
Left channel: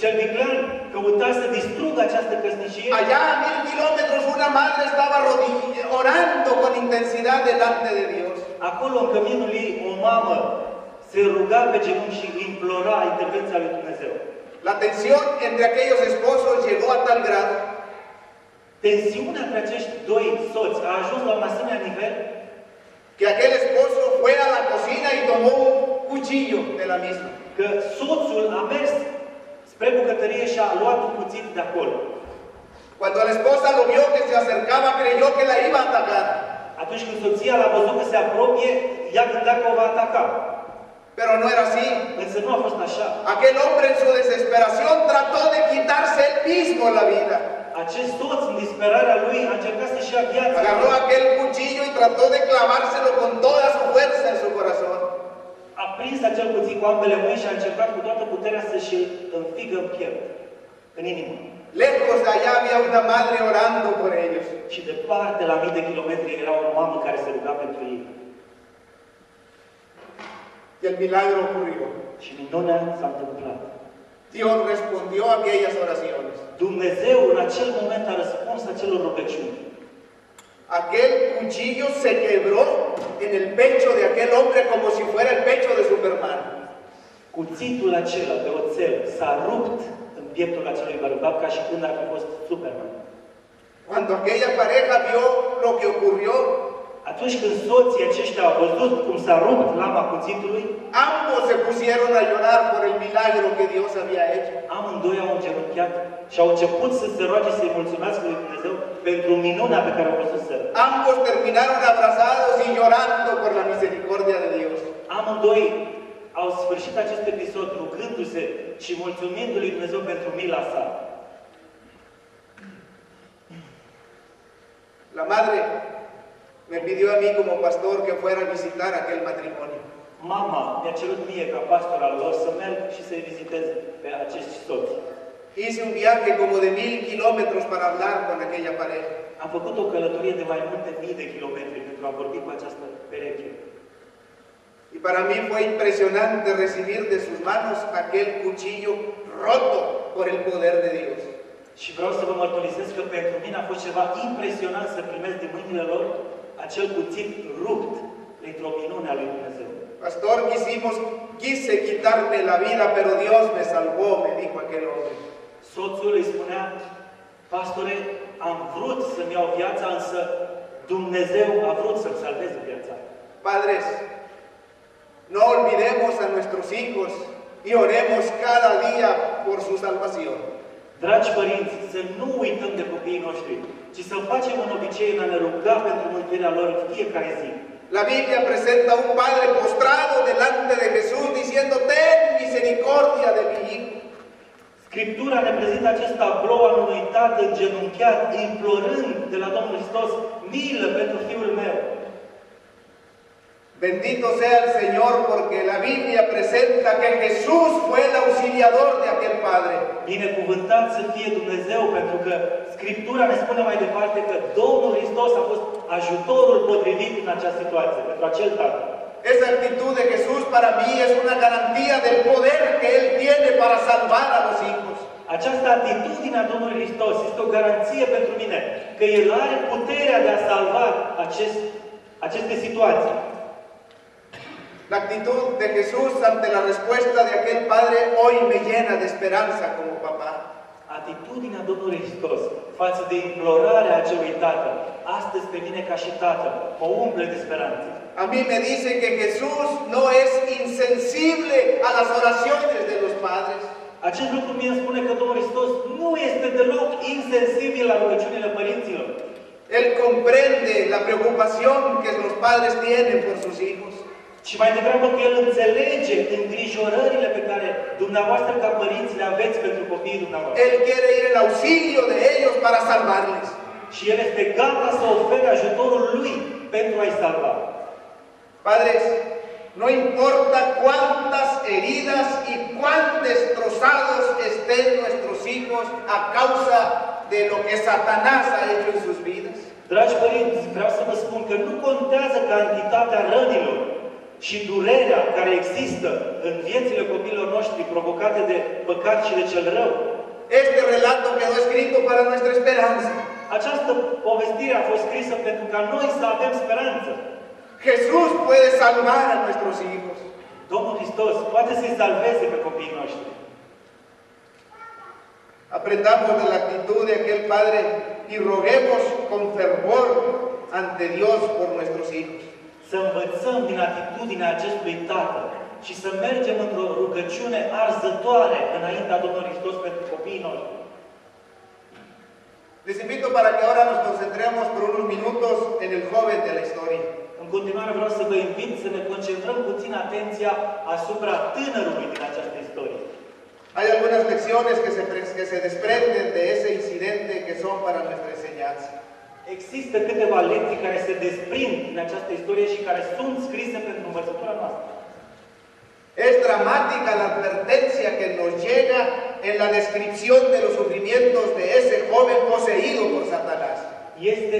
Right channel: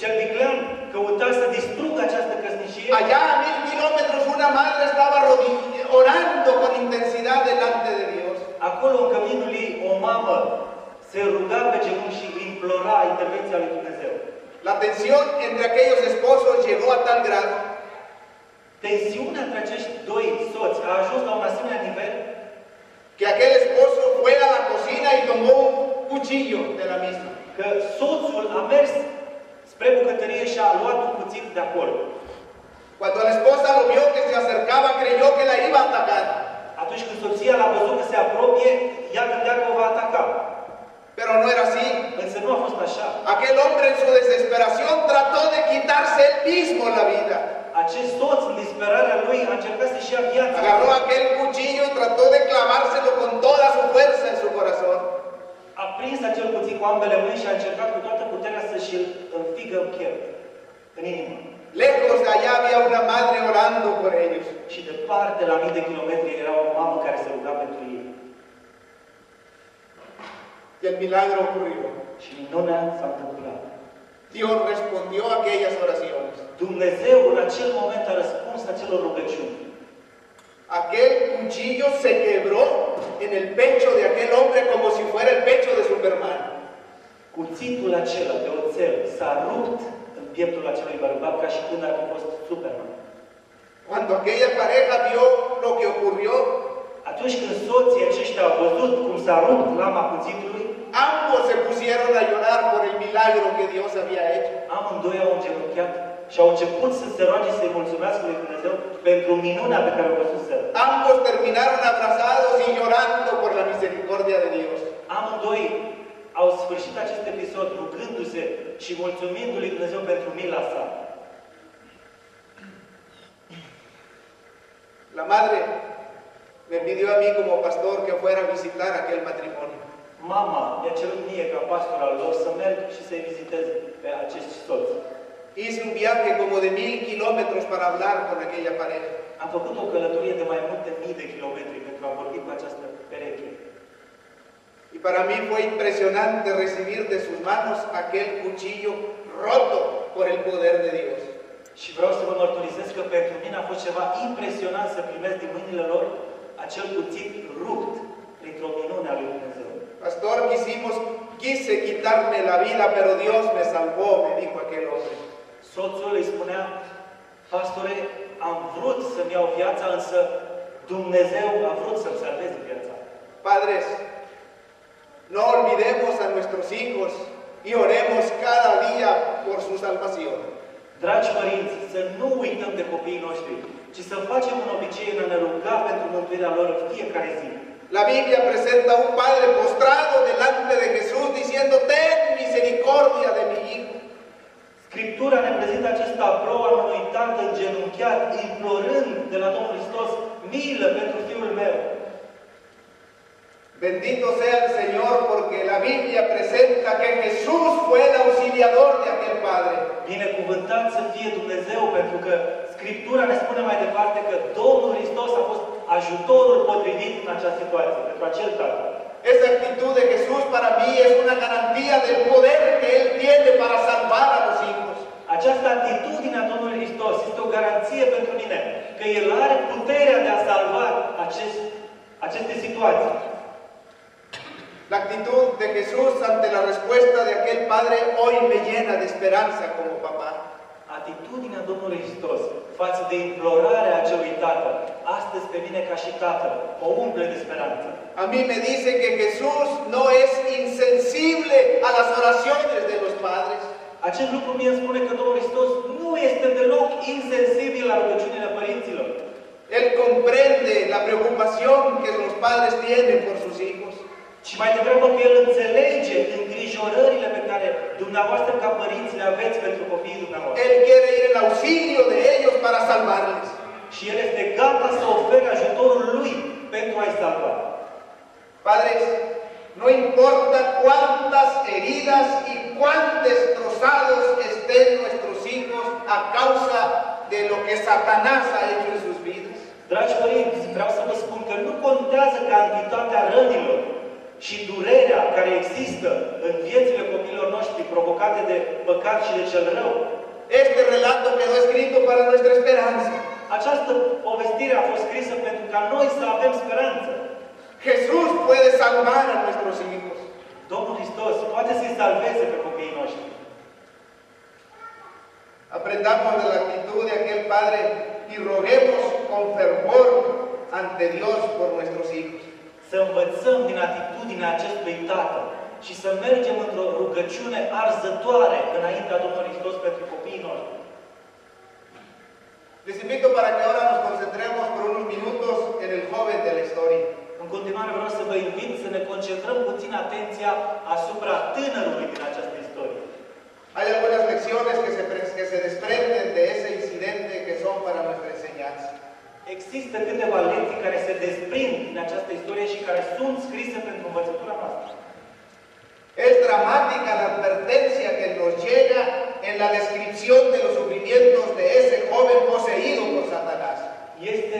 cel viclean căuta să distrugă această căsnicie, allá a 1000 kilómetros una madre estaba orando con intensidad delante de Dios. Acolo, în căminul ei, o mamă se ruga pe genunchi și implora intervenția lui Dumnezeu. La tensión entre aquellos esposos llegó a tal grado. Tensiunea între acești doi soți a ajuns la un asemenea nivel que aquel esposo fue a la cocina y tomó un cuchillo de la misma. Că soțul a mers spre bucătărie și a luat un cuțit de acolo. Cuando la esposa lo vio que se acercaba, creyó que la iba a atacar. Atunci când soția l-a văzut că se apropie, ea gândea că o va ataca. Pero no era así. Însă nu a fost așa. Aquel hombre en su desesperación trató de quitarse él mismo la vida. Acest soț, în disperarea lui, a încercat să-și ia viața. Agarró aquel cuchillo y trató de clavárselo con toda su fuerza en su corazón. A prins acel cuțit cu ambele mâini și a încercat cu toată puterea să-și îl înfigă în piept, în inimă. Lejos de allá había una madre orando por ellos. Și departe, la 1000 de kilometri, era o mamă care se ruga pentru ei. Y el milagro ocurrió. Și minunea s-a întâmplat. Dios respondió a aquellas oraciones. Dumnezeu în acel moment a răspuns acelor rugăciuni. Aquel cuchillo se quebró en el pecho de aquel hombre como si fuera el pecho de Superman. Cuțitul acela de oțel s-a rupt în pieptul acelui bărbat ca și când ar fi fost Superman. Cuando aquella pareja vio lo que ocurrió, atunci când soții aceștia au văzut cum s-a rupt lama cuțitului, ambos se pusieron a llorar por el milagro que Dios había hecho. Amândoi au îngenunchiat și au început să se roage să-i mulțumească lui Dumnezeu pentru minunea pe care au văzut-o. Ambos terminaron abrazados y llorando por la misericordia de Dios. Amândoi au sfârșit acest episod rugându-se și mulțumindu-lui Dumnezeu pentru mila sa. La madre me pidió a mí como pastor que fuera a visitar aquel matrimonio. mama mi-a cerut mie, ca pastor al lor, să merg și să-i vizitez pe acești soți. Hice un viaje como de 1000 kilómetros para hablar con aquella pareja. Am făcut o călătorie de mai multe mii de kilometri pentru a vorbi cu această pereche. Y para mí fue impresionante recibir de sus manos aquel cuchillo roto por el poder de Dios. Și vreau să vă mărturisesc că pentru mine a fost ceva impresionant să primesc din mâinile lor acel cuțit rupt printr-o minune a lui Dumnezeu. Pastor, quise quitarme la vida, pero Dios me salvó, me dijo aquel hombre. Soțul îi spunea, pastore, am vrut să-mi iau viața, însă Dumnezeu a vrut să-mi salveze viața. Padres, no olvidemos a nuestros hijos y oremos cada día por su salvación. Dragi părinți, să nu uităm de copiii noștri, ci să facem un obicei în a ne ruga pentru mântuirea lor în fiecare zi. La Biblia presenta a un padre postrado delante de Jesús diciendo, ten misericordia de mi hijo. Scriptura ne prezintă acest tablou al unui tată îngenunchiat, implorând de la Domnul Hristos milă pentru fiul meu. Bendito sea el Señor porque la Biblia presenta que Jesús fue el auxiliador de aquel padre. Binecuvântat să fie Dumnezeu, pentru că Scriptura ne spune mai departe că Domnul Hristos a fost ajutorul potrivit în această situație, pentru acel tată. Esa actitud de Jesús para mí es una garantía del poder que Él tiene para salvar a los hijos. Această atitudine a Domnului Hristos este o garanție pentru mine că El are puterea de a salva aceste situații. La actitud de Jesús ante la respuesta de aquel padre hoy me llena de esperanza como papá. Atitudinea Domnului Hristos față de implorarea acelui tată, astăzi pe mine ca și tată, mă umple de speranță. A mí me dice que Jesús no es insensible a las oraciones de los padres. Acest lucru mie îmi spune că Domnul Hristos nu este deloc insensibil la rugăciunile părinților. Él comprende la preocupación que los padres tienen por sus hijos. Și mai degrabă că El înțelege îngrijorările pe care dumneavoastră ca părinți le aveți pentru copiii dumneavoastră. Él quiere ir en auxilio de ellos para salvarles. Și El este gata să ofere ajutorul Lui pentru a-i salva. Padres, no importa cuántas heridas y cuán destrozados estén nuestros hijos a causa de lo que Satanás ha hecho en sus vidas. Dragi părinți, vreau să vă spun că nu contează cantitatea rănilor și durerea care există în viețile copiilor noștri provocate de păcat și de cel rău. Este relato quedó escrito para nuestra esperanza. Această povestire a fost scrisă pentru ca noi să avem speranță. Jesús puede salvar a nuestros hijos. Domnul Hristos poate să-i salveze pe copiii noștri. Aprendamos de la actitud de aquel padre y roguemos con fervor ante Dios por nuestros hijos. Să învățăm din atitudinea acestui tată și să mergem într-o rugăciune arzătoare înaintea Domnului Hristos pentru copiii noștri. Les invito para que ahora nos concentremos por unos minutos en el joven de la historia. În continuare vreau să vă invit să ne concentrăm puțin atenția asupra tânărului din această istorie. Hay algunas lecciones que se desprenden de ese incidente que son para nuestra enseñanza. Există câteva lecții care se desprind din această istorie și care sunt scrise pentru învățătura noastră. Es dramática la advertencia que nos llega en la descripción de los sufrimientos de ese joven poseído por Satanás. Este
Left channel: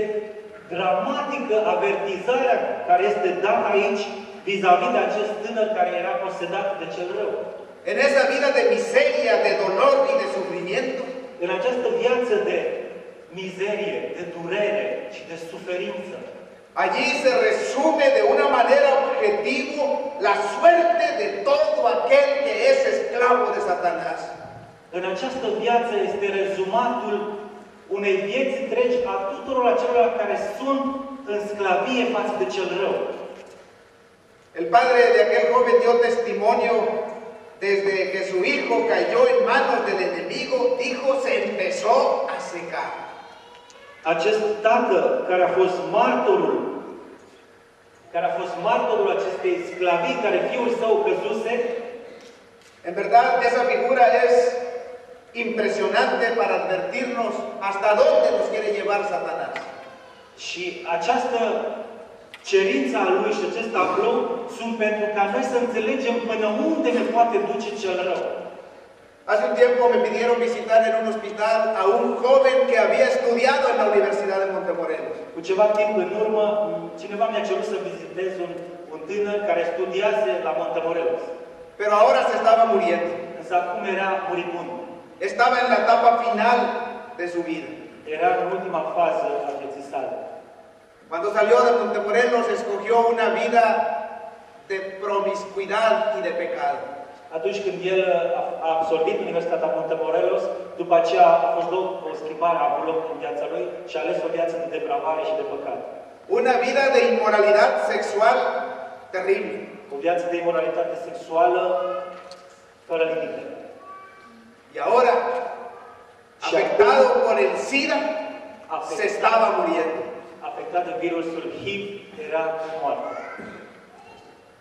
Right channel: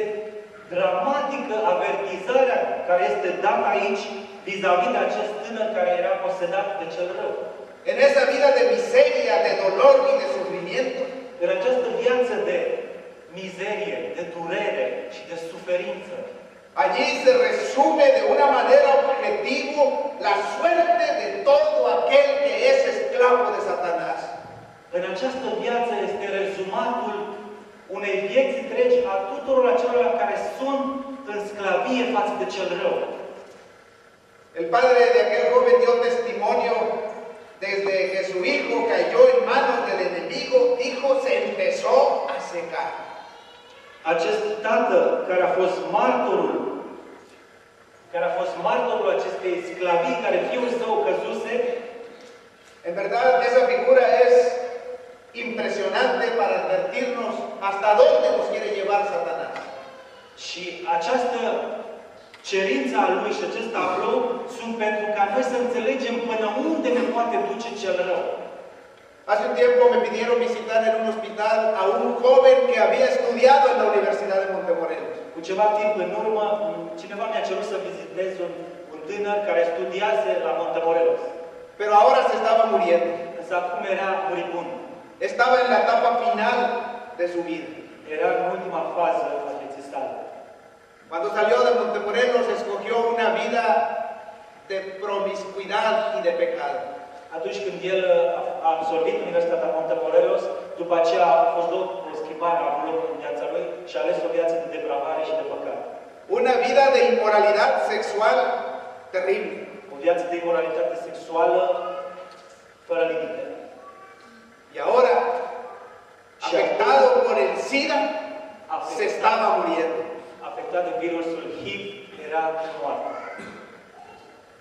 dramatică avertizarea care este dată aici vis-a-vis de acest tânăr care era posedat de cel rău. En esa vida de miseria, de dolor y de sufrimiento, în această viață de mizerie, de durere și de suferință, allí se resume de una manera objetiva la suerte de todo aquel que es esclavo de Satanás. În această viață este rezumatul unei vieți întregi a tuturor acelor care sunt în sclavie față de cel rău. El padre de aquel joven dio testimonio desde que su hijo cayó en manos del enemigo, dijo, se empezó a secar. Acest tată care a fost martorul acestei sclavii care fiul său căzuse, en verdad esa figura es impresionante para advertirnos hasta dónde nos quiere llevar Satanás. Și această Cerința lui și acest tablou sunt pentru ca noi să înțelegem până unde ne poate duce cel rău. Hace un tiempo me pidieron visitar en un hospital a un joven que había estudiado en la Universidad de Montemorelos. Cu ceva timp în urmă, cineva mi-a cerut să vizitez un tânăr care studiase la Montemorelos. Pero ahora se estaba muriendo. Însă acum era muribund. Estaba en la etapa final de su vida. Era în ultima fază a vieții sale. Cuando salió de Montemorelos, escogió una vida de promiscuidad y de pecado. Atunci când el a absolvit Universitatea Montemorelos, după aceea a fost o schimbare a locului în viața lui și a ales o viață de depravare și de păcat. Una vida de inmoralidad sexual terrible. O viață de imoralitate sexuală fără limite. Y ahora, afectado por el SIDA, se estaba muriendo. Afectat de virusul HIV, era moarte.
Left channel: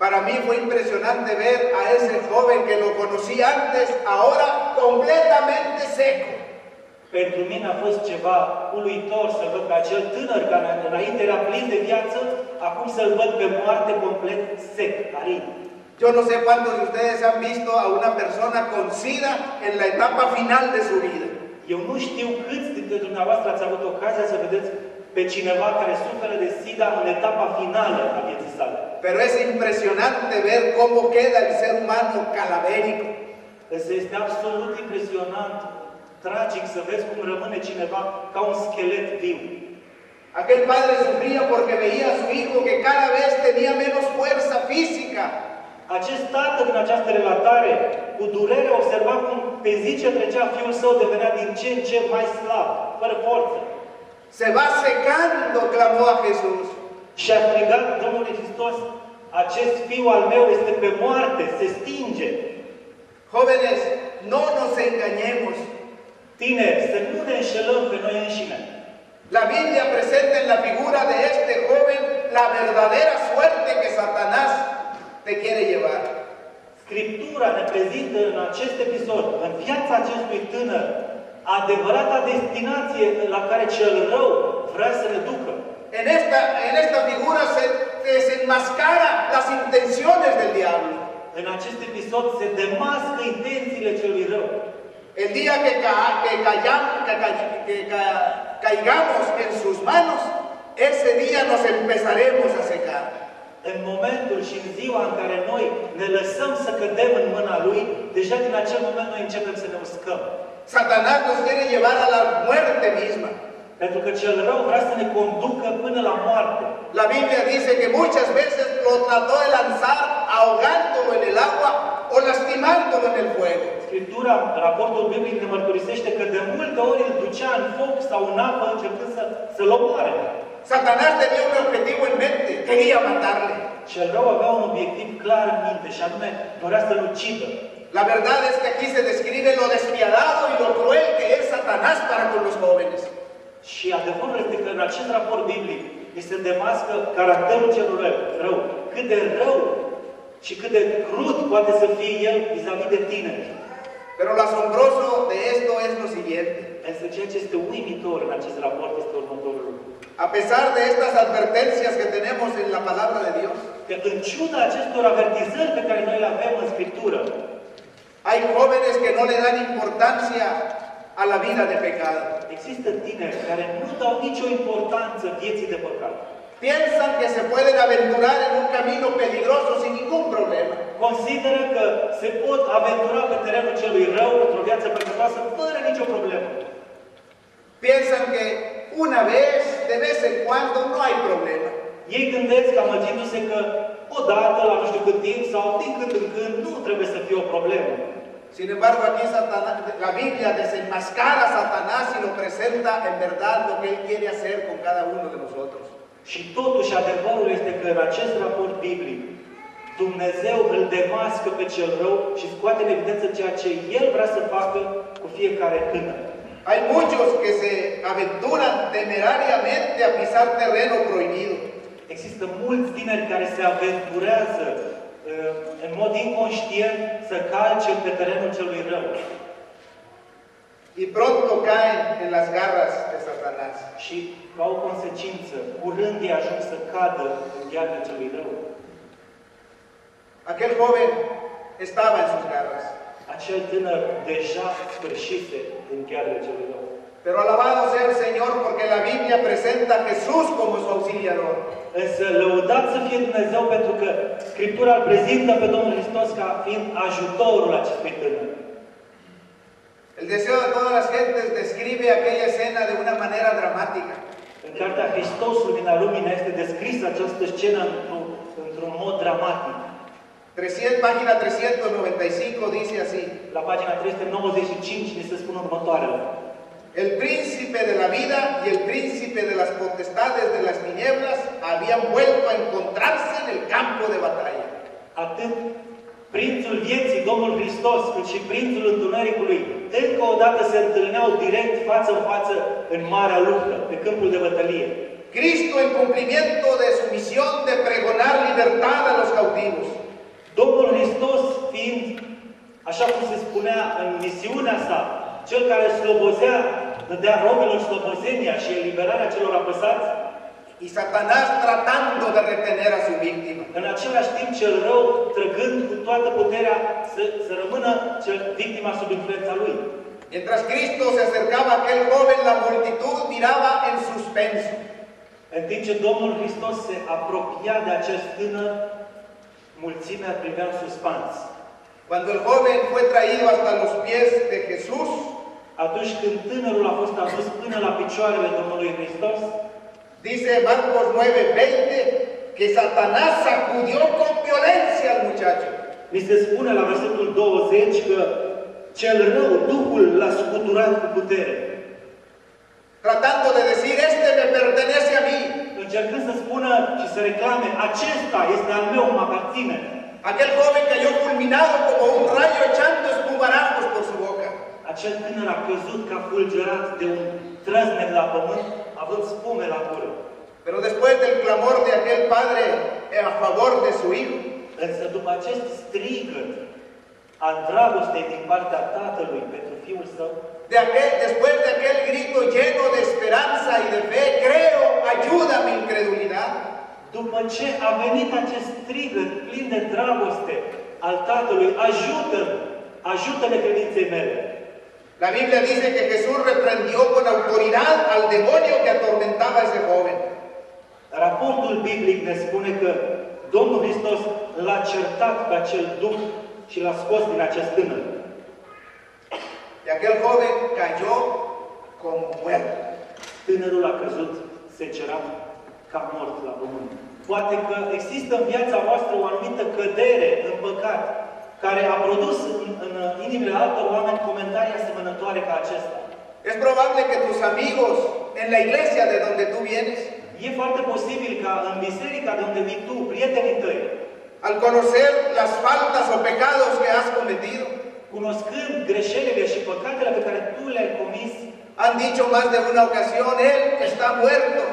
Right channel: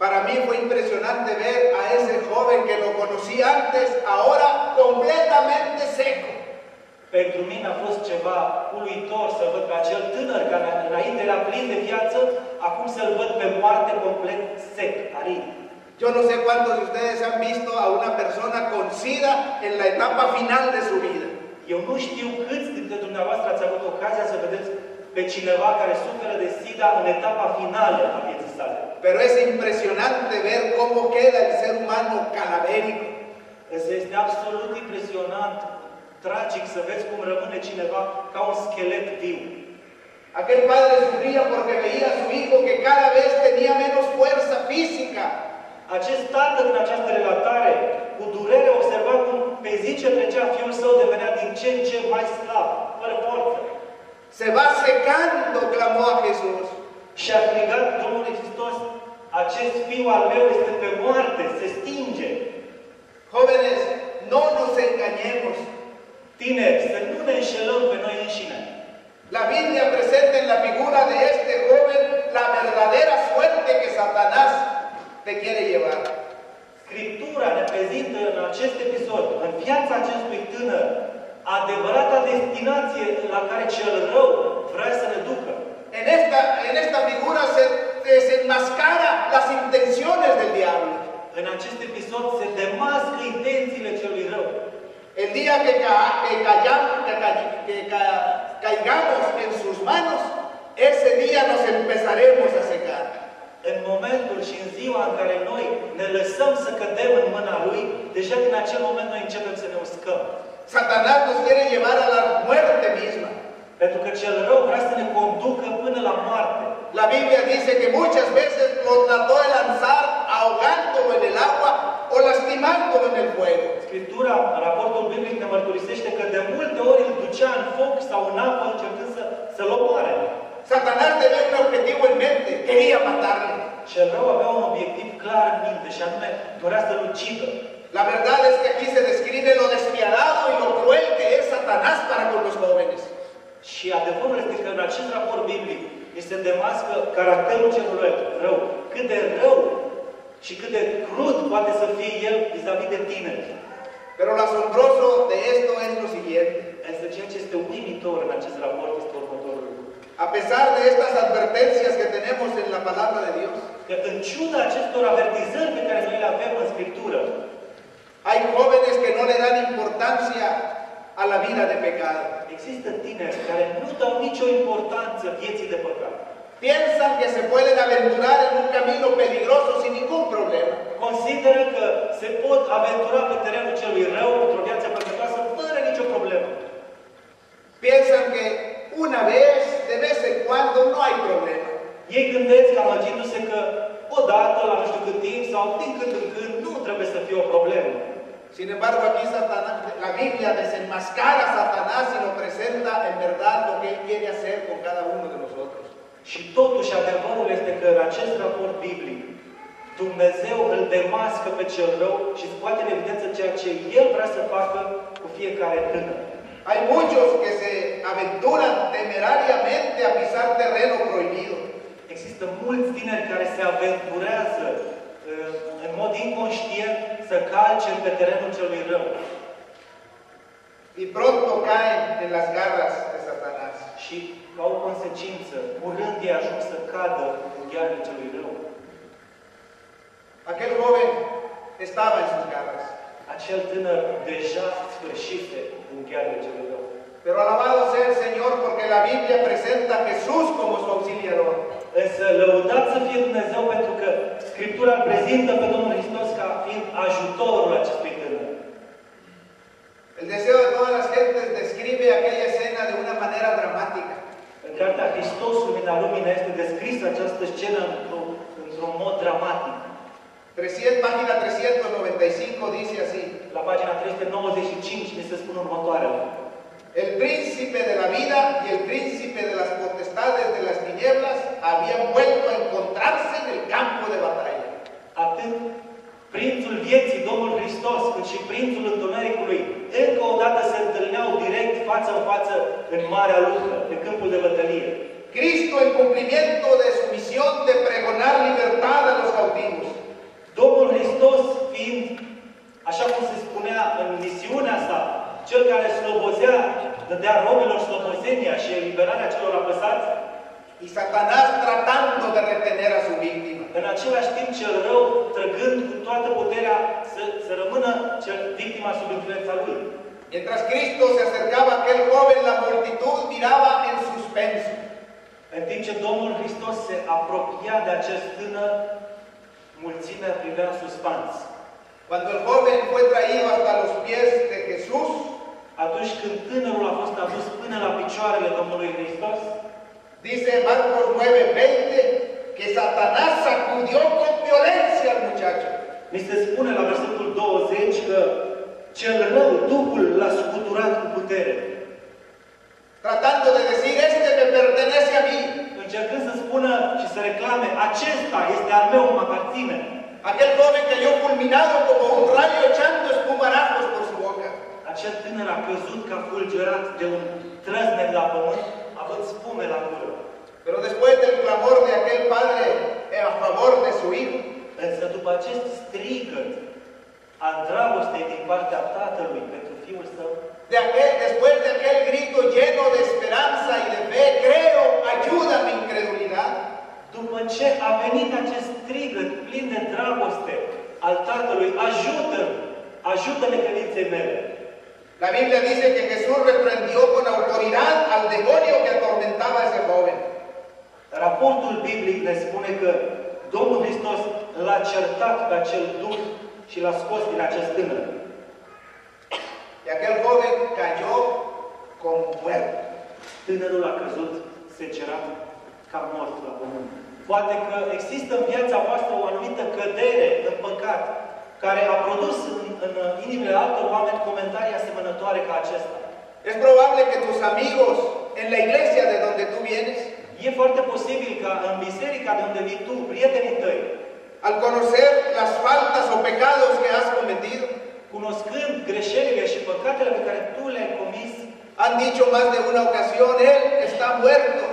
Para mí fue impresionante ver a ese joven que lo conocí antes, ahora completamente seco. Pentru mine a fost ceva uluitor să văd pe acel tânăr care înainte era plin de viață, acum să-l văd pe moarte complet sec, arid. Yo no sé cuántos de ustedes han visto a una persona con SIDA en la etapa final de su vida. Eu nu știu câți dintre dumneavoastră ați avut ocazia să vedeți pe cineva care suferă de SIDA în etapa finală a vieții sale. Pero es impresionante ver cómo queda el ser humano calavérico. Însă este absolut impresionant, tragic să vezi cum rămâne cineva ca un schelet viu. Aquel padre sufría porque veía a su hijo que cada vez tenía menos fuerza física. Acest tată din această relatare, cu durere, observa cum pe zi ce trecea fiul său devenea din ce în ce mai slab, fără forță. Se va secando, clamó a Jesús. Și a strigat Domnul Hristos, acest fiu al meu este pe moarte, se stinge. Jóvenes, no nos engañemos. Tineri, să nu ne înșelăm pe noi înșine. La Biblia presenta en la figura de este joven la verdadera suerte que Satanás te quiere llevar. Scriptura ne prezintă în acest episod, în viața acestui tânăr, adevărata destinație la care cel rău vrea să ne ducă. En esta figura se desenmascara las intenciones del diablo. În acest episod se demască intențiile celui rău. El día que caigamos en sus manos, ese día nos empezaremos a secar. În momentul și în ziua în care noi ne lăsăm să cădem în mâna Lui, deja din acel moment noi începem să ne uscăm. Satanás nos quiere llevar a la muerte misma. Pentru că cel rău vrea să ne conducă până la moarte. La Biblia dice que muchas veces lo trató de lanzar ahogándolo en el agua o lastimándolo en el fuego. Scriptura, raportul biblic ne mărturisește că de multe ori îl ducea în foc sau în apă încercând să-l omoare. Satanás tenía un objetivo en mente, quería matarle. Cel rău avea un obiectiv clar în minte și anume dorea să-l ucidă. La verdad es que aquí se describe lo despiadado y lo cruel que es Satanás para con los jóvenes. Și adevărul este că în acest raport biblic este demască caracterul celui rău. Cât de rău și cât de crud poate să fie el vis-a-vis de tineri. Pero lo asombroso de esto es lo siguiente. Însă ceea ce este uimitor în acest raport este următorul lucru. A pesar de estas advertencias que tenemos en la palabra de Dios, că în ciuda acestor avertizări pe care noi le avem în Scriptură, hay jóvenes que no le dan importancia a la vida de pecado. Există tineri care nu dau nicio importanță vieții de păcat. Piensan que se pueden aventurar en un camino peligroso sin ningún problema. Consideră că se pot aventura pe terenul celui rău într-o viață păcătoasă fără nicio problemă. Piensan que una vez, de vez en cuando, no hay problema. Ei gândesc, amăgindu-se că odată, la nu știu cât timp, sau din când în când, nu trebuie să fie o problemă. Sin embargo, aquí la Biblia desenmascara a Satanás y lo presenta en verdad lo que él quiere hacer con cada uno de nosotros. Și totuși adevărul este că în acest raport biblic Dumnezeu îl demască pe cel rău și scoate în evidență ceea ce El vrea să facă cu fiecare tânăr. Hay muchos que se aventuran temerariamente a pisar terreno prohibido. Există mulți tineri care se aventurează în mod inconștient să calce pe terenul celui rău. y pronto caen en las garras de Satanás. Și, ca o consecință, curând ei ajung să cadă în ghearele celui rău. Aquel joven estaba en sus garras. Acel tânăr deja sfârșise în ghearele celui rău. Pero alabado sea el Señor porque la Biblia presenta a Jesús como su auxiliador. Însă lăudat să fie Dumnezeu pentru că Scriptura îl prezintă pe Domnul Hristos ca fiind ajutorul acestui tânăr. El deseo de todas las gentes describe aquella escena de una manera dramática. În cartea Hristosul din Alumina este descrisă această scenă într-un mod dramatic. Página 395 dice así. La pagina 395 ni se spune următoarele. El príncipe de la vida y el príncipe de las potestades de las tinieblas habían vuelto a encontrarse en el campo de batalla. Atât prințul vieții, Domnul Hristos, cât și prințul întunericului, încă o dată se întâlneau direct față în față în marea luptă, pe câmpul de bătălie. Cristo en cumplimiento de su misión de pregonar libertad a los cautivos. Domnul Hristos fiind, așa cum se spunea în misiunea sa, cel care slobozea, dădea romelor slobozenia și eliberarea celor apăsați, y Satanás tratando de retener a su víctima. În același timp, cel rău, trăgând cu toată puterea să rămână victima sub influența lui. Mientras Cristo se acercaba a aquel joven, la multitud miraba en suspenso. În timp ce Domnul Hristos se apropia de acest tânăr, mulțimea privea în suspans. Cuando el joven fue traído hasta los pies de Jesús, atunci când tânărul a fost adus până la picioarele Domnului Hristos, dice Marcos 9:20 que Satanás sacudió con violencia al muchacho. Ni se spune la versetul 20 că cel rău, Duhul l-a scuturat cu putere. Tratando de decir, este me pertenece a mí. Încercând să spună și să reclame, acesta este al meu, mă aparține. Aquel joven cayó fulminado como un rayo echando espumarajos por su boca. Acel tânăr a căzut ca fulgerat de un trăznet la pământ, având spume la gură. Pero después del clamor de aquel padre a favor de su hijo, însă după acest strigăt al dragostei din partea tatălui pentru fiul său, después de aquel grito lleno de esperanza y de fe, creo, ayuda mi incredulidad. După ce a venit acest strigăt plin de dragoste al tatălui, ajută-ne credinței mele. La Biblia dice que Jesús reprendió con autoridad al demonio que atormentaba a ese joven. Raportul biblic ne spune că Domnul Hristos l-a certat pe acel duh și l-a scos din acest tânăr. Y aquel joven cayó como muerto. Tânărul a căzut secerat ca mort la pământ. Poate că există în viața voastră o anumită cădere în păcat care a produs în inimile altor oameni comentarii asemănătoare ca acesta. Es probable que tus amigos en la iglesia de donde tú vienes, e foarte posibil ca în biserica de unde vii tu, prietenii tăi, al conocer las faltas o pecados que has cometido, cunoscând greșelile și păcatele pe care tu le-ai comis, han dicho más de una ocasión, él está muerto.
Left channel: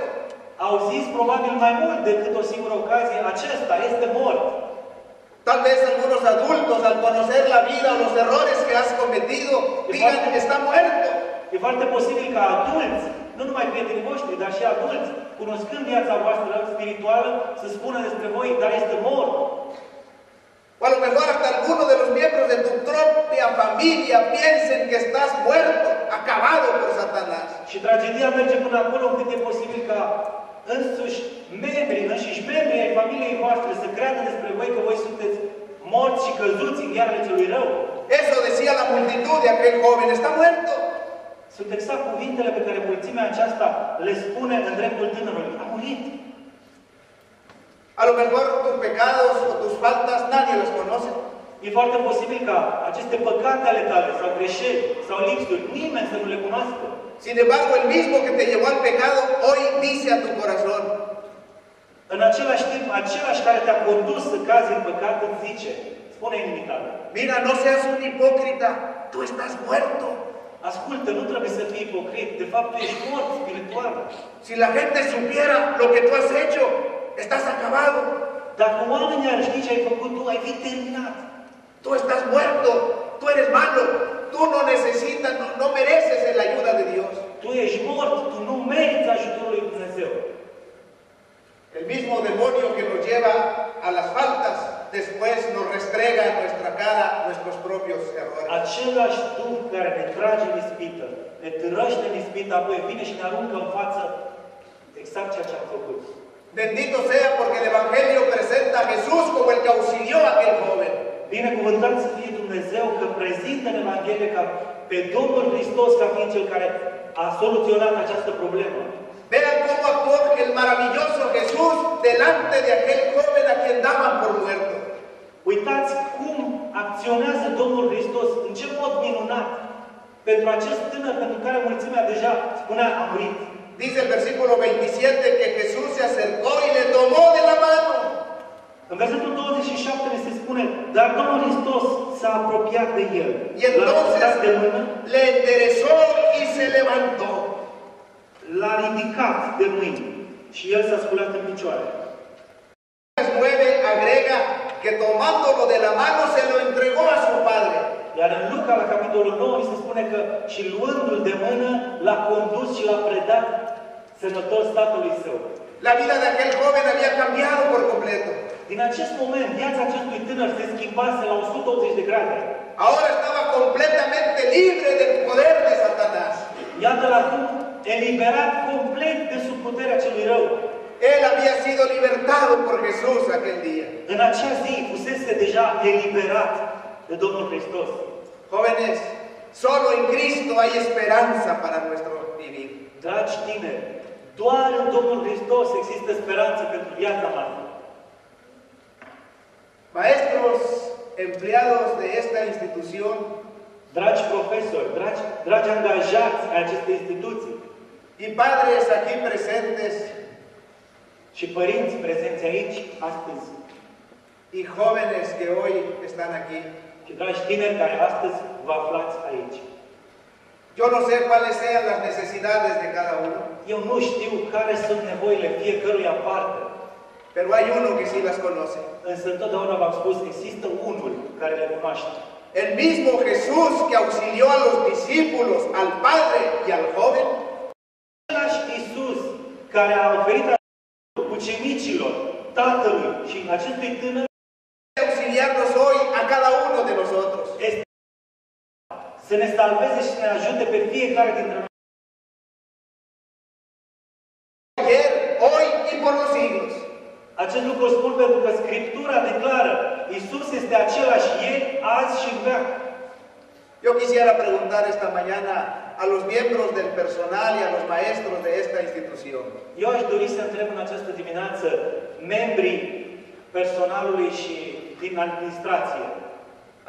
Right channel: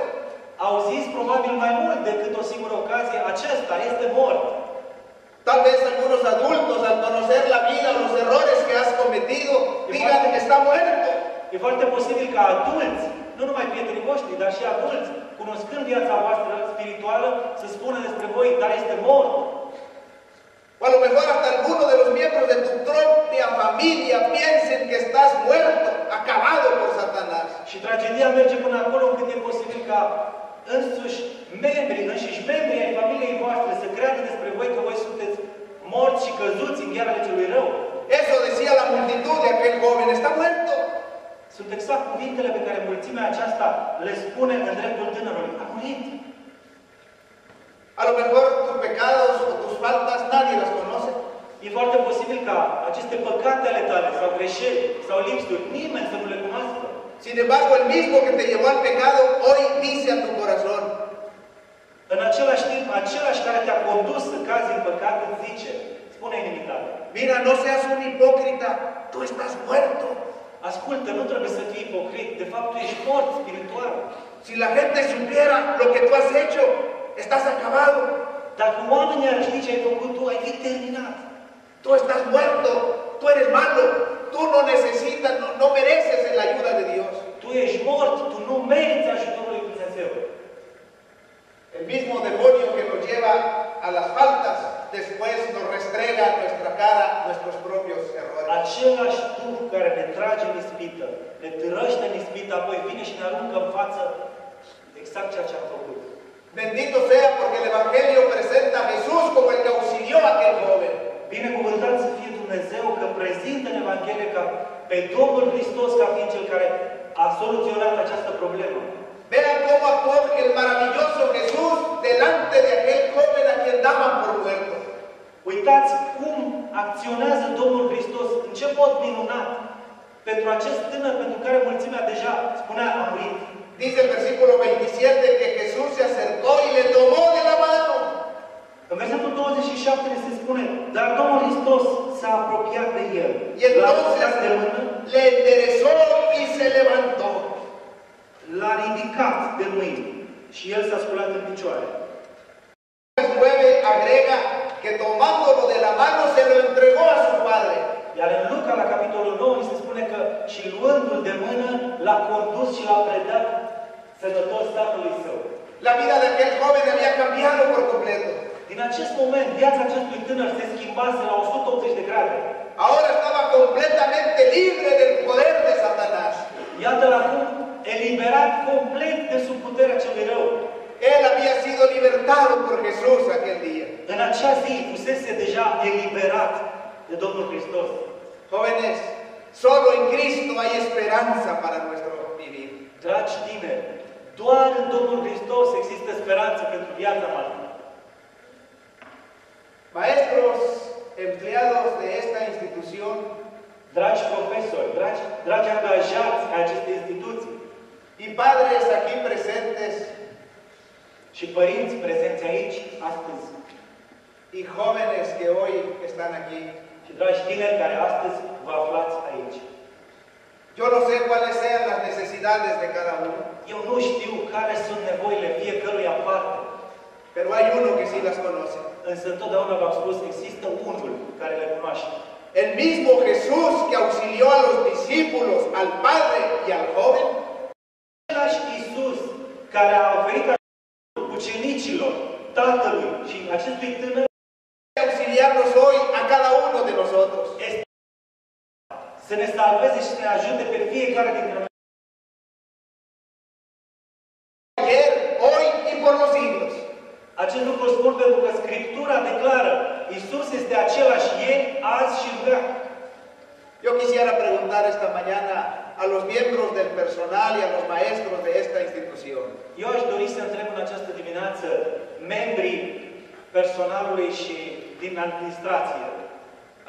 Au zis probabil mai mult decât o singură ocazie, acesta este mort. Tal vez algunos adultos, al conocer la vida o los errores que has cometido, digan, está muerto. E foarte posibil ca adulți, nu numai prietenii voștri, dar și adulți, cunoscând viața voastră spirituală, să spună despre voi, dar este mort. O a lo mejor hasta algunos de los miembros de tu propia familia piensen que estás muerto, acabado por Satanás. Și tragedia merge până acolo încât e posibil ca înșiși membrii ai familiei voastre să creadă despre voi că voi sunteți morți și căzuți în ghearele celui rău. Eso decía la multitud de aquel joven, está muerto. Sunt exact cuvintele pe care mulțimea aceasta le spune în dreptul tânărului. A murit. A lo mejor tus pecados o tus faltas nadie las conoce. E foarte posibil ca aceste păcate ale tale sau greșeli sau lipsuri nimeni să nu le cunoască. Sin embargo, el mismo que te llevó al pecado hoy dice a tu corazón. În același timp, același care te-a condus să cazi în păcat îți zice, spune inimii tale. Mira, no seas un hipócrita, tú estás muerto. Ascultă, nu trebuie să fii ipocrit. De fapt, tu ești mort spiritual. Si la gente supiera lo que tú has hecho, estás acabado. Dacă oamenii ar ști ce ai făcut tu, ai fi terminat. Tú estás muerto, tú eres malo, tú no necesitas, no mereces la ayuda de Dios. Tu ești mort, tu nu meriți ajutorul lui Dumnezeu. El mismo demonio que nos lleva a las faltas, después nos restrega en nuestra cara nuestros propios errores. Același Duh care ne trage în ispită, ne târăște în ispită, apoi vine și ne aruncă în față exact ceea ce am făcut. Bendito sea porque el Evangelio presenta a Jesús como el que auxilió a aquel joven. Binecuvântat să fie Dumnezeu că prezintă în Evanghelie ca pe Domnul Hristos ca fiind Cel care a soluționat această problemă. Vean cómo actuó el maravilloso Jesús delante de aquel joven a quien daban por muerto. Uitați cum acționează Domnul Hristos, în ce mod minunat, pentru acest tânăr pentru care mulțimea deja spunea a murit. Dice el versículo 27 que Jesús se acercó y le tomó de la mano. În versetul 27 ne se spune, dar Domnul Hristos s-a apropiat de el. Y entonces le enderezó y se levantó. L-a ridicat de mâini și el s-a sculat în picioare. 9 agrega que tomándolo de la mano se lo entregó a su padre. Iar în Luca, la capitolul 9, se spune că și luându-l de mână, l-a condus și l-a predat sănătos tatălui său. La vida de aquel joven había cambiado por completo. Din acest moment, viața acestui tânăr se schimbase la 180 de grade. Ahora estaba completamente libre del poder de Satanás. Iată-l acum eliberat complet de sub puterea celui rău. Él había sido libertado por Jesús aquel día. În acea zi fusese deja eliberat de Domnul Hristos. Jóvenes, solo en Cristo hay esperanza para nuestro vivir. Dragi tineri, doar în Domnul Hristos există speranță pentru viața noastră. Maestros, empleados de esta institución, dragi profesori, dragi angajați ai acestei instituții, y padres aquí presentes, și părinți prezenți aici astăzi, y jóvenes que hoy están aquí, și dragi tineri care astăzi vă aflați aici. Yo no sé cuáles sean las necesidades de cada uno. Eu nu știu care sunt nevoile fiecăruia în parte. Pero hay uno que sí las conoce. Însă totdeauna v-am spus, există unul care le cunoaște. El mismo Jesús que auxilió a los discípulos, al Padre y al joven. Același Iisus care a oferit ucenicilor, Tatălui și acestui tânăr, auxiliarnos hoy a cada uno de nosotros. Să ne salveze și să ne ajute pe fiecare dintre noi. Ayer, hoy y por los siglos. Acest lucru spun pentru că Scriptura declară Iisus este același ieri, azi și în veac. Yo quisiera preguntar esta mañana a los miembros del personal y a los maestros de esta institución. Eu aș dori să întreb în această dimineață membrii personalului și din administrație.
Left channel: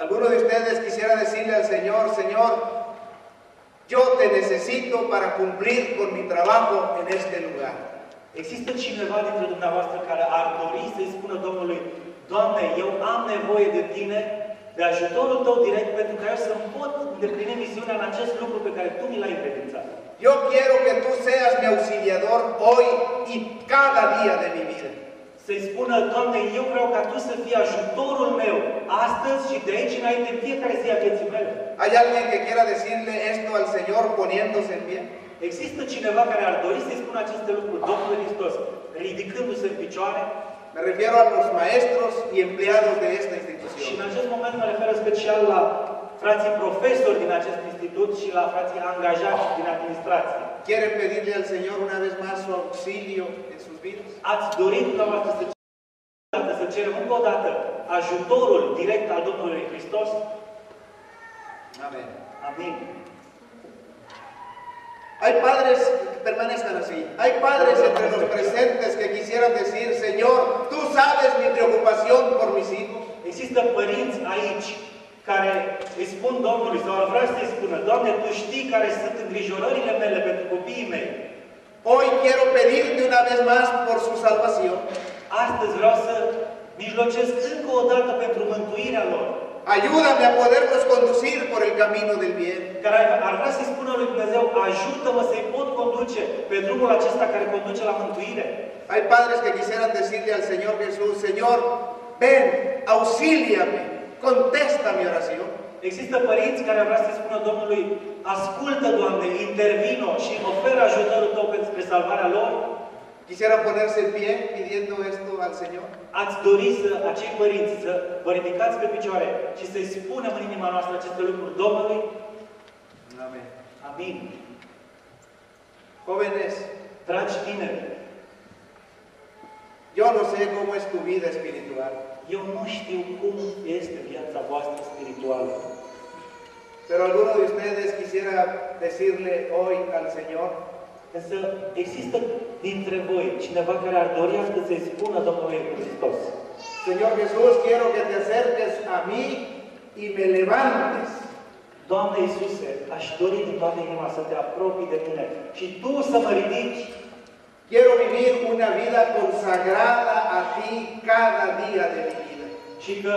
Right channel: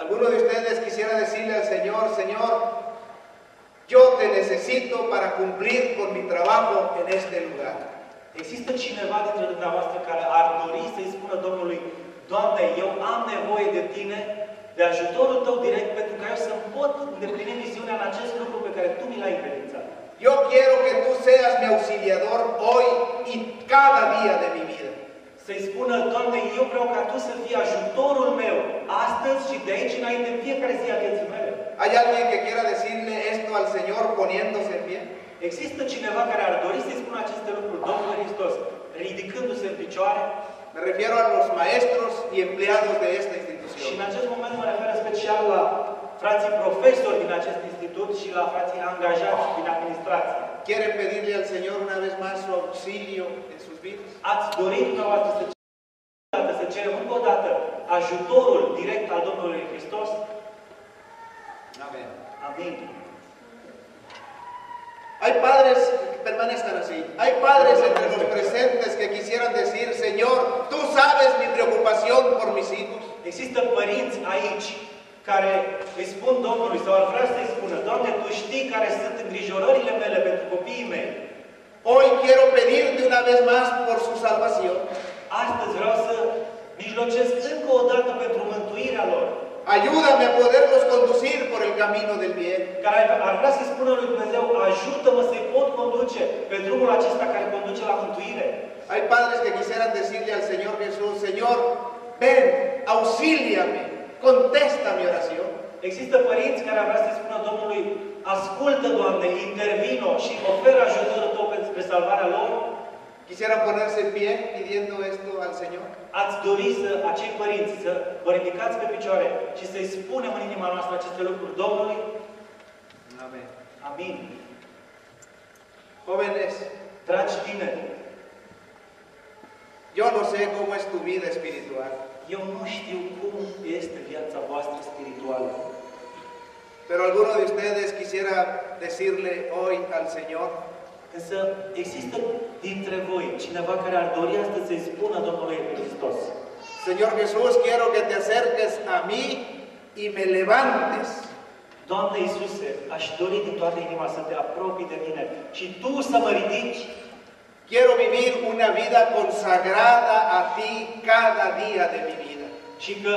Alguno de ustedes quisiera decirle al Señor, Señor, yo te necesito para cumplir con mi trabajo en este lugar. Există cineva dintre dumneavoastră care ar dori să-i spună Domnului, Doamne, eu am nevoie de Tine, de ajutorul Tău direct, pentru ca eu să-mi pot îndeplini misiunea în acest lucru pe care Tu mi l-ai încredințat. Yo quiero que tú seas mi auxiliador hoy y cada día de mi vida. Să-i spună, Doamne, eu vreau ca Tu să fii ajutorul meu, astăzi și de aici înainte, în fiecare zi a vieții mele. ¿Hay alguien que quiera decirle esto al Señor poniéndose en pie? Există cineva care ar dori să-i spună aceste lucruri, Domnul Hristos, ridicându-se în picioare? Me refiero a los maestros y empleados de esta institución. Și în acest moment mă refer special la frații profesori din acest institut și la frații angajați din administrație. ¿Quieren pedirle al Señor una vez más su auxilio en sus vidas? Ați dorit dumneavoastră să cerem încă o dată ajutorul direct al Domnului Hristos? Amén. Amin. Hay padres, permanezcan así, hay padres entre los presentes que quisieran decir, Señor, tú sabes mi preocupación por mis hijos. Există părinți aici care îi spun Domnului sau ar vrea să-i spună, Doamne, Tu știi care sunt îngrijorările mele pentru copiii mei. Hoy quiero pedirte una vez más por su salvación. Astăzi vreau să mijlocesc încă o dată pentru mântuirea lor. Ayúdame a poderlos conducir por el camino del bien. Care ar vrea să-i spună lui Dumnezeu, ajută-mă să-i pot conduce pe drumul acesta care conduce la mântuire. Hay padres que quisieran decirle al Señor Jesús, Señor, ven, auxíliame, contesta mi oración. Există părinți care ar vrea să-i spună Domnului, ascultă, Doamne, intervino și oferă ajutorul Tău spre salvarea lor. Quisieran ponerse en pie pidiendo esto al Señor. Ați dori să acei părinți să vă ridicați pe picioare și să-i spunem în inima noastră aceste lucruri Domnului? Amén. Amin. Jóvenes, Dragi tineri, yo no sé cómo es tu vida espiritual, eu nu știu cum este viața voastră spirituală. pero alguno de ustedes quisiera decirle hoy al Señor, Însă există dintre voi cineva care ar dori astăzi să-i spună Domnului Hristos: Señor Jesús, quiero que te acerques a mí y me levantes. Doamne Iisuse, aș dori din toată inima să te apropii de mine și Tu să mă ridici. Quiero vivir una vida consagrada a ti cada día de mi vida. Și că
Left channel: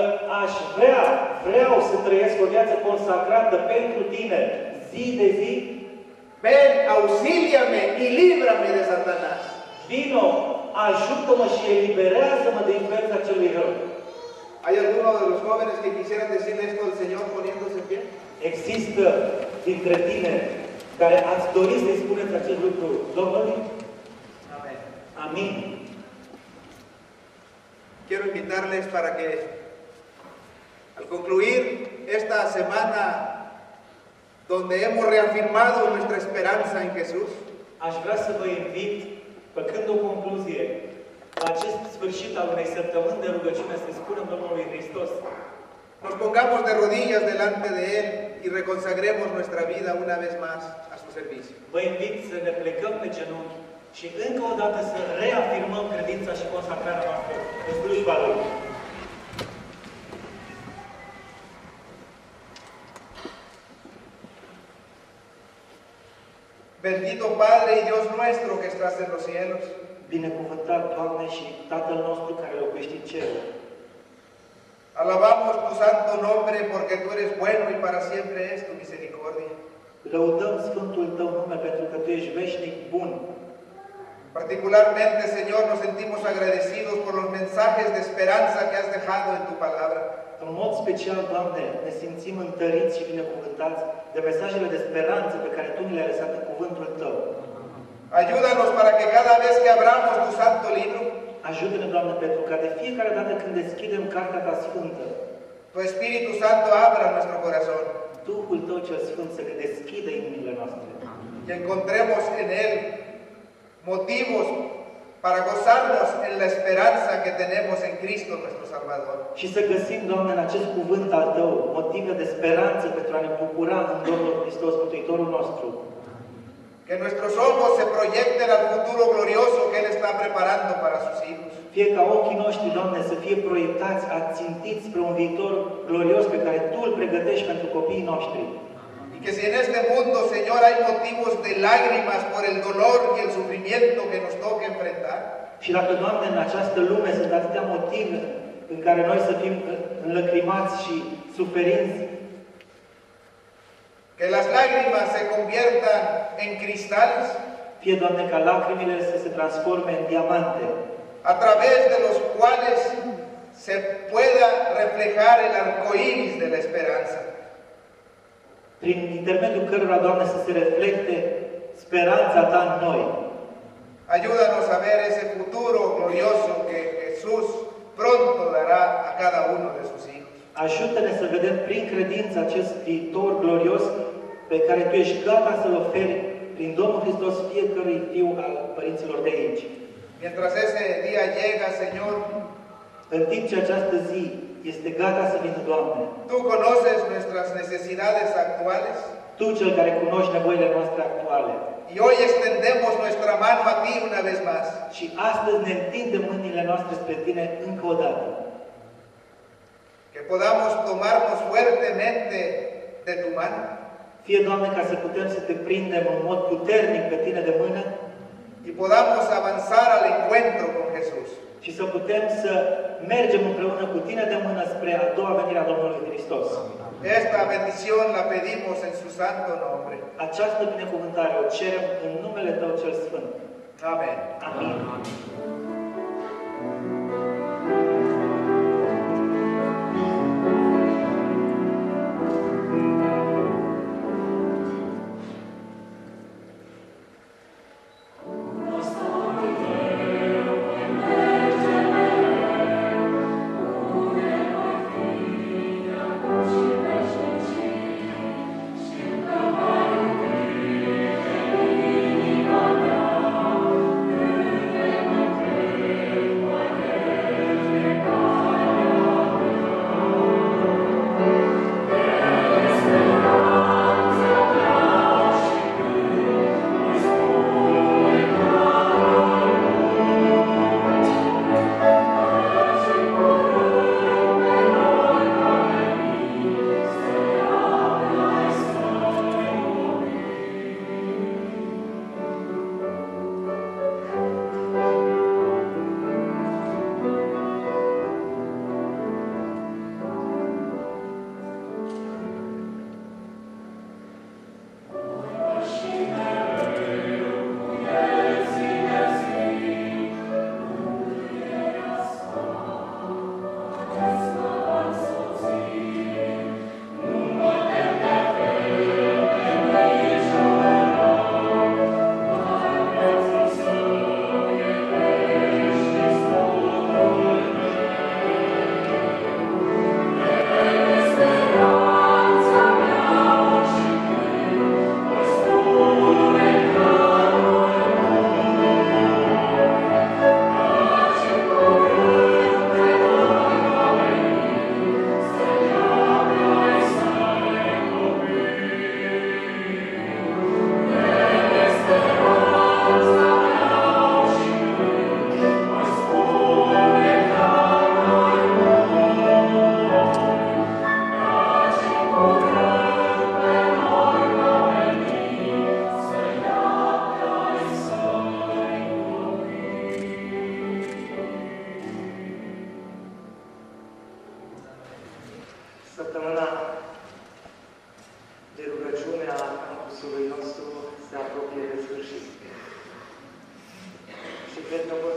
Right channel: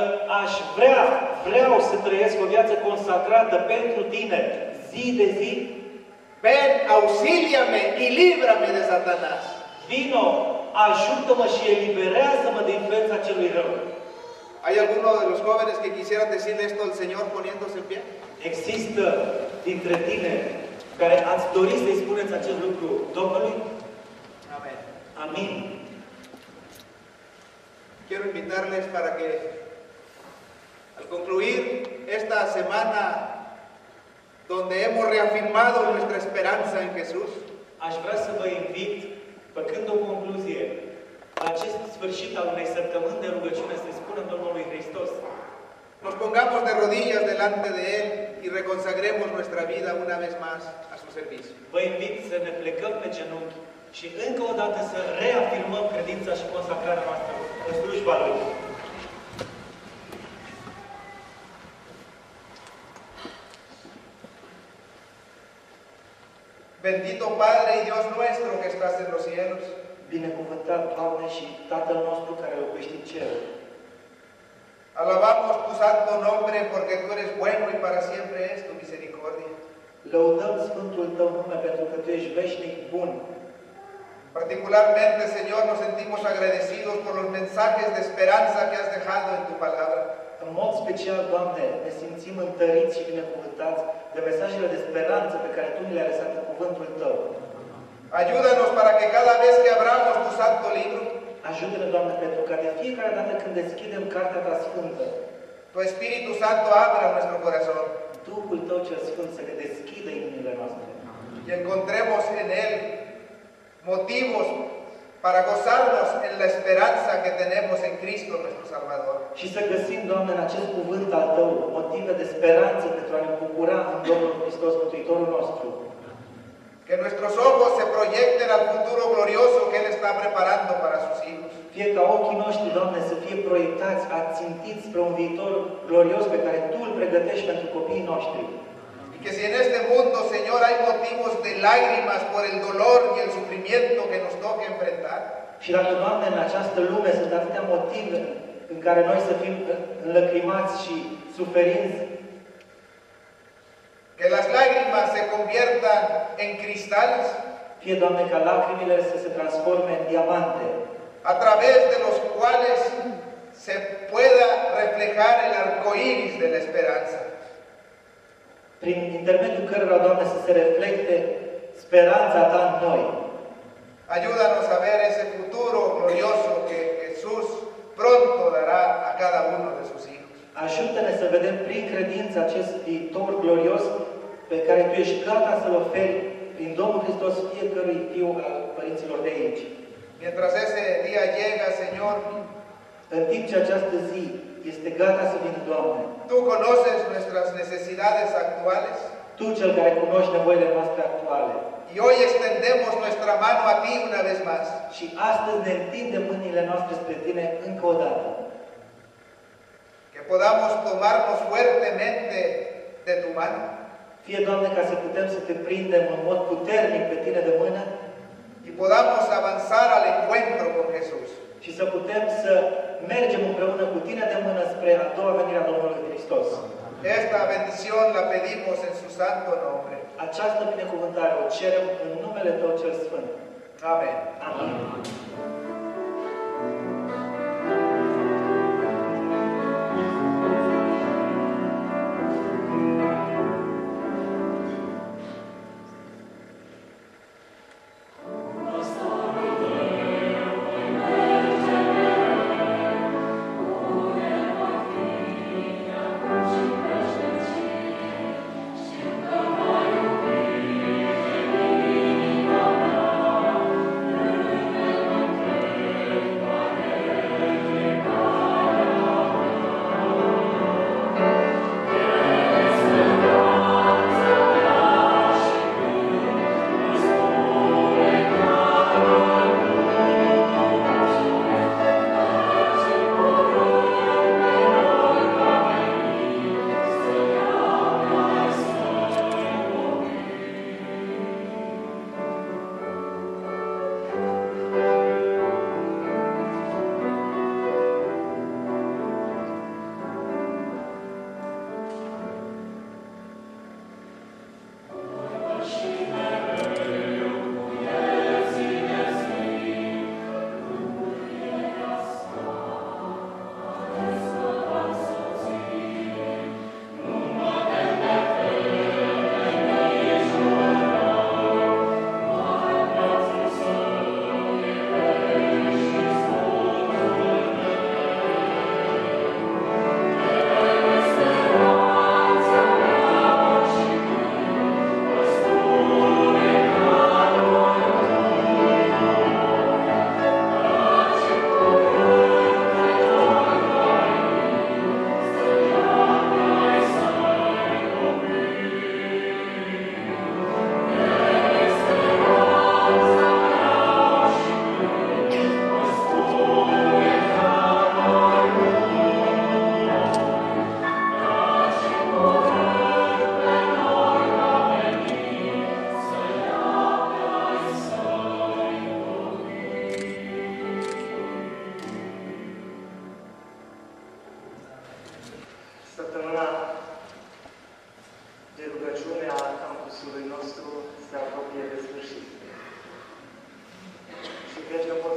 vreau să trăiesc o viață consacrată pentru Tine, zi de zi. Ven, auxíliame y líbrame de Satanás. Vino, ajută-mă și eliberează-mă de influența celui rău. ¿Hay alguno de los jóvenes que quisieran decir esto al Señor poniéndose en pie? Există dintre tine care ați dori să-i spuneți acest lucru Domnului? Amén. Amin. Quiero invitarles para que al concluir esta semana donde hemos reafirmado nuestra esperanza en Jesús, Aș vrea să vă invit, făcând o concluzie, la acest sfârșit al unei săptămâni de rugăciune să-i spunem Domnului Hristos: nos pongamos de rodillas delante de Él y reconsagremos nuestra vida una vez más a su servicio. Vă invit să ne plecăm pe genunchi și încă o dată să reafirmăm credința și consacrarea noastră în slujba Lui. Bendito Padre y Dios nuestro que estás en los cielos, Binecuvântat, Doamne, și Tatăl nostru care locuiește în cer. alabamos tu santo nombre porque tú eres bueno y para siempre es tu misericordia. Lăudăm Sfântul Tău nume pentru că Tu ești veșnic bun. Particularmente, Señor, nos sentimos agradecidos por los mensajes de esperanza que has dejado en tu palabra. În mod special, Doamne, ne simțim întăriți și binecuvântați de mesajele de speranță pe care Tu ni le-ai lăsat în cuvântul Tău. Ayúdanos para que cada vez que abramos tu santo libro, Ajută-ne, Doamne, pentru ca de fiecare dată când deschidem Cartea Ta Sfântă, tu Espíritu Santo abra nuestro corazón Duhul Tău cel Sfânt să ne deschidă inimile noastre y encontremos en él motivos para gozarnos en la esperanza que tenemos en Cristo nuestro Salvador. și să găsim, Doamne, în acest cuvânt al Tău motive de speranță pentru a ne bucura în Domnul Hristos, Mântuitorul nostru. Que nuestros ojos se proyecten al futuro glorioso que Él está preparando para sus hijos. Fie ca ochii noștri, Doamne, să fie proiectați, ațintiți spre un viitor glorios pe care Tu îl pregătești pentru copiii noștri. Y que si en este mundo, Señor, hay motivos de lágrimas por el dolor y el sufrimiento que nos toque enfrentar, Și dacă, Doamne, în această lume sunt atâtea motive în care noi să fim înlăcrimați și suferinți, que las lágrimas se conviertan en cristales fie, Doamne, ca lacrimile să se transforme în diamante, a través de los cuales se pueda reflejar el arco iris de la esperanza. prin intermediul cărora, Doamne, să se reflecte speranța Ta în noi. Ayúdanos a ver ese futuro glorioso que Jesús pronto dará a cada uno de sus hijos. Ajută-ne să vedem prin credință acest viitor glorios pe care Tu ești gata să-l oferi prin Domnul Hristos fiecărui fiu al părinților de aici. Mientras ese día llega, Señor, În timp ce această zi este gata să vină, Doamne, tú conoces nuestras necesidades actuales Tu, Cel care cunoști nevoile noastre actuale. y hoy extendemos nuestra mano a ti una vez más. Și astăzi ne întindem mâinile noastre spre Tine încă o dată. Que podamos tomarnos fuertemente de tu mano Fie, Doamne, ca să putem să Te prindem în mod puternic pe Tine de mână y podamos avanzar al encuentro con Jesús. și să putem să mergem împreună cu Tine de mână spre a doua venire a Domnului Hristos. Esta bendición la pedimos en su santo nombre. Această binecuvântare o cerem în numele Tău cel Sfânt. Amén. Amin.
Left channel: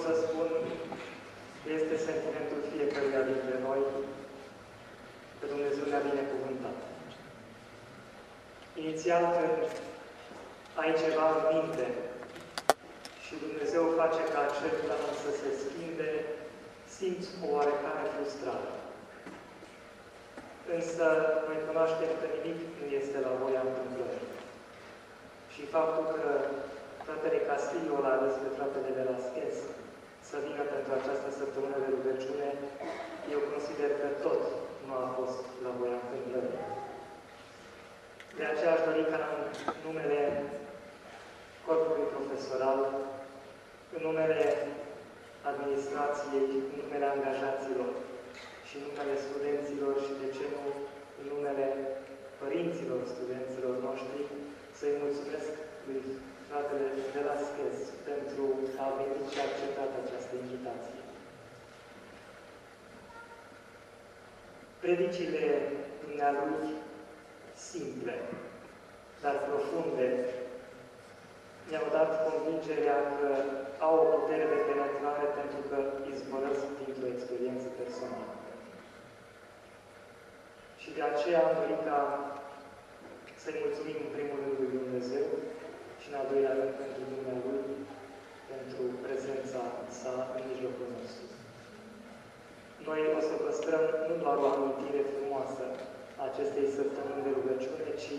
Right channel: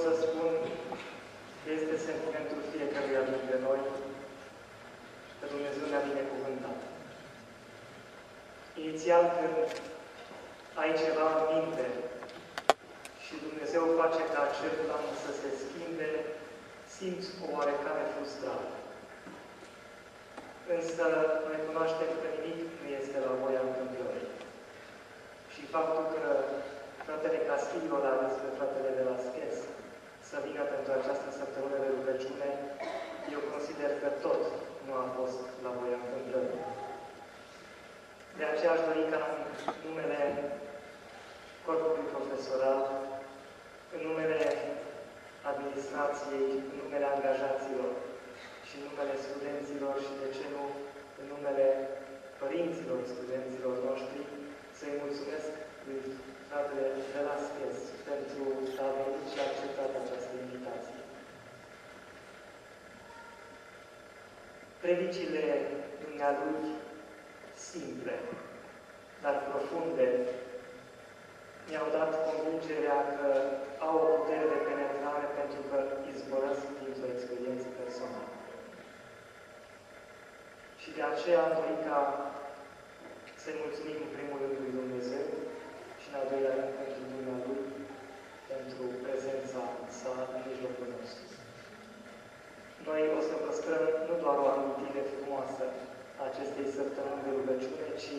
să spun că este sentimentul fiecăruia dintre noi că Dumnezeu ne-a binecuvântat. Inițial, când ai ceva în minte și Dumnezeu face ca acel plan să se schimbe, simți o oarecare frustrare. Însă, noi cunoaștem că nimic nu este la voia întâmplării. Și faptul că fratele Castillo l-a ales pe fratele Velasquez să vină pentru această săptămână de rugăciune, eu consider că tot nu a fost la voia întâmplării. De aceea aș dori ca în numele corpului profesoral, în numele administrației, în numele angajaților și în numele studenților și, de ce nu, în numele părinților studenților noștri, să-i mulțumesc lui fratele Velasquez pentru că a venit și a acceptat această invitație. Predicile dumnealui simple, dar profunde, mi-au dat convingerea că au o putere de penetrare pentru că izvorăsc dintr-o experiență personală. Și de aceea am dorit ca să-i mulțumim în primul rând lui Dumnezeu și în al doilea rând pentru Dumnealui, pentru prezența sa în mijlocul nostru. Noi o să păstrăm nu doar o amintire frumoasă a acestei săptămâni de rugăciune, ci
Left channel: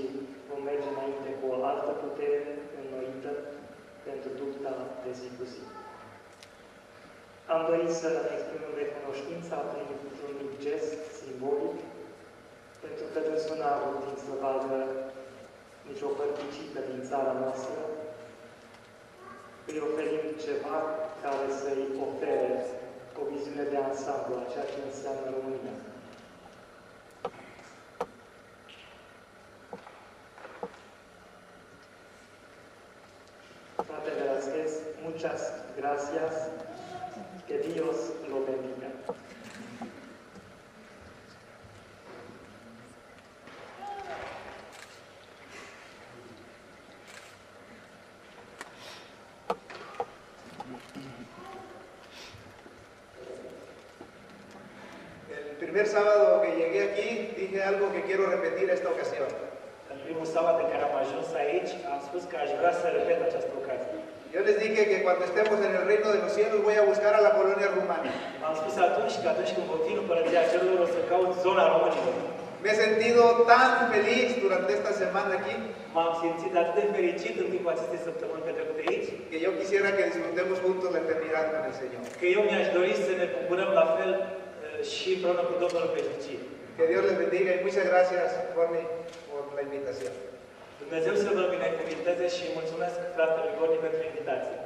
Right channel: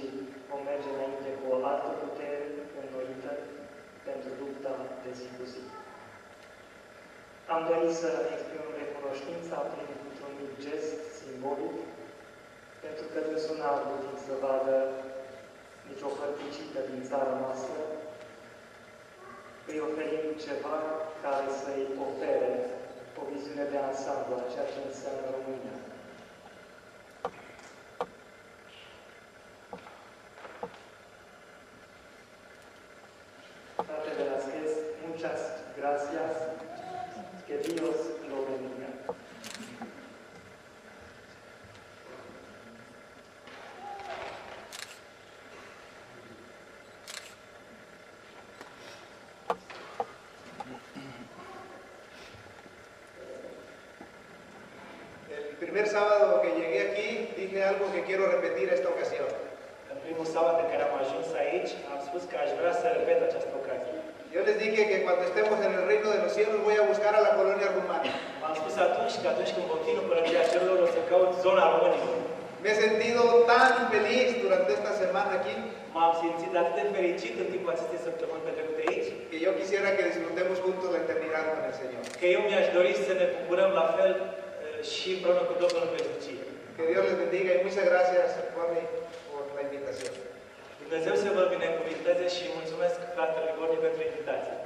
vom merge înainte cu o altă putere înnoită pentru lupta de zi cu zi. Am dorit să exprimăm recunoștința printr-un mic gest simbolic, pentru că Dumnezeu n-a avut să vadă nicio părticică din țara noastră, îi oferim ceva care să-i ofere o viziune de ansamblu a ceea ce înseamnă România. Fratele Velasquez, muchas gracias, que Dios lo bendiga. El primer sábado que llegué aquí, dije algo que quiero repetir esta ocasión. În primul sabat în care am ajuns aici, am spus că aș vrea să repet această ocazie. Yo les dije que cuando estemos en el reino de los cielos voy a buscar a la colonia rumana. M-am spus atunci că atunci când vom fi în Împărăția Cerurilor, o să caut zona românilor. Me he sentido tan feliz durante esta semana aquí M-am simțit atât de fericit în timpul acestei săptămâni petrecute aici, que yo quisiera que disfrutemos juntos la eternidad con el Señor. că eu mi-aș dori să ne bucurăm la fel și împreună cu Domnul în veșnicie. Que Dios les bendiga y muchas gracias, Borni, por la invitación. Dumnezeu să vă binecuvinteze și mulțumesc fratelui Gorni pentru invitație.